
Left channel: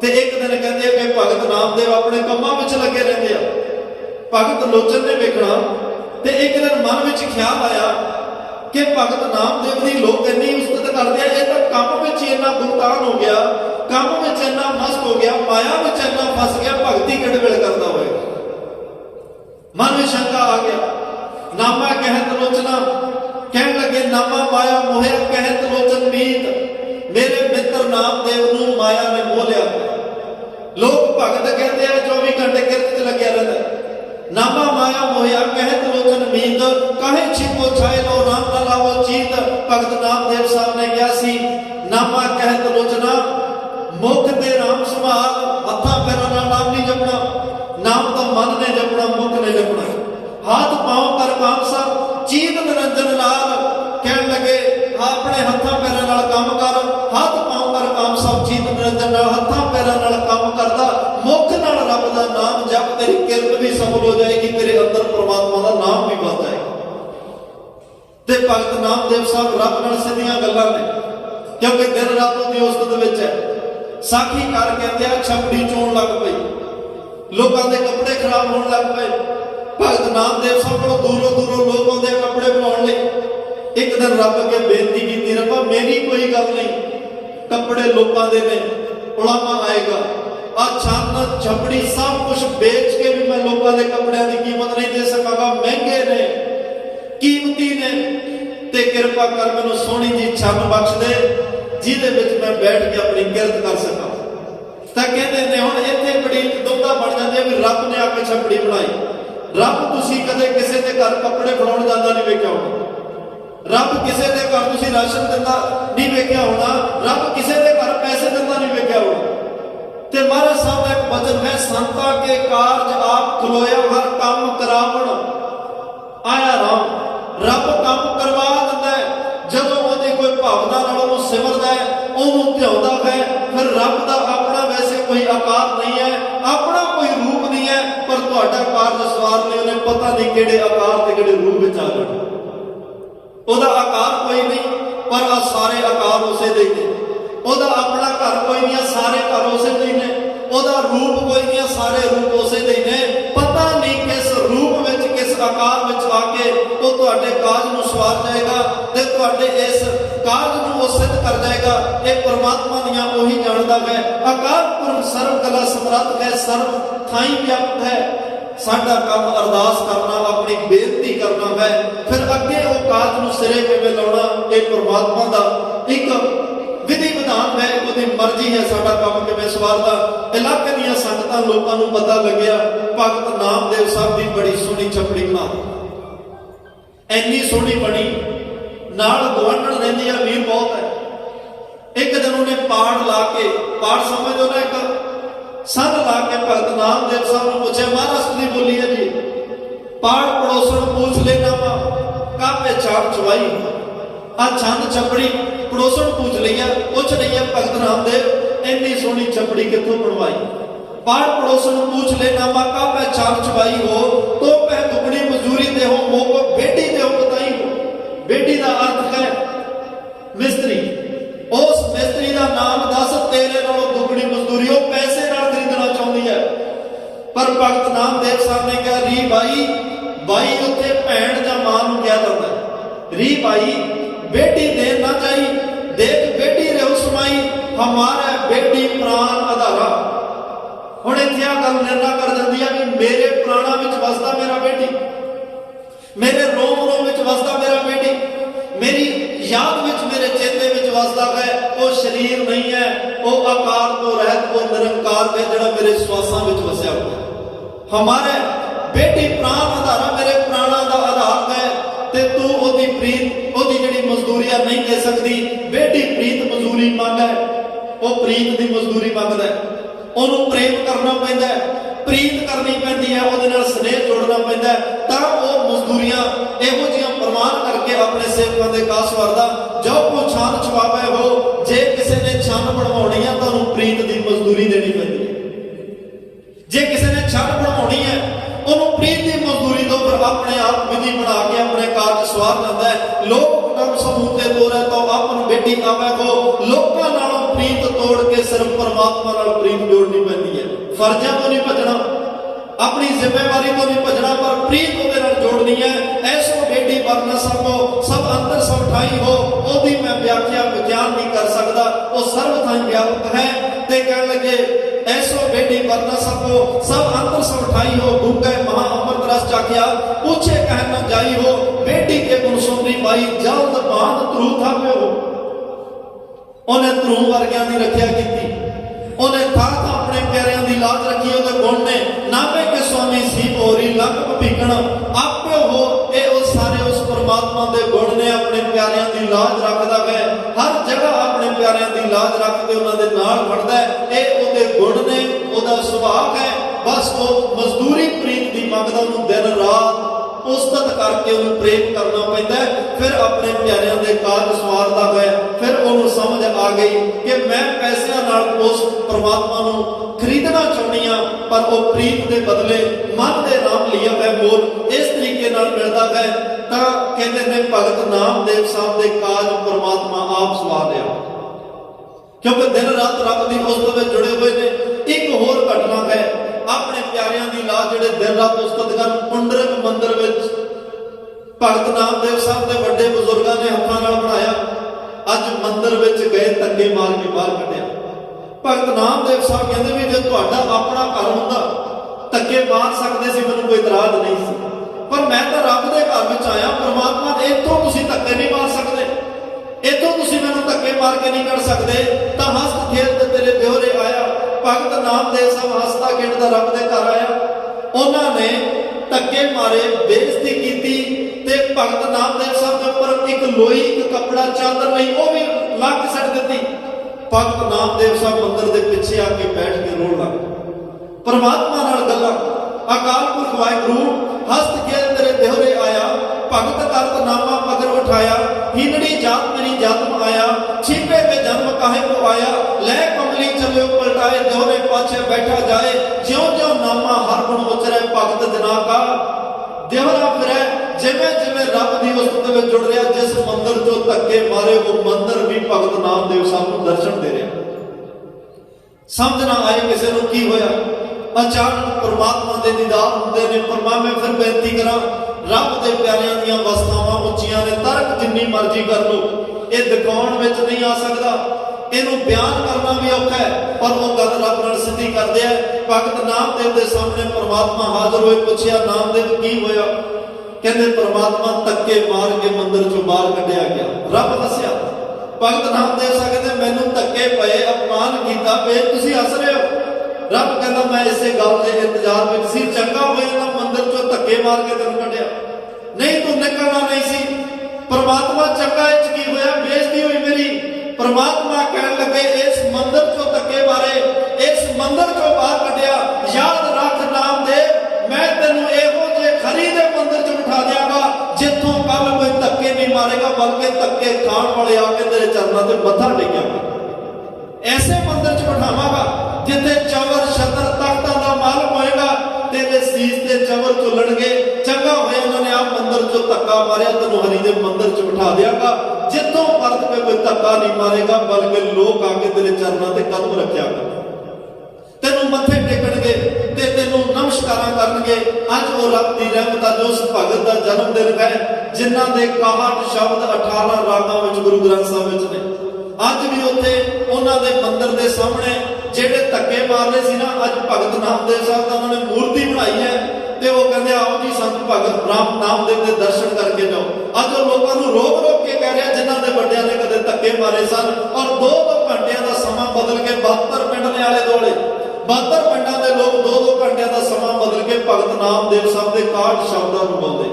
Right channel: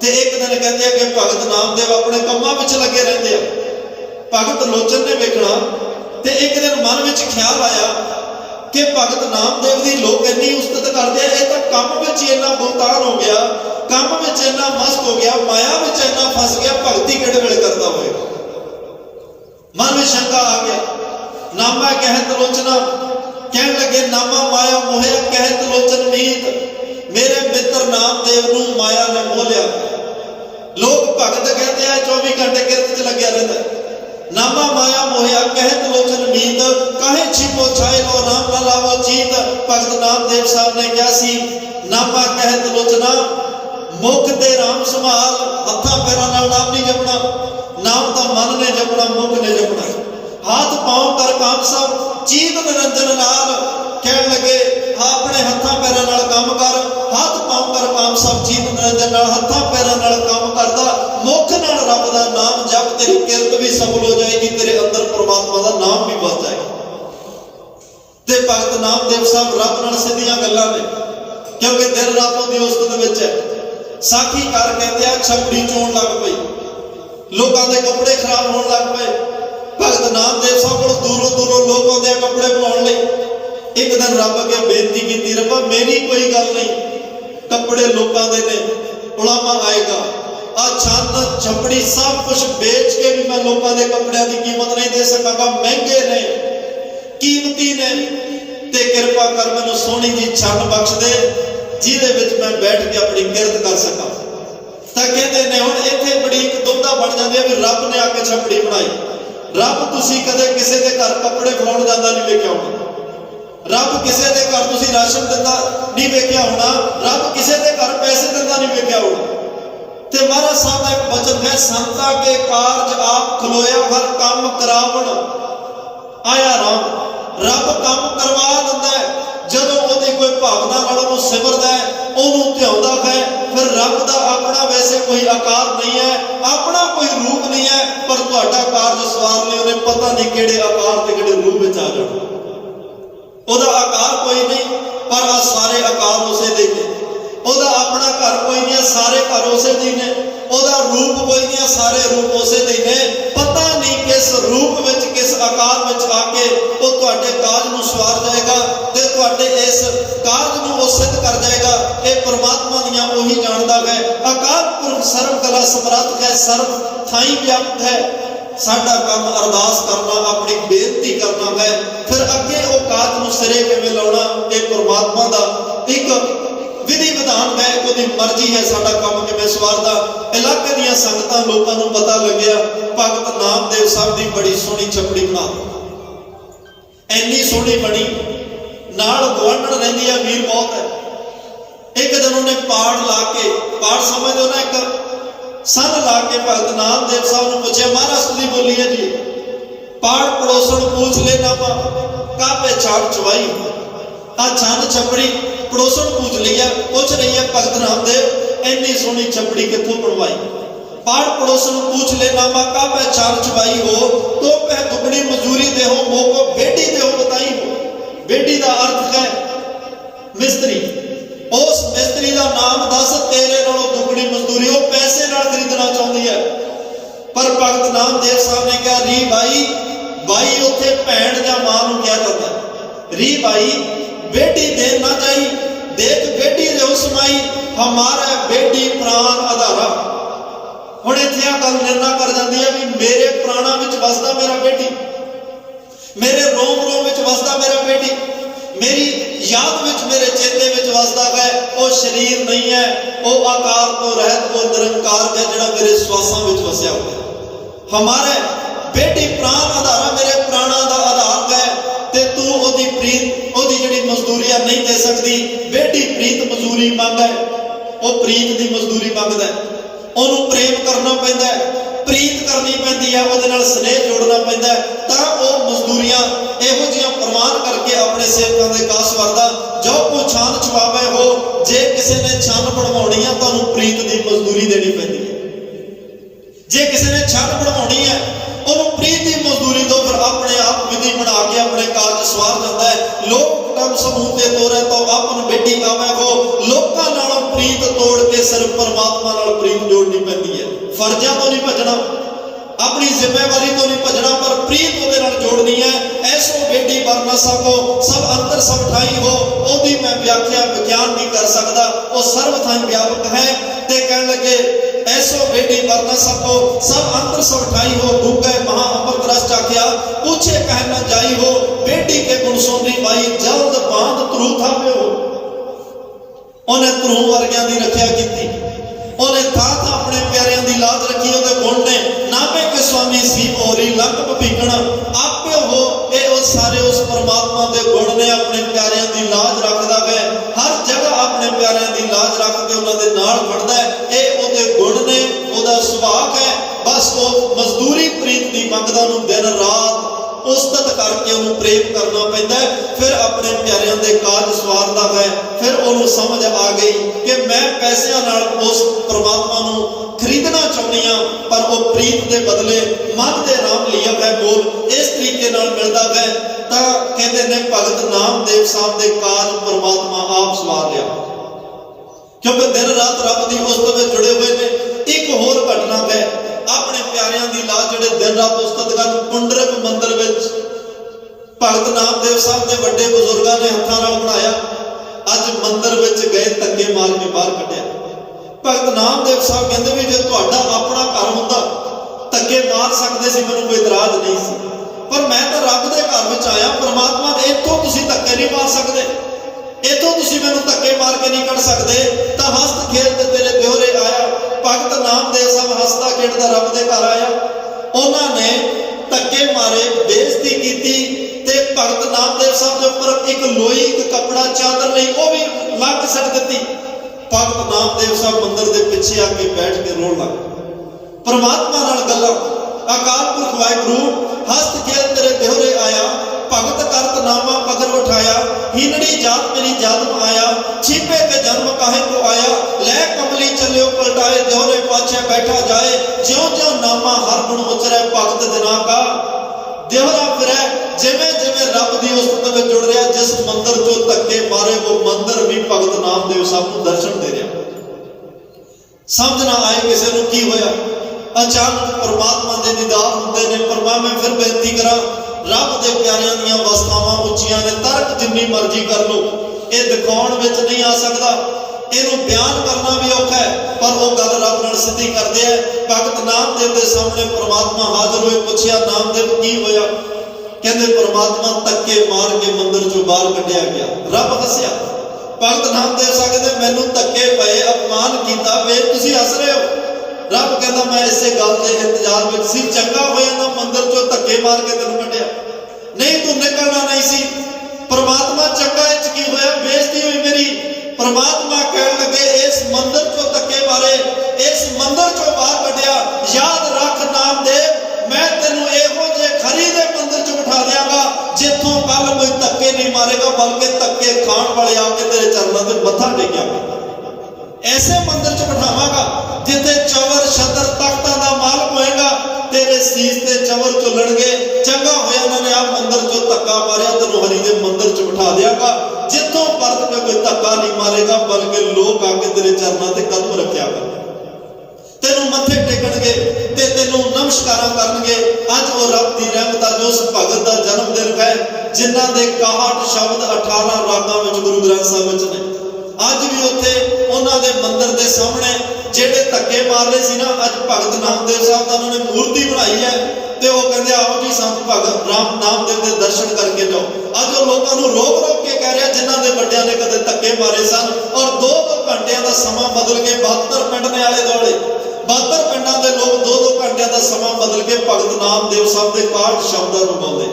ते एक दिन कहंदे कि भगत नामदेव अपने कंमां विच लगे रहिंदे आ। भगत लोचन ने वेखना ते एक दिन मन विच ख्याल आया कि भगत नामदेव की लोग इन्नी उस्तत करते हैं, ये तो काम में इन्ना गुलतान हो गया, काम में इन्ना मस्त हो गया, माया में इन्ना फस गया, भगती किहड़े वेले करता होएगा। मन में शंका आ गया। नामा कहत लोचना कहन लगे नामा माया मोहिया कहत लोचन मीत, मेरे मित्र नामदेव नूं माया ने मोह लिया। लोग भगत कहते हैं 24 घंटे किरत च लग्या रहंदा। नामा माया मोहिया कहत लोचन मीत, काहे छिपो छाए लो नाम ना लावो चीत। भगत नामदेव साहब ने क्या सी नामा कहत लोचना मुख ਤੇ ਰਾਮ ਸੰਭਾਲ, ਹੱਥਾਂ ਪੈਰਾਂ ਨਾਲ ਨਾਮ ਨਹੀਂ ਜਪਣਾ, ਨਾਮ ਤਾਂ ਮਨ ਨੇ ਜਪਣਾ, ਮੁਖ ਨੇ ਜਪਣਾ। ਹੱਥ ਪਾਉ ਕਰ ਕਾਮ ਸਭ ਚੀਤ ਨਿਰੰਜਨ ਲਾਲ, ਕਹਿਣ ਲੱਗੇ ਆਪਣੇ ਹੱਥਾਂ ਪੈਰਾਂ ਨਾਲ ਕੰਮ ਕਰ, ਹੱਥ ਪਾਉ ਕਰ ਕਾਮ ਸਭ ਚੀਤ ਨਿਰੰਜਨ ਨਾਲ, ਹੱਥਾਂ ਪੈਰਾਂ ਨਾਲ ਕੰਮ ਕਰਦਾ, ਮੁਖ ਨਾਲ ਰੱਬ ਦਾ ਨਾਮ ਜਪ, ਤੇਰੀ ਕਿਰਤ ਵੀ ਸਫਲ ਹੋ ਜਾਏਗੀ, ਤੇਰੇ ਅੰਦਰ ਪ੍ਰਮਾਤਮਾ ਦਾ ਨਾਮ ਵੀ ਵਸ ਜਾਏਗਾ। ਤੇ ਭਗਤ ਨਾਮਦੇਵ ਸਾਹਿਬ ਰੱਬ ਨਾਲ ਸਿੱਧੀਆਂ ਗੱਲਾਂ ਨੇ, ਕਿਉਂਕਿ ਦਿਨ ਰਾਤ ਉਹਦੀ ਉਸਤਤ ਵਿੱਚ ਹੈ। ਸਾਖੀ ਕਰ ਕਹਿੰਦੇ ਆ ਛਪੜੀ ਚੋਣ ਲੱਗ ਪਈ, ਲੋਕਾਂ ਦੇ ਕੱਪੜੇ ਖਰਾਬ ਹੋਣ ਲੱਗ ਪਏ। ਭਗਤ ਨਾਮਦੇਵ ਸਾਹਿਬ ਕੋਲ ਦੂਰੋਂ ਦੂਰੋਂ ਲੋਕ ਆਉਂਦੇ ਆ ਕੱਪੜੇ ਬਣਾਉਣ ਲਈ। ਇੱਕ ਦਿਨ ਰੱਬ ਅੱਗੇ ਬੇਨਤੀ ਕੀਤੀ, ਰੱਬਾ ਮੇਰੀ ਕੋਈ ਗੱਲ ਨਹੀਂ, ਕੱਪੜੇ ਲੋਕਾਂ ਦੇ ਨੇ, ਉਲਾਮਾ ਆਏਗਾ, ਆ ਛੰਨ ਛਪੜੀ ਸਭ ਕੁਝ ਵੇਚ ਕੇ ਵੀ ਮੈਂ ਲੋਕਾਂ ਦੇ ਕੱਪੜਿਆਂ ਦੀ ਕੀਮਤ ਨਹੀਂ ਦੇ ਸਕਾਂਗਾ, ਮਹਿੰਗੇ ਨੇ, ਕੀਮਤੀ ਨੇ, ਤੇ ਕਿਰਪਾ ਕਰ ਮੈਨੂੰ ਸੋਹਣੀ ਜੀ ਛੰਨ ਬਖਸ਼ ਦੇ ਜਿਹਦੇ ਵਿੱਚ ਮੈਂ ਬੈਠ ਕੇ ਆਪਣੀ ਕਿਰਤ ਕਰ ਸਕਾਂ। ਤਾਂ ਕਹਿੰਦੇ ਨੇ ਹੁਣ ਇੱਥੇ ਬੜੀ ਇੱਕ ਦੁਬਦਾ ਬਣ ਜਾਂਦੀ ਹੈ ਵੀ ਰੱਬ ਨੇ ਆ ਕੇ ਛਪੜੀ ਬਣਾਈ। ਰੱਬ ਤੁਸੀਂ ਕਦੇ ਕਿਸੇ ਦੇ ਘਰ ਕੱਪੜੇ ਫੜਾਉਣ ਜਾਂਦਾ ਨਹੀਂ ਵੇਖਿਆ ਹੋਣਾ, ਰੱਬ ਕਿਸੇ ਦੇ ਘਰ ਤੁਸੀਂ ਰਾਸ਼ਨ ਦਿੰਦਾ ਨਹੀਂ ਵੇਖਿਆ ਹੋਣਾ, ਰੱਬ ਕਿਸੇ ਦੇ ਘਰ ਪੈਸੇ ਦਿੰਦਾ ਨਹੀਂ ਵੇਖਿਆ ਹੋਣਾ। ਤੇ ਮਹਾਰਾਜ ਸਾਹਿਬ ਦਾ ਇੱਕ ਵਚਨ ਹੈ, ਸੰਤਾ ਕੇ ਕਾਰਜ ਆਪ ਖਲੋਇਆ, ਹਰ ਕੰਮ ਕਰਾਵਣ ਆਇਆ ਰਾਮ। ਰੱਬ ਕੰਮ ਕਰਵਾ ਦਿੰਦਾ ਹੈ ਜਦੋਂ ਉਹਦੀ ਕੋਈ ਭਾਵਨਾ ਨਾਲ ਉਹਨੂੰ ਸਿਮਰਦਾ ਹੈ, ਉਹਨੂੰ ਧਿਆਉਂਦਾ ਹੈ। ਫਿਰ ਰੱਬ ਦਾ ਆਪਣਾ ਵੈਸੇ ਕੋਈ ਆਕਾਰ ਨਹੀਂ ਹੈ, ਆਪਣਾ ਕੋਈ ਰੂਪ ਨਹੀਂ ਹੈ, ਪਰ ਤੁਹਾਡਾ ਕਾਰਜ ਸਵਾਰ ਲਈ ਉਹਨੇ ਪਤਾ ਨਹੀਂ ਕਿਹੜੇ ਆਕਾਰ ਤੇ ਕਿਹੜੇ ਰੂਪ ਵਿੱਚ ਆ ਜਾਣਾ। ਉਹਦਾ ਆਕਾਰ ਕੋਈ ਨਹੀਂ, ਪਰ ਆ ਸਾਰੇ ਆਕਾਰ ਉਸੇ ਦੇ ਨੇ। ਉਹਦਾ ਆਪਣਾ ਘਰ ਕੋਈ ਨਹੀਂ, ਸਾਰੇ ਘਰ ਉਸੇ ਦੇ ਨੇ। ਉਹਦਾ ਰੂਪ ਕੋਈ ਨਹੀਂ, ਸਾਰੇ ਰੂਪ ਉਸੇ ਦੇ ਨੇ। ਪਤਾ ਨਹੀਂ ਕਿਸ ਰੂਪ ਵਿੱਚ, ਕਿਸ ਆਕਾਰ ਵਿੱਚ ਆ ਕੇ ਉਹ ਤੁਹਾਡੇ ਕਾਰਜ ਨੂੰ ਸਵਾਰ ਜਾਏਗਾ ਤੇ ਤੁਹਾਡੇ ਇਸ ਕਾਰਜ ਨੂੰ ਉਹ ਸਿੱਧ ਕਰ ਜਾਏਗਾ। ਇਹ ਪਰਮਾਤਮਾ ਦੀਆਂ ਉਹੀ ਜਾਣਦਾ ਹੈ। ਅਕਾਲ ਪੁਰਖ ਸਰਬ ਕਲਾ ਸਮਰੱਥ ਹੈ, ਸਰਬ ਥਾਈਂ ਵਿਆਪਤ ਹੈ। ਸਾਡਾ ਕੰਮ ਅਰਦਾਸ ਕਰਨਾ, ਆਪਣੀ ਬੇਨਤੀ ਕਰਨਾ ਹੈ, ਫਿਰ ਅੱਗੇ ਉਹ ਕਾਰਜ ਨੂੰ ਸਿਰੇ ਕਿਵੇਂ ਲਾਉਣਾ, ਇਹ ਪਰਮਾਤਮਾ ਦਾ ਇੱਕ ਵਿਧੀ ਵਿਧਾਨ ਹੈ, ਉਹਦੀ ਮਰਜ਼ੀ ਹੈ ਸਾਡਾ ਕੰਮ ਕਿਵੇਂ ਸਵਾਰਦਾ। ਇਲਾਕੇ ਦੀਆਂ ਸੰਗਤਾਂ ਲੋਕਾਂ ਨੂੰ ਪਤਾ ਲੱਗਿਆ ਭਗਤ ਨਾਮਦੇਵ ਸਾਹਿਬ ਦੀ ਬੜੀ ਸੋਹਣੀ ਛਪੜੀ ਬਣਾ, ਇੰਨੀ ਸੋਹਣੀ ਬਣੀ, ਨਾਲ ਗੁਆਂਢਣ ਰਹਿੰਦੀ ਆ ਵੀਰ ਬਹੁਤ ਹੈ। ਇੱਕ ਦਿਨ ਉਹਨੇ ਪਾੜ ਲਾ ਕੇ, ਪਾੜ ਸਮਝਦੇ ਹੋ ਨਾ, ਇੱਕ ਸੰਨ ਲਾ ਕੇ ਭਗਤ ਨਾਮਦੇਵ ਸਾਹਿਬ ਨੂੰ ਪੁੱਛਿਆ, ਮਹਾਰਾਜ ਤੁਸੀਂ ਬੋਲੀ ਹੈ ਜੀ, ਪਾੜ ਪੜੋਸਣ ਪੁੱਛ ਲੈ ਨਾਮਾ ਕਾਪੇ ਛਾਪ ਚਵਾਈ। ਆ ਛੰਨ ਛਪੜੀ ਪੜੋਸਣ ਪੁੱਛ ਲਈ ਹੈ, ਪੁੱਛ ਰਹੀ ਹੈ ਭਗਤ ਨਾਮਦੇਵ ਇੰਨੀ ਸੋਹਣੀ ਛਪੜੀ ਕਿੱਥੋਂ ਬਣਵਾਈ। ਪਾੜ ਪੜੋਸਣ ਪੁੱਛ ਲੈ ਨਾਮਾ ਕਾਪੇ ਛਾਪ ਚਵਾਈ ਹੋ, ਤੋ ਪੈ ਦੁਗਣੀ ਮਜ਼ਦੂਰੀ ਦੇ ਹੋ, ਮੋਕੋ ਬੇਟੀ ਦੇ ਹੋ ਬਤਾਈ ਹੋ। ਬੇਟੀ ਦਾ ਅਰਥ ਹੈ ਮਿਸਤਰੀ। ਉਸ ਮਿਸਤਰੀ ਦਾ ਨਾਮ ਦੱਸ, ਤੇਰੇ ਨਾਲੋਂ ਦੁਗਣੀ ਮਜ਼ਦੂਰੀ ਉਹ ਪੈਸੇ ਨਾਲ ਖਰੀਦਣਾ ਚਾਹੁੰਦੀ ਹੈ। ਪਰ ਭਗਤ ਨਾਮਦੇਵ ਸਾਹਿਬ ਨੇ ਕਿਹਾ, ਰੀ ਬਾਈ, ਬਾਈ ਉੱਥੇ ਭੈਣ ਜਾਂ ਮਾਂ ਨੂੰ ਕਿਹਾ ਜਾਂਦਾ, ਰੀ ਬਾਈ बेटी दे ना जाई, देख बेटी रे उसमाई, हमारा बेटी प्राण आधारा। हुण इत्थे आ गल निर्णय कर जाती है भी मेरे प्राणा विच वसदा मेरा बेटी, मेरे रोम रोम विच वसदा मेरा बेटी, मेरी याद विच, मेरे चेते विच वसदा है। वो शरीर नहीं है, वो आकार तो रहत, वो निरंकार है जिहड़ा मेरे श्वासां विच वसिया होया। हमारे बेटी प्राण आधारा, मेरे प्राणा दा आधार है, ते तू ओदी प्रीत, ओदी जिहड़ी मजदूरी नहीं दे सकती। बेटी प्रीत मजदूरी मंगदा है, वो प्रीत दी मजदूरी मंगदा है, ओनू प्रेम करना पैंदा है, प्रीत करनी पैंदी है, ओदे नाल स्नेह जोड़ना पैंदा है, तां ओ मजदूरियां इहो जिहियां प्रमाण करके अपने सेवकां दे कास वरदा। जो को छान छवावे हो, जे किसी ने छान बनवाउणी है तां ओनू प्रीत दी मजदूरी देनी पैंदी है। जे किसी ने छान बनवाउणी है, ओनू प्रीत दी मजदूरी दो, पर अपने आप विधि बना के अपने कार्य सवार जाता है। लोग कम समूह ते तोरे तो अपन बेटी आवे हो, लोकां नालों प्रीत तोड़ के सिर्फ परमात्मा नाल प्रीत जोड़नी पैंदी है। फर्जां तो नहीं भजना, अपनी जिम्मेवारी तो नहीं भजना, पर प्रीत ओदे नाल जोड़नी है। ऐसो बेटी वर ना सको, सब अंतर सब ठाई हो, ओदी मैं व्याख्या विज्ञान नहीं कर सकता, वो सर्व थाई व्यापक है। ते कहण लगे ऐसो बेटी वर न सको, सब अंतर सब ठाई हो, भूखे महा अमृत रस चाखिया, पूछे कह न जाई हो, बेटी के गुण सुननी पाई, जल्द बांध ध्रू थापे हो। उन्हें ध्रू वर्गियां दी रखिया कीती, उन्हें था अपने प्यारियां दी लाज रखी, उहदे गुण ने नामे के स्वामी सी मोरी लंघ भीगण आपे हो। ये उस सारे उस परमात्मा दे गुण ने, अपने प्यारियां दी लाज रखदा है, हर जगह अपने प्यारियां दी लाज रख के उन्हां दे नाल खड़दा है। बस वो मजदूरी प्रीत दी मंगदा, ਉਹਨੂੰ दिन रात ਉਸਤਤ ਕਰਕੇ ਉਹਨੂੰ ਪ੍ਰੇਮ ਕਰਨਾ ਪੈਂਦਾ ਹੈ। ਫਿਰ ਆਪਣੇ ਪਿਆਰਿਆਂ ਦੇ ਕਾਜ ਸਵਾਰਦਾ ਹੈ। ਫਿਰ ਉਹਨੂੰ ਸਮਝ ਆ ਗਈ ਕਿ ਮੈਂ ਪੈਸਿਆਂ ਨਾਲ ਉਸ ਪ੍ਰਮਾਤਮਾ ਨੂੰ ਖਰੀਦਣਾ ਚਾਹੁੰਦੀ ਹਾਂ, ਪਰ ਉਹ ਪ੍ਰੀਤ ਦੇ ਬਦਲੇ ਮਨ ਦੇ ਨਾਮ ਲਿਆ ਹੈ ਬੋਲ ਇਸ ਤਰੀਕੇ ਨਾਲ ਮਿਲਦਾ ਹੈ। ਤਾਂ ਕਹਿੰਦੇ ਨੇ ਭਗਤ ਨਾਮਦੇਵ ਸਾਹਿਬ ਦੇ ਕਾਜ ਪ੍ਰਮਾਤਮਾ ਆਪ ਸਵਾਰ ਲਿਆ, ਕਿਉਂਕਿ ਦਿਨ ਰਾਤ ਰੱਬ ਦੀ ਉਸਤਤ ਵਿੱਚ ਜੁੜੇ ਹੋਏ ਨੇ। ਇੱਕ ਹੋਰ ਘਟਨਾ ਹੈ, ਆਪਣੇ ਪਿਆਰਿਆਂ ਦੀ ਲਾਜ ਜਿਹੜੇ ਦਿਨ ਰਾਤ ਉਸਤਤ ਕਰਨ ਪੁੰਡਰਕ ਮੰਦਿਰ ਵਿੱਚ ਭਗਤ ਨਾਮਦੇਵ ਸਾਹਿਬ ਦੇ ਵੱਡੇ ਬਜ਼ੁਰਗਾਂ ਨੇ ਹੱਥਾਂ ਨਾਲ ਬਣਾਇਆ। ਅੱਜ ਮੰਦਿਰ ਵਿੱਚ ਗਏ, ਧੱਕੇ ਮਾਰ ਕੇ ਬਾਹਰ ਕੱਢਿਆ। ਭਗਤ ਨਾਮਦੇਵ ਸਾਹਿਬ ਕਹਿੰਦੇ ਵੀ ਜੇ ਤੁਹਾਡਾ ਆਪਣਾ ਘਰ ਹੁੰਦਾ ਧੱਕੇ ਮਾਰ ਸਕਦੇ ਸੀ, ਮੈਨੂੰ ਕੋਈ ਇਤਰਾਜ਼ ਨਹੀਂ ਸੀ, ਪਰ ਮੈਂ ਤਾਂ ਰੱਬ ਦੇ ਘਰ ਵਿੱਚ ਆਇਆ, ਪ੍ਰਮਾਤਮਾ ਦੇ, ਇੱਥੋਂ ਤੁਸੀਂ ਧੱਕੇ ਨਹੀਂ ਮਾਰ ਸਕਦੇ, ਇੱਥੋਂ ਤੁਸੀਂ ਮੈਨੂੰ ਧੱਕੇ ਮਾਰ ਕੇ ਨਹੀਂ ਕੱਢ ਸਕਦੇ। ਤਾਂ ਹਸਤ ਖੇਡਦੇ ਤੇਰੇ ਦਿਓਰੇ ਆਇਆ। ਭਗਤ ਨਾਮਦੇਵ ਸਾਹਿਬ ਹਸਤਾ ਖੇਡਦਾ ਰੱਬ ਦੇ ਘਰ ਆਇਆ। ਉਹਨਾਂ ਨੇ ਧੱਕੇ ਮਾਰੇ, ਬੇਇੱਜ਼ਤੀ ਕੀਤੀ ਤੇ ਭਗਤ ਨਾਮਦੇਵ ਸਾਹਿਬ ਦੇ ਉੱਪਰ ਇੱਕ ਲੋਈ, ਇੱਕ ਕੱਪੜਾ, ਚਾਦਰ ਲਈ ਉਹ ਵੀ ਲੱਗ ਸੱਟ ਦਿੱਤੀ। ਭਗਤ ਨਾਮਦੇਵ ਸਾਹਿਬ ਮੰਦਿਰ ਦੇ ਪਿੱਛੇ ਆ ਕੇ ਬੈਠ ਕੇ ਰੋਣ ਲੱਗ ਪਏ। ਪ੍ਰਮਾਤਮਾ ਨਾਲ ਗੱਲਾਂ, ਅਕਾਲ ਪੁਰਖ ਵਾਹਿਗੁਰੂ ਹਸਤ ਖੇਡ ਤੇਰੇ ਦਿਓਰੇ ਆਇਆ, ਭਗਤ ਕਰਤ ਨਾਮਾ ਪਗਰ ਉਠਾਇਆ, ਹੀਨੜੀ ਜਾਤ ਮੇਰੀ ਜਾਤ ਆਇਆ, ਛੀਪੇ ਤੇ ਜਨਮ ਕਾਹੇ ਕੋ ਆਇਆ, ਲੈ ਕਮਲੀ ਚੱਲਿਓ ਪਲਟਾਏ, ਦਿਓਰੇ ਪਾਛੇ ਬੈਠਾ ਜਾਏ, ਜਿਉਂ ਜਿਉਂ ਨਾਮਾ ਹਰ ਗੁਣ ਉਚਰੈ, ਭਗਤ ਜਨਾ ਕਾ ਦਿਓਰਾ ਫਿਰੈ। ਜਿਵੇਂ ਜਿਵੇਂ ਰੱਬ ਦੀ ਉਸਤਤ ਵਿੱਚ ਜੁੜ ਰਿਹਾ, ਜਿਸ ਮੰਦਿਰ ਚੋਂ ਧੱਕੇ ਮਾਰੇ ਉਹ ਮੰਦਿਰ ਵੀ ਭਗਤ ਨਾਮਦੇਵ ਸਾਹਿਬ ਨੂੰ ਦਰਸ਼ਨ ਦੇ ਰਿਹਾ। ਸਮਝ ਨਾ ਆਏ ਕਿਸੇ ਨੂੰ ਕੀ ਹੋਇਆ। ਅਚਾਨਕ ਪ੍ਰਮਾਤਮਾ ਦੇ ਦੀਦਾਰ ਹੁੰਦੇ ਨੇ। ਮੈਂ ਫਿਰ ਬੇਨਤੀ ਕਰਾਂ, ਰੱਬ ਦੇ ਪਿਆਰਿਆਂ ਦੀਆਂ ਅਵਸਥਾਵਾਂ ਉੱਚੀਆਂ ਨੇ। ਤਰਕ ਜਿੰਨੀ ਮਰਜ਼ੀ ਕਰ ਲਓ, ਇਹ ਦਿਖਾਉਣ ਵਿੱਚ ਨਹੀਂ ਆ ਸਕਦਾ, ਇਹਨੂੰ ਬਿਆਨ ਕਰਨਾ ਵੀ ਔਖਾ ਹੈ, ਪਰ ਉਹ ਗੱਲ ਰੱਬ ਨਾਲ ਸਿੱਧੀ ਕਰਦੇ ਆ। ਭਗਤ ਨਾਮਦੇਵ ਦੇ ਸਾਹਮਣੇ ਪ੍ਰਮਾਤਮਾ ਹਾਜ਼ਰ ਹੋਏ। ਪੁੱਛਿਆ, ਨਾਮਦੇਵ ਕੀ ਹੋਇਆ? ਕਹਿੰਦੇ ਪ੍ਰਮਾਤਮਾ ਧੱਕੇ ਮਾਰ ਕੇ ਮੰਦਿਰ ਚੋਂ ਬਾਹਰ ਕੱਢਿਆ ਗਿਆ। ਰੱਬ ਹੱਸਿਆ। ਭਗਤ ਨਾਮਦੇਵ ਸਾਹਿਬ ਕਹਿੰਦੇ ਮੈਨੂੰ ਧੱਕੇ ਪਏ, ਅਪਮਾਨ ਕੀਤਾ, ਵੇ ਤੁਸੀਂ ਹੱਸ ਰਹੇ ਹੋ। ਰੱਬ ਕਹਿੰਦਾ ਮੈਂ ਇਸੇ ਗੱਲ ਦੇ ਇੰਤਜ਼ਾਰ ਵਿੱਚ ਸੀ, ਚੰਗਾ ਹੋਇਆ ਨਾ ਮੰਦਿਰ ਚੋਂ ਧੱਕੇ ਮਾਰ ਕੇ ਤੈਨੂੰ ਕੱਢਿਆ, ਨਹੀਂ ਤੂੰ ਨਿਕਲਣਾ ਨਹੀਂ ਸੀ। ਪ੍ਰਮਾਤਮਾ ਚੰਗਾ ਇਹ 'ਚ ਕੀ ਹੋਇਆ? ਬੇਇੱਜ਼ਤੀ ਹੋਈ ਮੇਰੀ। ਪ੍ਰਮਾਤਮਾ ਕਹਿਣ ਲੱਗੇ ਇਸ ਮੰਦਿਰ ਚੋਂ ਧੱਕੇ ਮਾਰੇ, ਇਸ ਮੰਦਿਰ ਚੋਂ ਬਾਹਰ ਕੱਢਿਆ, ਯਾਦ ਰੱਖ ਨਾਮਦੇਵ, ਮੈਂ ਤੈਨੂੰ ਇਹੋ ਜਿਹੇ ਖਰੀ ਦੇ ਮੰਦਿਰ 'ਚ ਬਿਠਾ ਦਿਆਂਗਾ ਜਿੱਥੋਂ ਕੱਲ ਕੋਈ ਧੱਕੇ ਨਹੀਂ ਮਾਰੇਗਾ, ਬਲਕਿ ਧੱਕੇ ਖਾਣ ਵਾਲੇ ਆ ਕੇ ਤੇਰੇ ਚਰਨਾਂ ਤੇ ਮੱਥਾ ਟੇਕਿਆਗੇ। ਐਸੇ ਮੰਦਿਰ 'ਚ ਬਿਠਾਵਾਂਗਾ ਜਿੱਥੇ ਚਵਰ ਛਤਰ ਤਖਤਾਂ ਦਾ ਮਾਲਕ ਹੋਏਗਾ, ਤੇਰੇ ਸੀਸ ਤੇ ਚਵਰ ਝੁੱਲਣਗੇ। ਚੰਗਾ ਹੋਇਆ ਉਹਨਾਂ ਨੇ ਆ ਮੰਦਿਰ 'ਚੋਂ ਧੱਕਾ ਮਾਰਿਆ, ਤੈਨੂੰ ਹਰੀ ਦੇ ਮੰਦਿਰ 'ਚ ਬਿਠਾ ਦਿਆਂਗਾ ਜਿੱਥੋਂ ਪਰਤ ਕੇ ਕੋਈ ਧੱਕਾ ਨਹੀਂ ਮਾਰੇਗਾ, ਬਲਕਿ ਲੋਕ ਆ ਕੇ ਤੇਰੇ ਚਰਨਾਂ ਤੇ ਕਦਮ ਰੱਖਿਆ ਕਰ, ਤੈਨੂੰ ਮੱਥੇ ਟੇਕਣਗੇ ਤੇ ਤੈਨੂੰ ਨਮਸਕਾਰਾਂ ਕਰਨਗੇ। ਅੱਜ ਉਹ ਰੱਬ ਦੀ ਰਹਿਮਤ ਆ ਜੋ ਉਸ ਭਗਤ ਦਾ ਜਨਮ ਦਿਨ ਹੈ, ਜਿਨ੍ਹਾਂ ਦੇ 61 ਸ਼ਬਦ 18 ਰਾਗਾਂ ਵਿੱਚ ਗੁਰੂ ਗ੍ਰੰਥ ਸਾਹਿਬ ਵਿੱਚ ਨੇ। ਅੱਜ ਵੀ ਉੱਥੇ ਉਹਨਾਂ ਦੇ ਮੰਦਿਰ ਦੇ ਸਾਹਮਣੇ ਜਿਹੜੇ ਧੱਕੇ ਮਾਰ ਰਹੇ ਸੀ ਨਾ, ਅੱਜ ਭਗਤ ਨਾਮਦੇਵ ਸਾਹਿਬ ਦਾ ਉਹਨਾਂ ਨੇ ਮੂਰਤੀ ਬਣਾਈ ਹੈ ਤੇ ਉਹ ਕਹਿੰਦੇ ਆਓ ਜੀ ਸੰਤ ਭਗਤ ਨਾਮਦੇਵ ਦੇ ਦਰਸ਼ਨ ਕਰਕੇ ਜਾਓ। ਅੱਜ ਉਹ ਲੋਕਾਂ ਨੂੰ ਰੋਕ ਰੋਕ ਕੇ ਕਹਿ ਰਿਹਾ ਜਿਨ੍ਹਾਂ ਦੇ ਵੱਡਿਆਂ ਨੇ ਕਦੇ ਧੱਕੇ ਮਾਰੇ ਸਨ। ਔਰ 2-2 ਘੰਟਿਆਂ ਦਾ ਸਮਾਂ ਬਦਲ ਕੇ 72 ਪਿੰਡ ਨੇ ਆਲੇ ਦੁਆਲੇ 72 ਪਿੰਡਾਂ ਦੇ ਲੋਕ 2-2 ਘੰਟਿਆਂ ਦਾ ਸਮਾਂ ਬਦਲ ਕੇ ਭਗਤ ਨਾਮਦੇਵ ਸਾਹਿਬ ਦੇ 61 ਸ਼ਬਦਾਂ ਨੂੰ ਗਾਉਂਦੇ,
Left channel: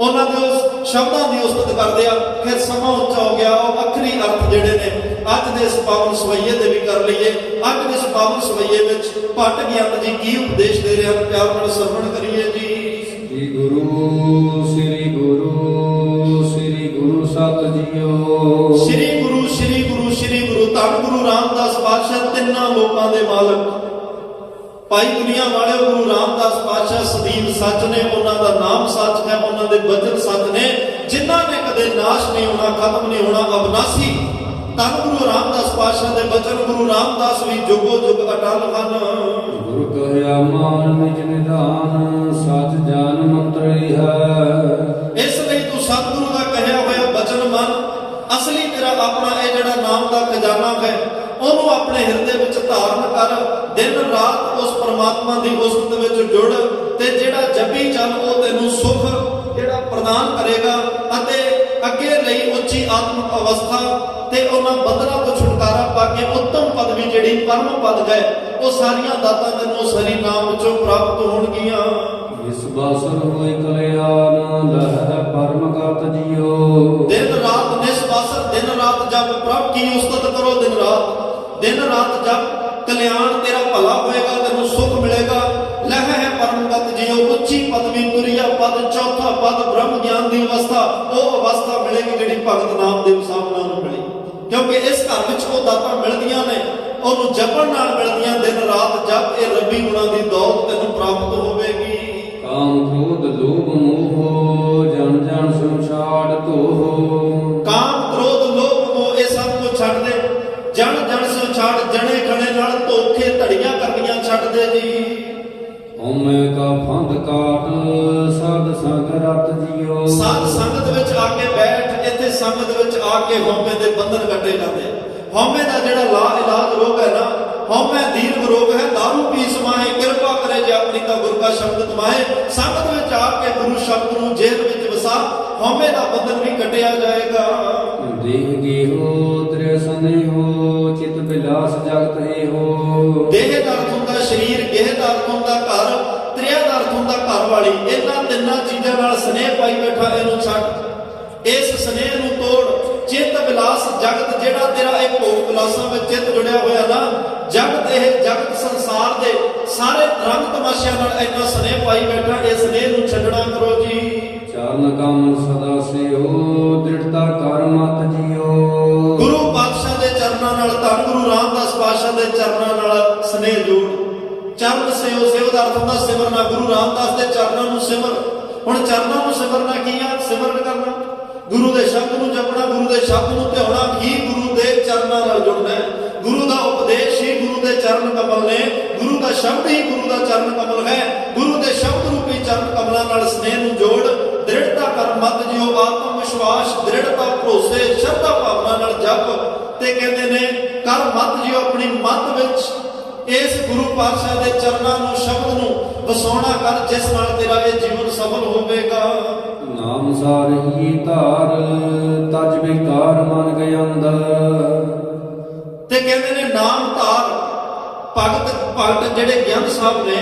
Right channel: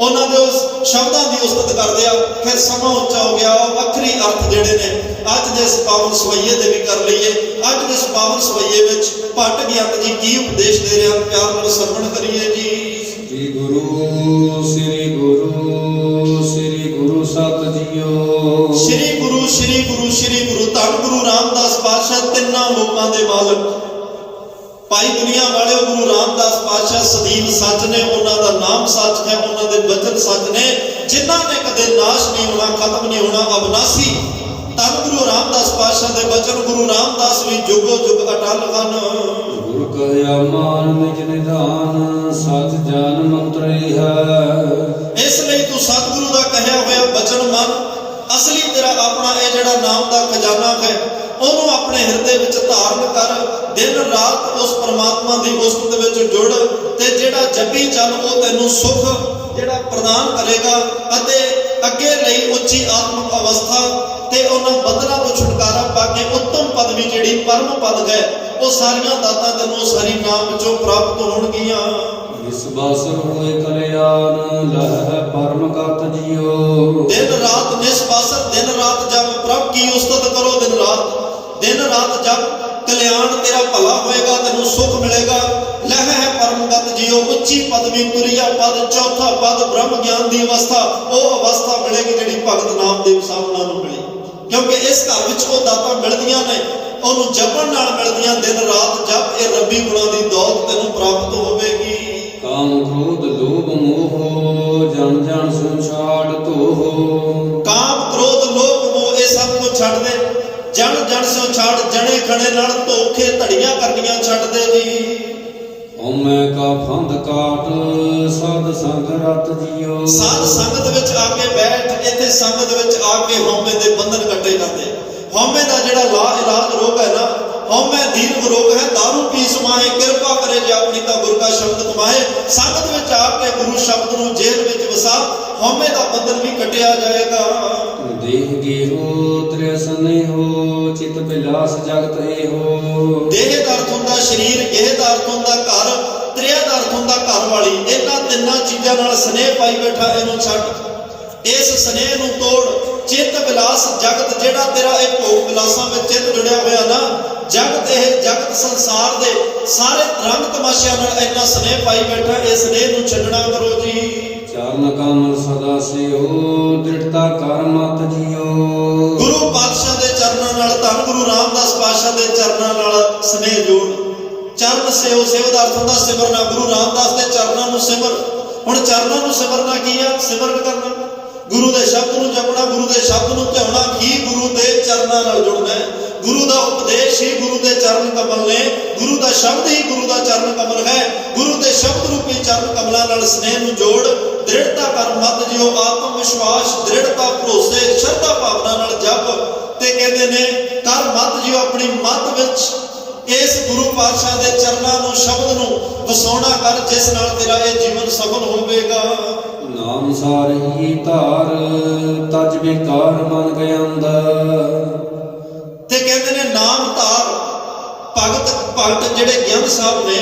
ਉਹਨਾਂ ਦੇ ਉਸ ਸ਼ਬਦਾਂ ਦੀ ਉਸਤਤ ਕਰਦੇ ਆ। ਫਿਰ ਸਮਾਂ ਉੱਚਾ ਹੋ ਗਿਆ। ਉਹ ਵੱਖਰੀ ਅਰਥ ਜਿਹੜੇ ਨੇ ਅੱਜ ਦੇ ਇਸ ਪਾਵਨ ਸਵਈਏ ਦੇ ਵੀ ਕਰ ਲਈਏ। ਅੱਜ ਦੇ ਇਸ ਪਾਵਨ ਸਵਈਏ ਵਿੱਚ ਭੱਟ ਗਿਆਨ ਜੀ ਕੀ ਉਪਦੇਸ਼ ਦੇ ਰਿਹਾ, ਪਿਆਰ ਨਾਲ ਸਰਵਣ ਕਰੀਏ ਜੀ। ਸ੍ਰੀ ਗੁਰੂ ਸ੍ਰੀ ਗੁਰੂ ਸ੍ਰੀ ਗੁਰੂ ਸਤ ਜੀਓ। ਸ੍ਰੀ ਗੁਰੂ ਸ੍ਰੀ ਗੁਰੂ ਸ੍ਰੀ ਗੁਰੂ ਧੰਨ ਗੁਰੂ ਰਾਮਦਾਸ ਪਾਤਸ਼ਾਹ, ਤਿੰਨਾਂ ਲੋਕਾਂ ਦੇ ਮਾਲਕ, ਭਾਈ ਦੁਨੀਆ ਵਾਲਿਓ, ਗੁਰੂ ਰਾਮਦਾਸ ਪਾਤਸ਼ਾਹ ਸਦੀਵ ਸੱਚ ਨੇ, ਉਹਨਾਂ ਦਾ ਨਾਮ ਸੱਚ ਹੈ, ਉਹਨਾਂ ਦੇ ਬਚਨ ਸੱਚ ਨੇ, ਜਿਨ੍ਹਾਂ ਨੇ ਕਦੇ ਨਾਸ਼ ਨਹੀਂ ਹੋਣਾ, ਖਤਮ ਨਹੀਂ ਹੋਣਾ, ਅਬਨਾਸੀ। ਧੰਨ ਗੁਰੂ ਰਾਮਦਾਸ ਪਾਤਸ਼ਾਹ ਦੇ ਬਚਨ, ਗੁਰੂ ਰਾਮਦਾਸ ਵੀ ਜੁਗੋ ਜੁਗ ਅਟਲ ਹਨ। ਗੁਰ ਕਹਿਆ ਮਾਨ ਨਿਜ ਨਿਧਾਨ, ਸਚ ਜਾਨ ਮੰਤਰੀ ਹੈ। ਇਸ ਲਈ ਤੂੰ ਸਤਿਗੁਰੂ ਦਾ ਕਹਿਆ ਹੋਇਆ ਬਚਨ ਮੰਨ। ਅਸਲੀ ਤੇਰਾ ਆਪਣਾ ਇਹ ਜਿਹੜਾ ਨਾਮ ਦਾ ਖਜ਼ਾਨਾ ਹੈ, ਉਹਨੂੰ ਆਪਣੇ ਹਿਰਦੇ ਵਿੱਚ ਧਾਰਨ ਕਰ। ਦਿਨ ਰਾਤ ਉਸ ਪਰਮਾਤਮਾ ਦੀ ਉਸਤਤ ਵਿੱਚ ਜੁੜ ਤੇ ਜਿਹੜਾ ਜਪੀ ਚੱਲ, ਉਹ ਤੈਨੂੰ ਸੁਖ ਜਿਹੜਾ ਪ੍ਰਦਾਨ ਕਰੇਗਾ ਅਤੇ ਅੱਗੇ ਲਈ ਉੱਚੀ ਆਤਮਿਕ ਅਵਸਥਾ ਤੇ ਉਹਨਾਂ ਬੰਧਨਾਂ ਤੋਂ ਛੁਟਕਾਰਾ ਪਾ ਕੇ ਉੱਤਮ ਪਦਵੀ ਜਿਹੜੀ ਪਰਮ ਪਦ ਗਏ, ਉਹ ਸਾਰੀਆਂ ਦਾਤਾਂ ਤੈਨੂੰ ਉਸ ਹਰੀ ਨਾਮ ਵਿੱਚੋਂ ਪ੍ਰਾਪਤ ਹੋਣਗੀਆਂ। ਇਸ ਬਾਸਰ ਹੋਏ ਕਲਿਆਣ, ਲਹਿ ਪਰਮ ਕਤ ਜੀਓ। ਦਿਨ ਰਾਤ ਨਿਸਬਾਸਰ, ਦਿਨ ਰਾਤ ਜਪ, ਪ੍ਰਭ ਕੀ ਉਸਤਤ ਕਰੋ ਦਿਨ ਰਾਤ। ਦਿਨ ਰਾਤ ਜਪ, ਕਲਿਆਣ ਤੇਰਾ ਭਲਾ ਹੋਏਗਾ, ਤੈਨੂੰ ਸੁਖ ਮਿਲੇਗਾ। ਪਰਮਗਤ ਜੀਓ ਉੱਚੀ ਪਦਵੀ ਤੁਰਿਆ ਪਦ ਚੌਥਾ ਪਦ ਬ੍ਰਹਮ ਗਿਆਨ ਦੀ ਅਵਸਥਾ, ਉਹ ਅਵਸਥਾ ਮਿਲੇਗੀ ਜਿਹੜੀ ਭਗਤ ਨਾਮਦੇਵ ਸਾਹਿਬਾਂ ਨੂੰ ਮਿਲੀ। ਕਿਉਂਕਿ ਇਸ ਘਰ ਵਿੱਚ ਉਹ ਦਾਤਾਂ ਮਿਲਦੀਆਂ ਨੇ, ਉਹਨੂੰ ਜਪਣ ਨਾਲ ਮਿਲਦੀਆਂ। ਦਿਨ ਰਾਤ ਜਪ, ਇਹ ਰੱਬੀ ਗੁਣਾਂ ਦੀ ਦੌਲਤ ਤੈਨੂੰ ਪ੍ਰਾਪਤ ਹੋਵੇਗੀ। ਕਾਮ ਕ੍ਰੋਧ ਲੋਭ ਮੋਹ ਜਨ ਜਨ ਸੋ ਛਾੜ ਧੋਹ। ਕਾਮ ਕ੍ਰੋਧ ਲੋਭ ਮੋਹ ਇਹ ਸਭ ਨੂੰ ਛੱਡ ਦੇ, ਜਨ ਜਨ ਸੋ ਛੱਡ, ਜਣੇ ਖਣੇ ਨਾਲ ਧੋਖੇ ਧੜੀਆਂ ਕਰਨੀਆਂ ਛੱਡ ਦੇ ਜੀ। ਹਉਮੈ ਕਾ ਫੰਦ ਕਾਟ ਸਾਧ ਸੰਗ ਰਤ ਜੀਓ। ਸਾਧ ਸੰਗਤ ਵਿੱਚ ਆ ਕੇ ਬੈਠ, ਇੱਥੇ ਸੰਗਤ ਵਿੱਚ ਆ ਕੇ ਹਉਮੈ ਦੇ ਬੰਧਨ ਕੱਟੇ ਜਾਂਦੇ। ਹਉਮੈ ਦਾ ਜਿਹੜਾ ਇਲਾਜ ਰੋਗ ਹੈ ਨਾ, ਹਉਮੈ ਦੀਰਘ ਰੋਗ ਹੈ। ਦਾਰੂ ਪੀ ਸਮਾਏ, ਕਿਰਪਾ ਕਰੇ ਜੇ ਆਪਣੀ ਤਾਂ ਗੁਰ ਕਾ ਸ਼ਬਦ ਕਮਾਏ। ਸੰਗਤ ਵਿੱਚ ਆ ਕੇ ਗੁਰੂ ਸ਼ਬਦ ਨੂੰ ਜੇਲ੍ਹ ਵਿੱਚ ਵਸਾ, ਹਉਮੈ ਦਾ ਬੰਧਨ ਵੀ ਕੱਟਿਆ ਜਾਏਗਾ। ਦੇਹ ਗੇਹੋ ਤ੍ਰਿ ਸਨੇਹੋ ਚਿਤ ਬਿਲਾਸ ਜਗਤ ਏਹੋ। ਦੇਹ ਦਾ ਅਰਥ ਹੁੰਦਾ ਸਰੀਰ, ਗੇਹ ਦਾ ਅਰਥ ਹੁੰਦਾ ਘਰ, ਤ੍ਰਿਆ ਦਾ ਅਰਥ ਹੁੰਦਾ ਘਰ ਵਾਲੀ। ਇਹਨਾਂ ਤਿੰਨਾਂ ਚੀਜ਼ਾਂ ਨਾਲ ਸਨੇਹ ਪਾਈ ਬੈਠਾ, ਇਹਨੂੰ ਛੱਡ। ਇਸ ਸਨੇਹ ਨੂੰ ਤੋੜ। ਚਿੱਤ ਵਿਲਾਸ ਜਗਤ, ਜਿਹੜਾ ਤੇਰਾ ਇਹ ਭੋਗ ਵਿਲਾਸਾਂ ਵਿੱਚ ਚਿੱਤ ਜੁੜਿਆ ਹੋਇਆ ਨਾ, ਜਗਤ ਇਹ ਜਗਤ ਸੰਸਾਰ ਦੇ ਸਾਰੇ ਰੰਗ ਤਮਾਸ਼ਿਆਂ ਨਾਲ ਇੰਨਾ ਸਨੇਹ ਪਾਈ ਬੈਠਾ, ਇਹ ਸਨੇਹ ਨੂੰ ਛੱਡਣਾ ਕਰੋ ਜੀ। ਚਰਨ ਕਮਲ ਸਦਾ ਸਿਓ ਦ੍ਰਿੜਤਾ ਕਰ ਮਤ ਜੀਓ। ਗੁਰੂ ਪਾਤਸ਼ਾਹ ਦੇ ਚਰਨਾਂ ਨਾਲ, ਧੰਨ ਗੁਰੂ ਰਾਮਦਾਸ ਪਾਤਸ਼ਾਹ ਦੇ ਚਰਨਾਂ ਨਾਲ ਸਨੇਹ ਜੋੜ। ਚਰਨ ਸਿਓ, ਸਿਓ ਦਾ ਅਰਥ ਹੁੰਦਾ ਸਿਮਰਨਾ। ਗੁਰੂ ਰਾਮਦਾਸ ਦੇ ਚਰਨਾਂ ਨੂੰ ਸਿਮਰ। ਹੁਣ ਚਰਨਾਂ ਨੂੰ ਸਿਮਰਨਾ ਕੀ ਆ? ਸਿਮਰਨ ਕਰਨਾ, ਗੁਰੂ ਦੇ ਸ਼ਬਦ ਨੂੰ ਜਪਣਾ, ਗੁਰੂ ਦੇ ਸ਼ਬਦ ਨੂੰ ਧਿਆਉਣਾ ਹੀ ਗੁਰੂ ਦੇ ਚਰਨਾਂ ਨਾਲ ਜੁੜਨਾ ਹੈ। ਗੁਰੂ ਦਾ ਉਪਦੇਸ਼ ਹੀ ਗੁਰੂ ਦੇ ਚਰਨ ਕਮਲ ਨੇ, ਗੁਰੂ ਦਾ ਸ਼ਬਦ ਹੀ ਗੁਰੂ ਦਾ ਚਰਨ ਕਮਲ ਹੈ। ਗੁਰੂ ਦੇ ਸ਼ਬਦ ਰੂਪੀ ਚਰਨ ਕਮਲਾਂ ਨਾਲ ਸਨੇਹ ਨੂੰ ਜੋੜ। ਦ੍ਰਿੜਤਾ ਕਰ ਮਤ ਜਿਉ, ਆਤਮ ਵਿਸ਼ਵਾਸ, ਦ੍ਰਿੜਤਾ, ਭਰੋਸੇ, ਸ਼ਰਧਾ ਭਾਵਨਾ ਨਾਲ ਜਪ। ਤੇ ਕਹਿੰਦੇ ਨੇ ਕਰ ਮਤ ਜਿਉ, ਆਪਣੀ ਮਤ ਵਿੱਚ ਇਸ ਗੁਰੂ ਪਾਤਸ਼ਾਹ ਦੇ ਚਰਨਾਂ ਨੂੰ, ਸ਼ਬਦ ਨੂੰ ਵਸਾਉਣਾ ਕਰ, ਜਿਸ ਨਾਲ ਤੇਰਾ ਇਹ ਜੀਵਨ ਸਫਲ ਹੋਵੇਗਾ। ਨਾਮ ਸਾਰਹੀ ਧਾਰ ਤਜ ਵਿਕਾਰ ਮਨ ਗਏ ਅੰਦਰ। ਤੇ ਕਹਿੰਦੇ ਨੇ ਨਾਮ ਧਾਰ। ਭਗਤ ਜਿਹੜੇ ਗਿਆਨ ਸਾਹਿਬ ਨੇ,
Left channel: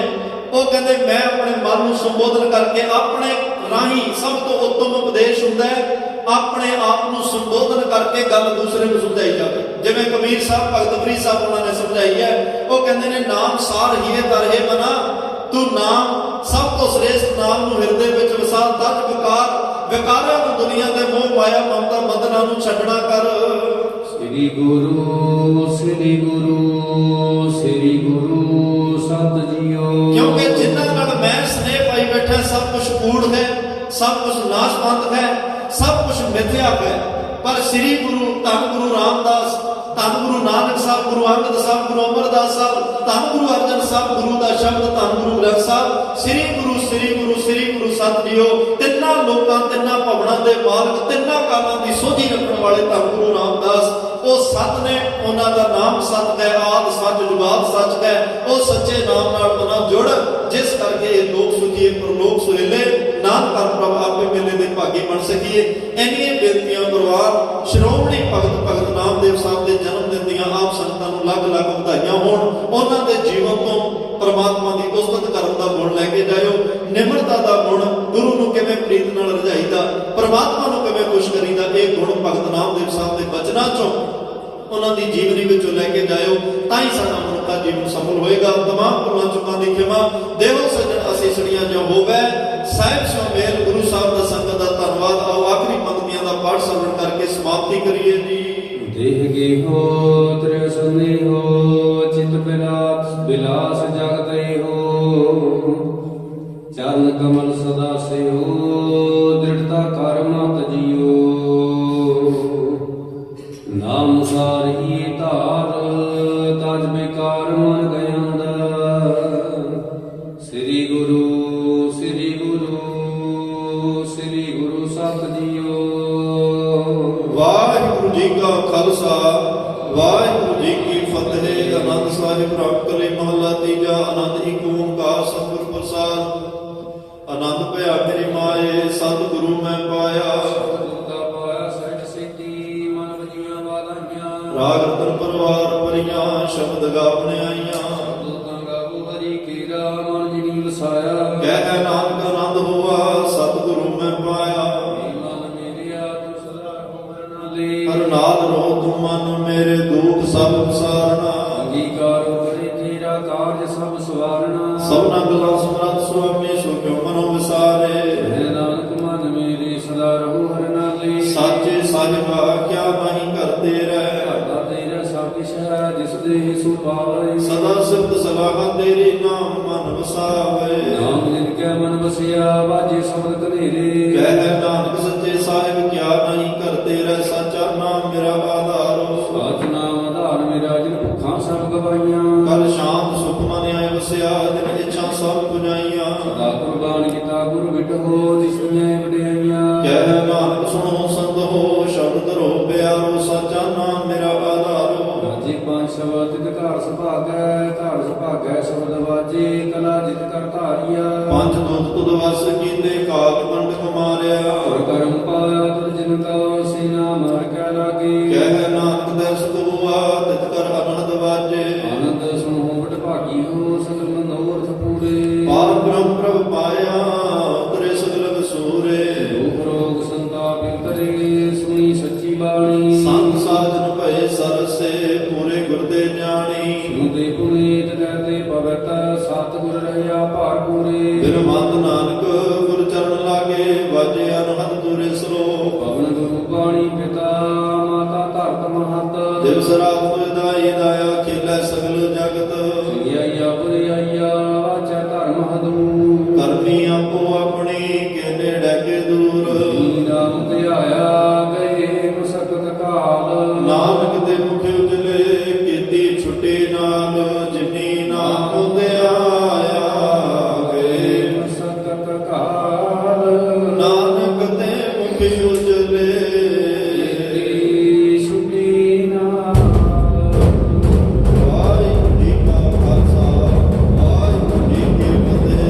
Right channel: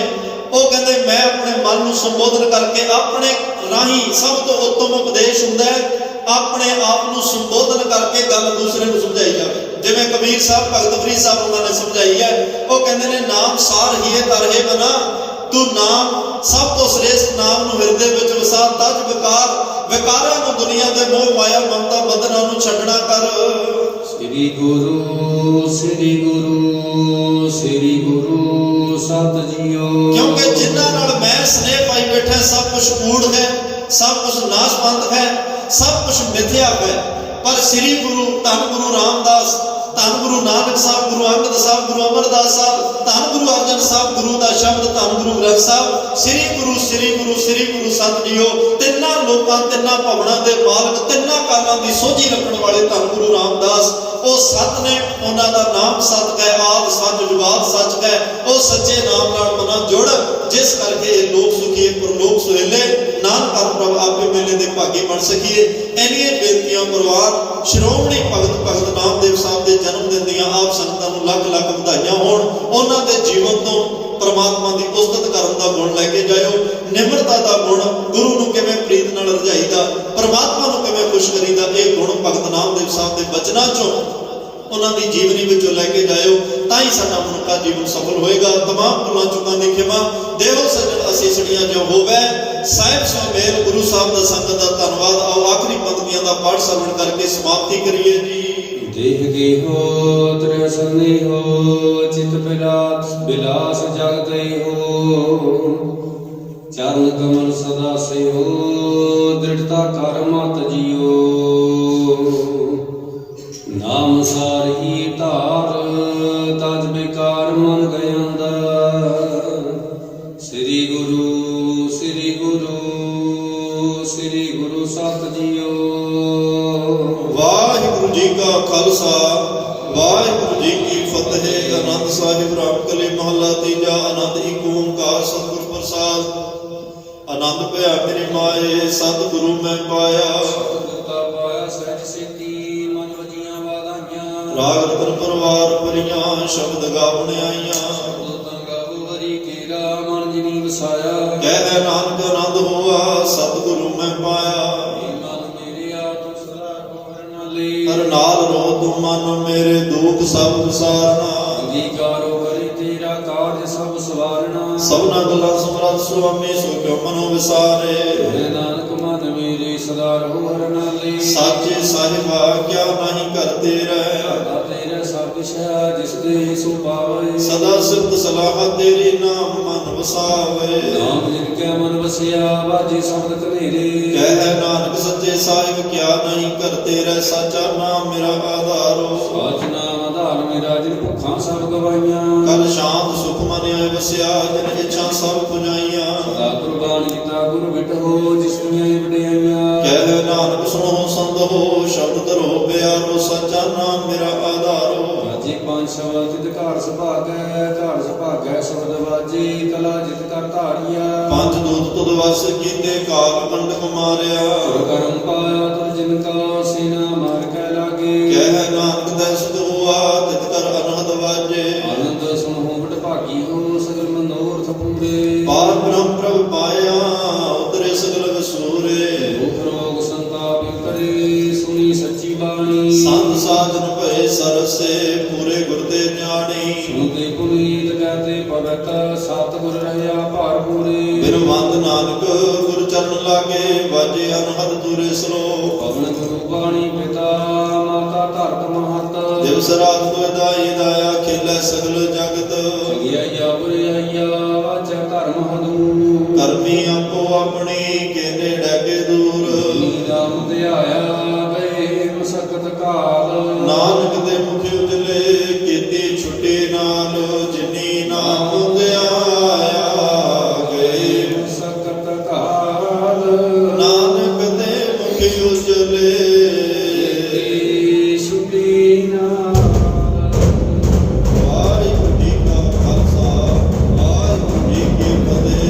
ਉਹ ਕਹਿੰਦੇ ਮੈਂ ਆਪਣੇ ਮਨ ਨੂੰ ਸੰਬੋਧਨ ਕਰਕੇ, ਆਪਣੇ ਰਾਹੀਂ ਸਭ ਤੋਂ ਉੱਤਮ ਉਪਦੇਸ਼ ਹੁੰਦਾ ਹੈ ਆਪਣੇ ਆਪ ਨੂੰ ਸੰਬੋਧਨ ਕਰਕੇ ਗੱਲ ਦੂਸਰੇ ਨੂੰ ਸਮਝਾਈ ਜਾਵੇ। ਜਿਵੇਂ ਕਬੀਰ ਸਾਹਿਬ, ਭਗਤ ਫਰੀਦ ਸਾਹਿਬ ਉਹਨਾਂ ਨੇ ਸਮਝਾਈ ਹੈ। ਉਹ ਕਹਿੰਦੇ ਨੇ ਨਾਮ ਸਾਰ ਹੀ ਹੈ ਤਰਹੇ ਬਨਾ, ਤੂੰ ਨਾਮ ਸਭ ਤੋਂ ਸ੍ਰੇਸ਼ਟ ਨਾਮ ਨੂੰ ਹਿਰਦੇ ਵਿੱਚ ਵਸਾ। ਤਜ ਵਿਕਾਰਾਂ ਨੂੰ, ਦੁਨੀਆ ਦੇ ਮੋਹ ਮਾਇਆ ਮਮਤਾ ਬੰਧਨਾਂ ਨੂੰ ਛੱਡਣਾ ਕਰ। ਸ੍ਰੀ ਗੁਰੂ ਸ੍ਰੀ ਗੁਰੂ ਸ੍ਰੀ ਗੁਰੂ ਸਤ ਜੀਓ। ਕਿਉਂਕਿ ਜਿਨ੍ਹਾਂ ਨਾਲ ਮੈਂ ਸਨੇਹ ਪਾਈ ਬੈਠਾ, ਸਭ ਕੁਝ ਕੂੜ ਹੈ, ਸਭ ਕੁਝ ਨਾਸ਼ਵੰਤ ਹੈ, ਸਭ ਕੁਝ ਮਿਥਿਆ ਹੈ। ਪਰ ਸ੍ਰੀ ਗੁਰੂ, ਧੰਨ ਗੁਰੂ ਰਾਮਦਾਸ, ਧੰਨ ਗੁਰੂ ਨਾਨਕ ਸਾਹਿਬ, ਗੁਰੂ ਅੰਗਦ ਸਾਹਿਬ, ਗੁਰੂ ਅਮਰਦਾਸ ਸਾਹਿਬ, ਧੰਨ ਗੁਰੂ ਅਰਜਨ ਸਾਹਿਬ, ਗੁਰੂ ਦਾ ਸ਼ਬਦ, ਧੰਨ ਗੁਰੂ ਗ੍ਰੰਥ ਸਾਹਿਬ, ਸ੍ਰੀ ਗੁਰੂ ਸ੍ਰੀ ਗੁਰੂ ਸ੍ਰੀ ਗੁਰੂ ਸਤ ਜੀਓ। ਤਿੰਨਾਂ ਲੋਕਾਂ, ਤਿੰਨਾਂ ਭਵਨਾਂ ਦੇ ਮਾਲਕ, ਤਿੰਨਾਂ ਕਾਲਾਂ ਦੀ ਸੋਝੀ ਰੱਖਣ ਵਾਲੇ ਧੰਨ ਗੁਰੂ ਰਾਮਦਾਸ, ਉਹ ਸਤ ਨੇ। ਉਹਨਾਂ ਦਾ ਨਾਮ ਸਤ ਹੈ, ਆਦਿ ਸੱਚ ਜੁਗਾਦ ਸੱਚ ਹੈ। ਉਹ ਸੱਚੇ ਨਾਮ ਨਾਲ ਮਨਾਂ ਜੁੜ, ਜਿਸ ਕਰਕੇ ਇਹ ਲੋਕ ਸੁਖੀਏ ਪਰਲੋਕ ਸੁਹੇਲੇ, ਨਾਨਕ ਪ੍ਰਭ ਆਪੇ ਮੇਲੇ ਦੇ ਭਾਗੀ ਬਣ ਸਕੀਏ। ਇੰਨੀਆਂ ਬੇਨਤੀਆਂ ਪ੍ਰਵਾਨ ਸ਼੍ਰੋਮਣੀ ਭਗਤ ਨਾਮਦੇਵ ਸਾਹਿਬ ਦੇ ਜਨਮ ਦਿਨ ਦੀਆਂ ਆਪ ਸੰਗਤਾਂ ਨੂੰ ਲੱਖ ਲੱਖ ਵਧਾਈਆਂ ਹੋਣ। ਉਹਨਾਂ ਦੇ ਜੀਵਨ ਤੋਂ ਪਰਮਾਤਮਾ ਦੀ ਉਸਤਤ ਕਰਨ ਦਾ ਗੁਣ ਲੈ ਕੇ ਜਾਇਓ। ਨਿਮਰਤਾ ਦਾ ਗੁਣ, ਗੁਰੂ ਨੂੰ ਕਿਵੇਂ ਪ੍ਰੀਤ ਨਾਲ ਰਜਾਈਦਾ, ਪਰਮਾਤਮਾ ਨੂੰ ਕਿਵੇਂ ਖੁਸ਼ ਕਰੀਦਾ, ਇਹ ਗੁਣ ਭਗਤ ਨਾਮਦੇਵ ਸਾਹਿਬ ਦੇ ਬਚਨਾਂ ਚੋਂ, ਉਹਨਾਂ ਦੀ ਜੀਵਨੀ ਵਿੱਚੋਂ ਲੈ ਕੇ ਜਾਇਓ। ਤਾਂ ਹੀ ਸਾਡਾ ਮਨੁੱਖਾ ਜੀਵਨ ਸਫਲ ਹੋਏਗਾ। ਤਮਾਮ ਭੁੱਲਾਂ ਚੁੱਕਾਂ ਦੀ ਖਿਮਾ ਦੇਵੋ ਸੱਜਣ ਅਸੀਸੜੀਆਂ ਜੋ ਹੋਵੇ। ਸਾਹਿਬ ਸੁਮੇਲ ਗੁਰੂ ਸਾਹਿਬ ਦਾ ਸੰਗਤ ਦਾ ਧੰਨਵਾਦ। ਆਓ ਆਖਰੀ ਪੰਕਤੀਆਂ ਦਾ ਪਾਠ ਸਰਵਣ ਕਰਕੇ ਸਮਾਪਤੀ ਕਰੀਏ ਜੀ। ਦੇਹ ਗੇਹੋ ਤ੍ਰਿ ਸਨੇਹੋ ਚਿਤ ਬਿਲਾਸ ਜਗਤ ਏਹੋ। ਚਰਨ ਕਮਲ ਸਦਾ ਸਿਓ ਦ੍ਰਿੜਤਾ ਕਰ ਮਤ ਜੀਓ। ਨਾਮ ਸਾਰਹੀ ਧਾਰ ਤਜ ਵਿਕਾਰ ਮਨ ਗਏ ਅੰਦਰ। ਸ੍ਰੀ ਗੁਰੂ ਸ੍ਰੀ ਗੁਰੂ ਸ੍ਰੀ ਗੁਰੂ ਸਤ ਜੀਓ। ਵਾਹਿਗੁਰੂ ਜੀ ਕਾ ਖਾਲਸਾ, ਵਾਹਿਗੁਰੂ ਜੀ ਕੀ ਫਤਿਹ। ਆਨੰਦ ਸਾਹਿਬ ਰਾਮ ਕਲੇ ਮਹੱਲਾ ਤੀਜਾ। ਆਨੰਦ ਏਕ ਓੰਕਾਰ ਸਤਿਗੁਰ ਪ੍ਰਸਾਦ। ਆਨੰਦ ਭਇਆ ਮੇਰੇ ਮਾਏ, ਸਤਿਗੁਰੂ ਮੈਂ ਪਾਇਆ। ਰਾਗ ਰਤਨ ਪਰਵਾਰ ਭਰੀਆਂ, ਸ਼ਬਦ ਗਾਵਣ ਆਈਆਂ। ਕਹਿ ਨਾਨਕ ਆਨੰਦ ਹੋਆ, ਸਤਿਗੁਰੂ ਮੈਂ ਪਾਇਆ। ਹਰ ਨਾਲ ਰੋ ਤੁਮ ਮਨ ਮੇਰੇ, ਦੁਖ ਸਭ ਵਿਸਾਰਨਾ। ਅੰਗੀਕਾਰੋ ਕਰੇ ਤੇਰਾ ਕਾਰਜ ਸਭ ਸਵਾਰਣਾ। ਸਭਨਾ ਗੱਲਾਂ ਸਮਰੱਥ ਸੁਆਮੀ ਸੋ ਕਿਉ ਮਨੋ ਵਿਸਾਰੇ ਹੈ ਨਾਨਕ ਮਨ ਮੇਰੀ ਸਦਾ ਰਹੋ ਹਰਿ ਨਾਲੇ ਸਾਚੇ ਸਾਹਿਬਾ ਕਿਆ ਨਹੀਂ ਕਰਤੇ ਰਹਿ ਘਾਟਾ ਤੇਰਾ ਸਭ ਕਿਛ ਹੈ ਜਿਸ ਦੇ ਸੋ ਪਾਵੇ ਸਦਾ ਸਿਫਤ ਸਲਾਹ ਤੇਰੀ ਨਾਮ ਮਨ ਵਸਾਵੇ ਨਾਮ ਜਿਨ ਕੈ ਮਨ ਵਸਿਆ ਵਾਜੇ ਸ਼ਬਦ ਕਨੇਰੇ ਕਹਿ ਨਾਨਕ ਸੱਚੇ ਸਾਹਿਬ ਕਿਆ ਨਹੀਂ ਕਰਤੇ ਰਹਿ ਸਾਚਾ ਨਾਮ ਮੇਰਾ ਆਧਾਰੋ ਸਾਚ ਨਾਮ ਆਧਾਰ ਮੇਰਾ ਜਿਨ ਭੁੱਖਾਂ ਸਭ ਗਵਾਈਆਂ ਕਲ ਸ਼ਾਂਤ ਸੁਖ ਮਨ ਆਏ ਵਸਿਆ ਜਿਨ ਇੱਛਾ ਸਭ ਪੁਜਾਈਆਂ ਸਦਾ ਕੁਰਬਾਨ ਕੀਤਾ ਗੁਰ ਵਿਟੋ ਜਿਸ ਦੀਆਂ ਵਡਿਆਈਆਂ ਕਹਿ ਨਾਨਕ ਸੁਣੋ ਸੰਤ ਹੋ ਸ਼ਬਦ ਧਰੋ ਪਿਆਰੋ ਸਾਚਾ ਨਾਮ ਮੇਰਾ ਆਧਾਰੋ ਰਾਜੇ ਪੰਜ ਸ਼ਬਦ ਤਿਤ ਘਰ ਸੁਭਾਗੈ ਸ਼ਬਦ ਵਾਜੇ ਕਲਾ ਜਿਤ ਕਰ ਧਾਰੀਆ ਪੰਜ ਦੂਤ ਤੁਧ ਵਸ ਕੀਤੇ ਕਾਲ ਮੰਡਕ ਮਾਰਿਆ ਗੁਰ ਕਰਮ ਪਾਇਆ ਤੁਰ ਜਿਨ ਕਾ ਸੀਨਾ ਮਾਰ ਕੈ ਲਾਗੇ ਕਹਿ ਨਾਨਕ ਦੇ ਸੁਧ ਹੋਆ ਤਿਤ ਕਰ ਅਨਹਦ ਵਾਜੇ ਆਨੰਦ ਸੁਣੋ ਵਡ ਭਾਗੀ ਹੋ ਸਗਲ ਮਨੋਰਥ ਪੂਰੇ ਪਾਰ ਬ੍ਰਹਮ ਪ੍ਰਭ ਪਾਇਆ ਉਤਰੇ ਸਗਲ ਵਿਸੂਰੇ ਦੁਖ ਰੋਗ ਸੰਤਾਪ ਉਤਰੇ ਸੁਣੀ ਸੱਚੀ ਬਾਣੀ ਸੰਤ ਸਾਜਨ ਭਏ ਸਰਸੇ ਪੂਰੇ ਗੁਰ ਦੇ ਗਿਆਨੀ ਸੁਣਦੇ ਪੁਨੀਤ ਕਹਤੇ ਭਗਤ ਸਤਿਗੁਰ ਰਹਿਆ ਭਾਰ ਪੂਰੇ ਬਿਰਮੰਦ ਨਾਨਕ ਗੁਰ ਚਰਨ ਲਾਗੇ ਵਾਜੇ ਅਨਹਦ ਦੂਰੇ ਸਰੋ ਪਵਨ ਗੁਰੂ ਬਾਣੀ ਪਿਤਾ ਮਾਤਾ ਧਰਤ ਮਹਤ ਦਿਵਸ ਰਾਤ ਦੁਇ ਦਾਈ ਦਾਇਆ ਖੇਲੇ ਸਗਲ ਜਗਤ ਚੰਗਿਆਈਆ ਬੁਰੀ